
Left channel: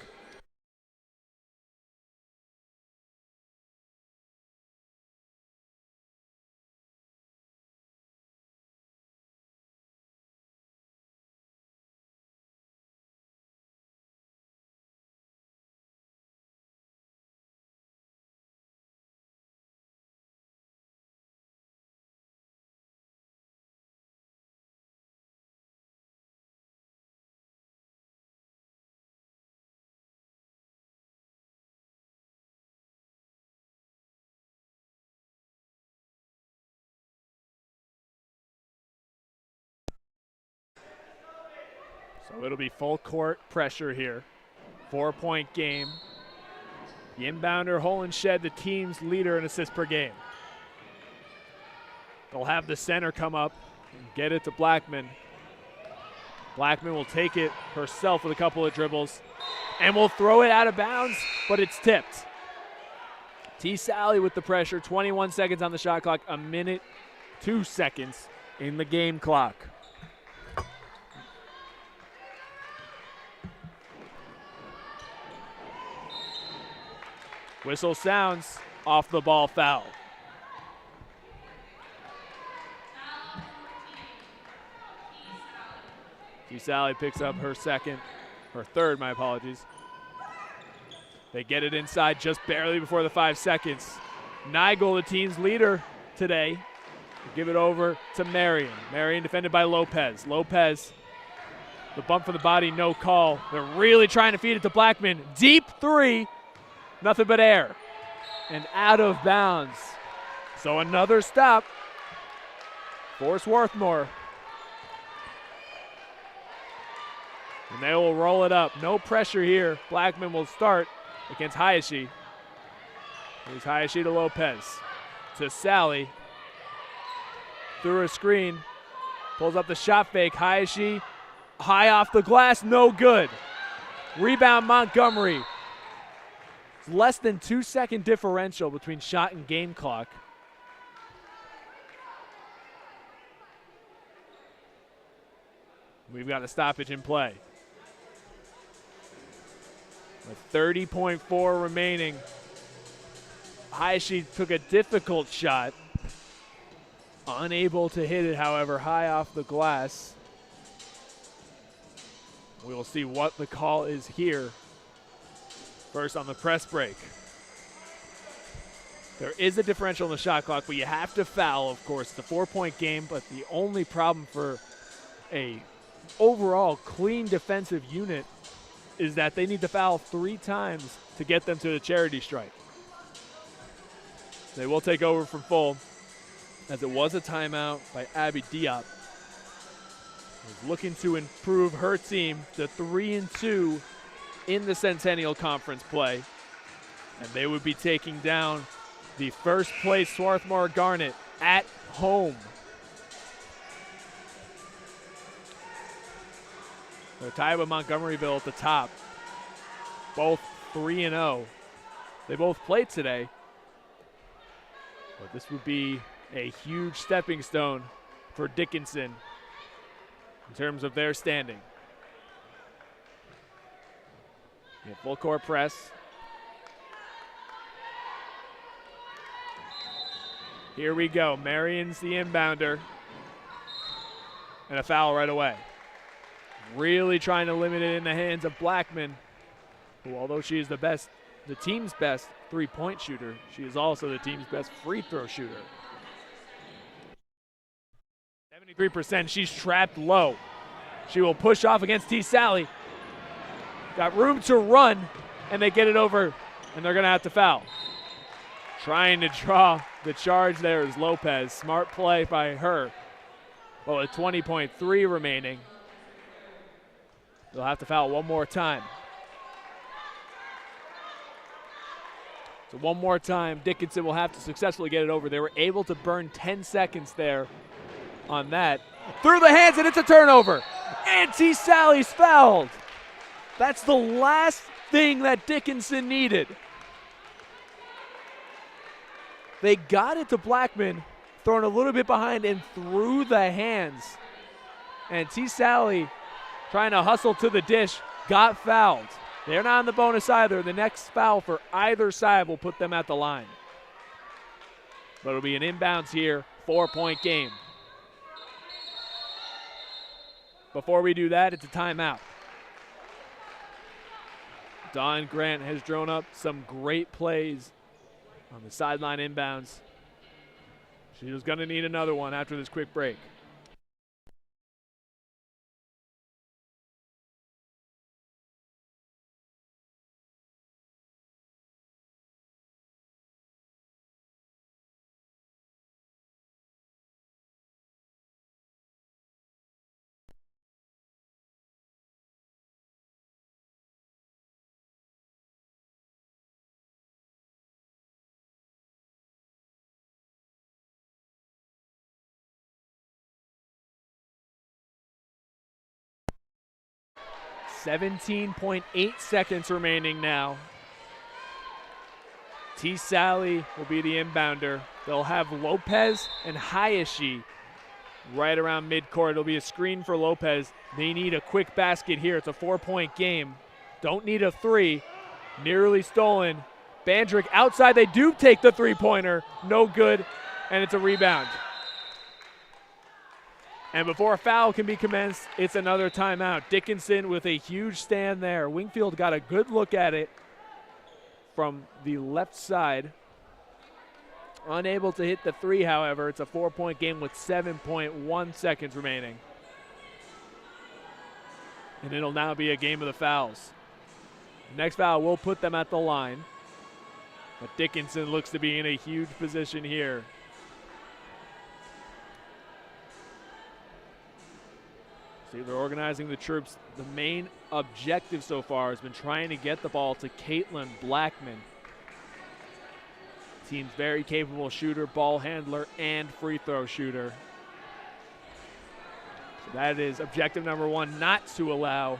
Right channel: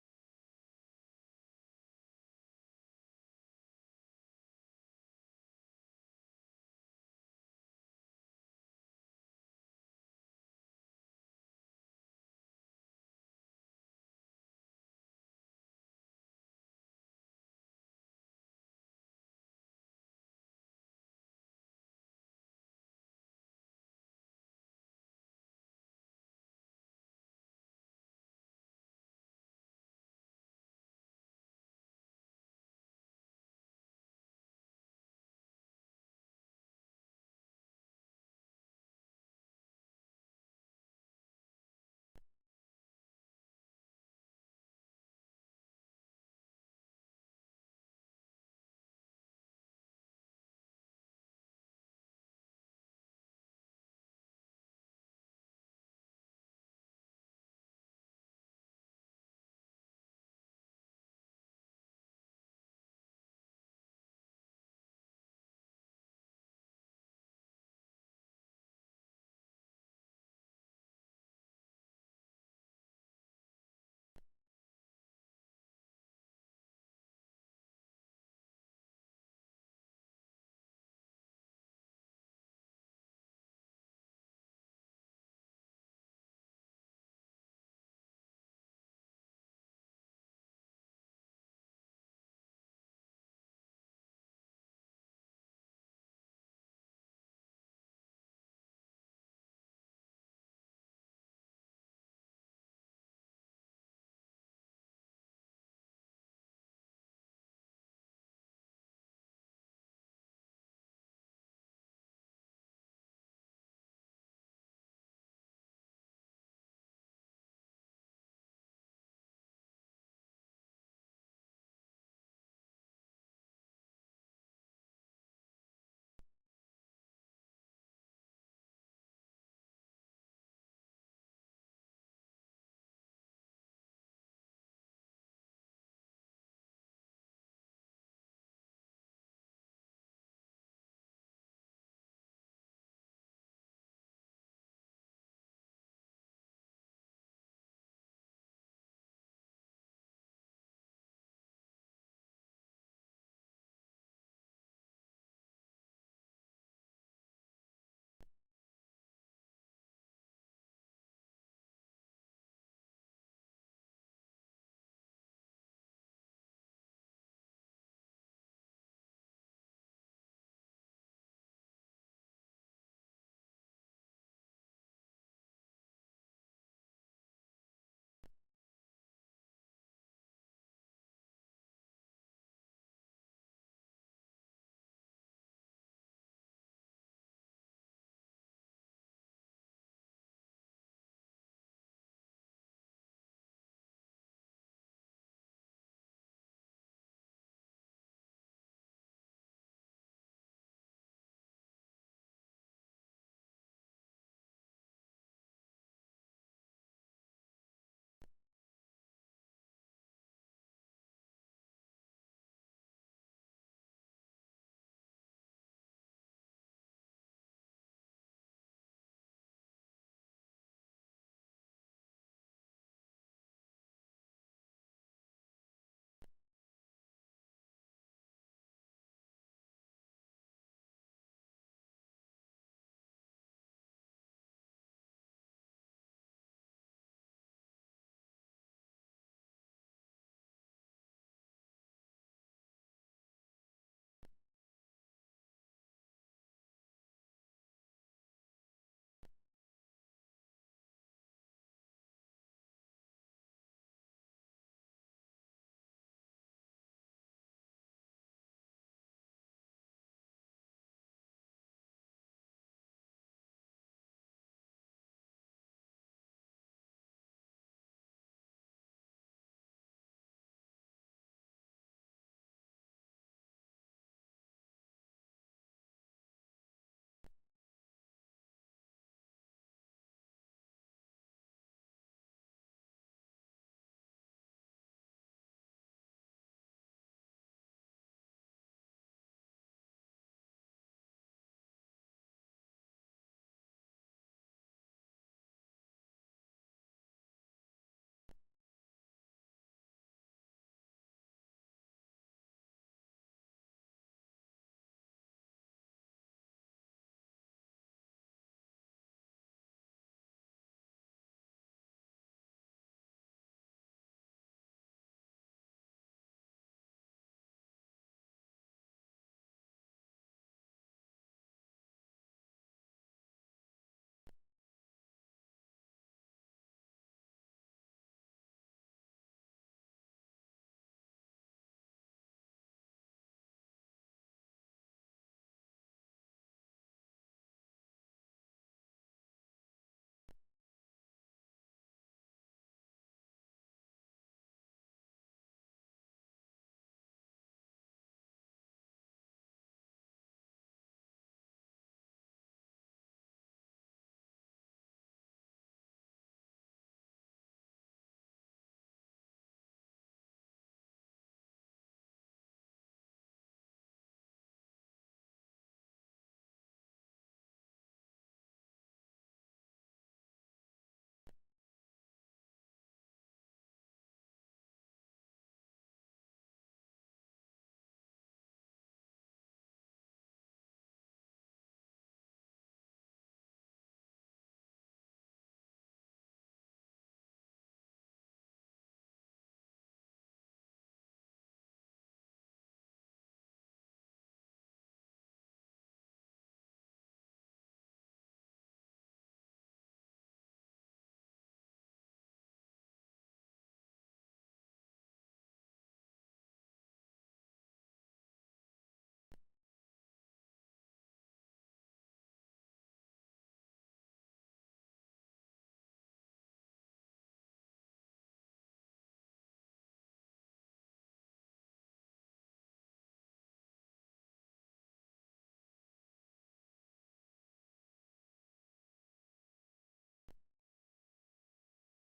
So it'll be full court pressure here. 4-point game. The inbounder, Holenshed, the team's leader in assists per game. They'll have the center come up and get it to Blackman. Blackman will take it herself with a couple of dribbles and will throw it out of bounds, but it's tipped. T. Sally with the pressure, 21 seconds on the shot clock, 1:02 in the game clock. Whistle sounds, off the ball foul. T. Sally picks up her third, my apologies. They get it inside just barely before the 5 seconds. Nigel, the team's leader today, will give it over to Marion. Marion defended by Lopez. Lopez, the bump from the body, no call. They're really trying to feed it to Blackman. Deep 3. Nothing but air. And out of bounds. So another stop for Swarthmore. And they will roll it up. No pressure here. Blackman will start against Hayashi. Here's Hayashi to Lopez. To Sally. Through a screen. Pulls up the shot fake. Hayashi high off the glass. No good. Rebound Montgomery. It's less than 2-second differential between shot and game clock. We've got a stoppage in play. With 30.4 remaining. Hayashi took a difficult shot. Unable to hit it, however, high off the glass. We will see what the call is here. First on the press break. There is a differential in the shot clock, but you have to foul, of course. It's a 4-point game, but the only problem for a overall clean defensive unit is that they need to foul 3 times to get them to the charity strike. They will take over from full, as it was a timeout by Abby Diop. Is looking to improve her team to 3-2 in the Centennial Conference play. And they would be taking down the first place Swarthmore Garnet at home. So tied with Montgomeryville at the top. Both 3-0. They both played today. But this would be a huge stepping stone for Dickinson in terms of their standing. Full court press. Here we go. Marion's the inbounder. And a foul right away. Really trying to limit it in the hands of Blackman, who, although she is the team's best three-point shooter, she is also the team's best free throw shooter. 73%, she's trapped low. She will push off against T. Sally. Got room to run, and they get it over, and they're gonna have to foul. Trying to draw the charge there is Lopez. Smart play by her. Well, with 20.3 remaining, they'll have to foul one more time. So one more time, Dickinson will have to successfully get it over. They were able to burn 10 seconds there on that. Through the hands, and it's a turnover. And T. Sally's fouled. That's the last thing that Dickinson needed. They got it to Blackman, thrown a little bit behind and through the hands. And T. Sally, trying to hustle to the dish, got fouled. They're not on the bonus either. The next foul for either side will put them at the line. But it'll be an inbounds here, 4-point game. Before we do that, it's a timeout. Dawn Grant has drawn up some great plays on the sideline inbounds. She was going to need another one after this quick break. .8 seconds remaining now. T. Sally will be the inbounder. They'll have Lopez and Hayashi right around midcourt. It'll be a screen for Lopez. They need a quick basket here. It's a 4-point game. Don't need a three. Nearly stolen. Bandrick outside. They do take the three-pointer. No good, and it's a rebound. And before a foul can be commenced, it's another timeout. Dickinson with a huge stand there. Wingfield got a good look at it from the left side. Unable to hit the three, however. It's a 4-point game with 7.1 seconds remaining. And it'll now be a game of the fouls. The next foul will put them at the line. But Dickinson looks to be in a huge position here. See, they're organizing the troops. The main objective so far has been trying to get the ball to Caitlin Blackman. Team's very capable shooter, ball handler, and free throw shooter. So that is objective number one, not to allow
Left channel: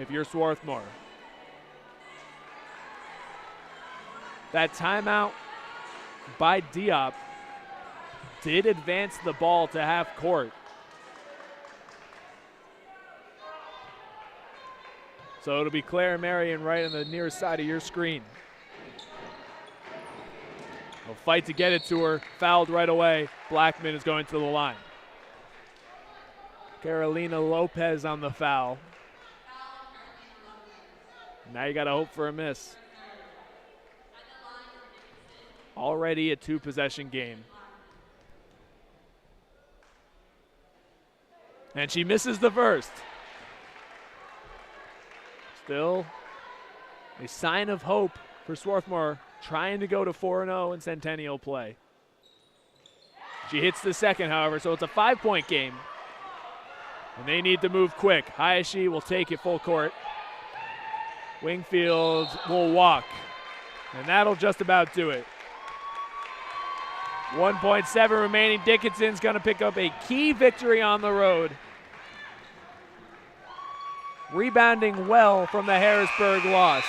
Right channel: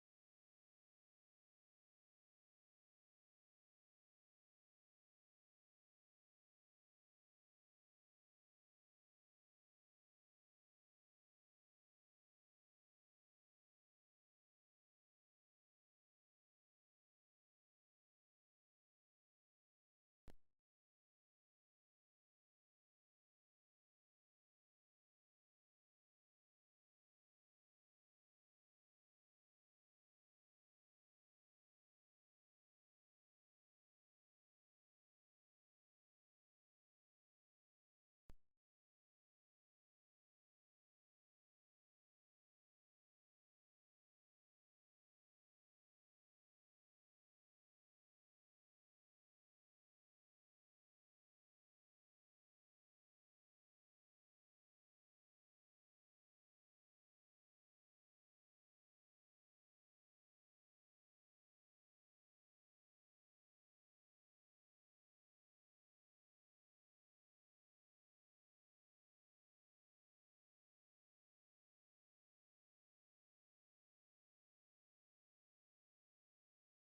if you're Swarthmore. That timeout by Diop did advance the ball to half court. So it'll be Claire Marion right on the near side of your screen. They'll fight to get it to her, fouled right away. Blackman is going to the line. Carolina Lopez on the foul. Now you got to hope for a miss. Already a two-possession game. And she misses the first. Still a sign of hope for Swarthmore, trying to go to 4-0 in Centennial play. She hits the second, however, so it's a 5-point game. And they need to move quick. Hayashi will take it full court. Wingfield will walk. And that'll just about do it. 1.7 remaining. Dickinson's going to pick up a key victory on the road. Rebounding well from the Harrisburg loss.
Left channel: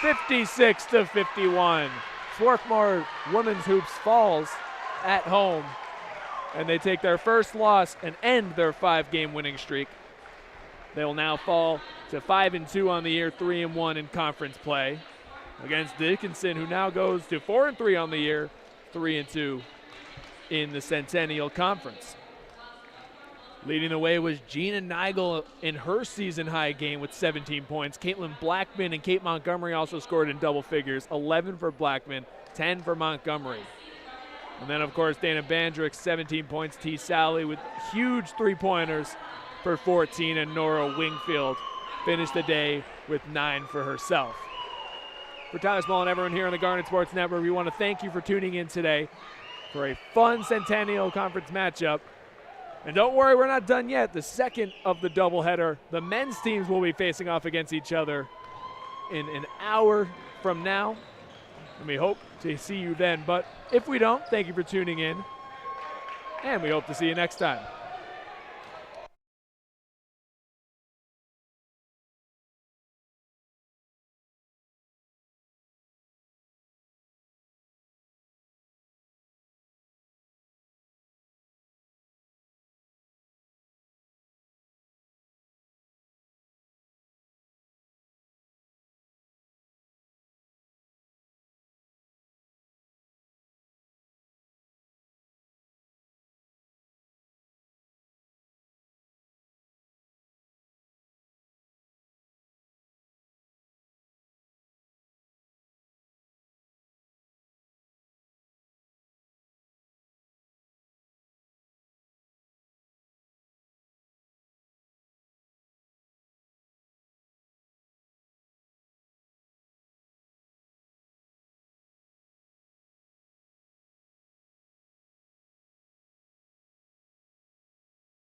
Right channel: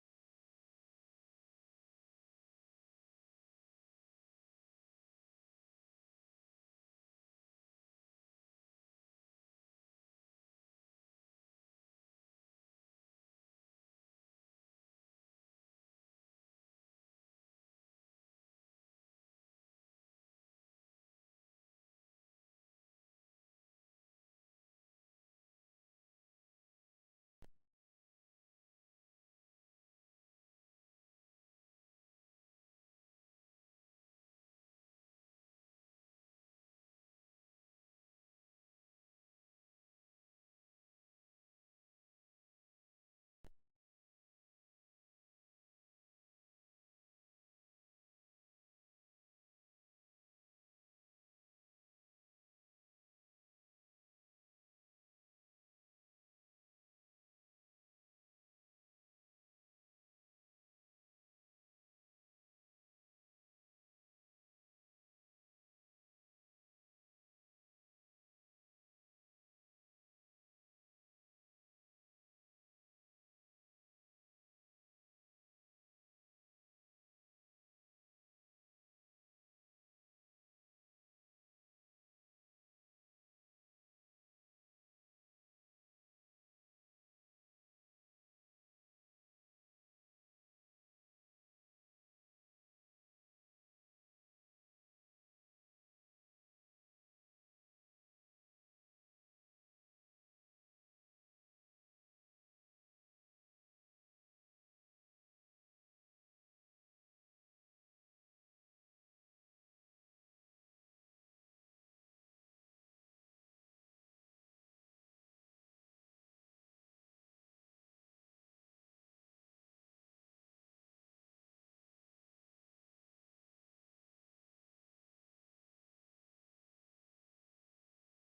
56-51. Swarthmore Women's Hoops falls at home, and they take their first loss and end their 5-game winning streak. They will now fall to 5-2 on the year, 3-1 in conference play against Dickinson, who now goes to 4-3 on the year, 3-2 in the Centennial Conference. Leading the way was Gina Nigel in her season-high game with 17 points. Caitlin Blackman and Kate Montgomery also scored in double figures, 11 for Blackman, 10 for Montgomery. And then, of course, Dana Bandrick, 17 points. T. Sally with huge three-pointers for 14, and Nora Wingfield finished the day with 9 for herself. For Tyler Small and everyone here on the Garnet Sports Network, we want to thank you for tuning in today for a fun Centennial Conference matchup. And don't worry, we're not done yet. The second of the doubleheader, the men's teams will be facing off against each other in an hour from now. And we hope to see you then. But if we don't, thank you for tuning in. And we hope to see you next time.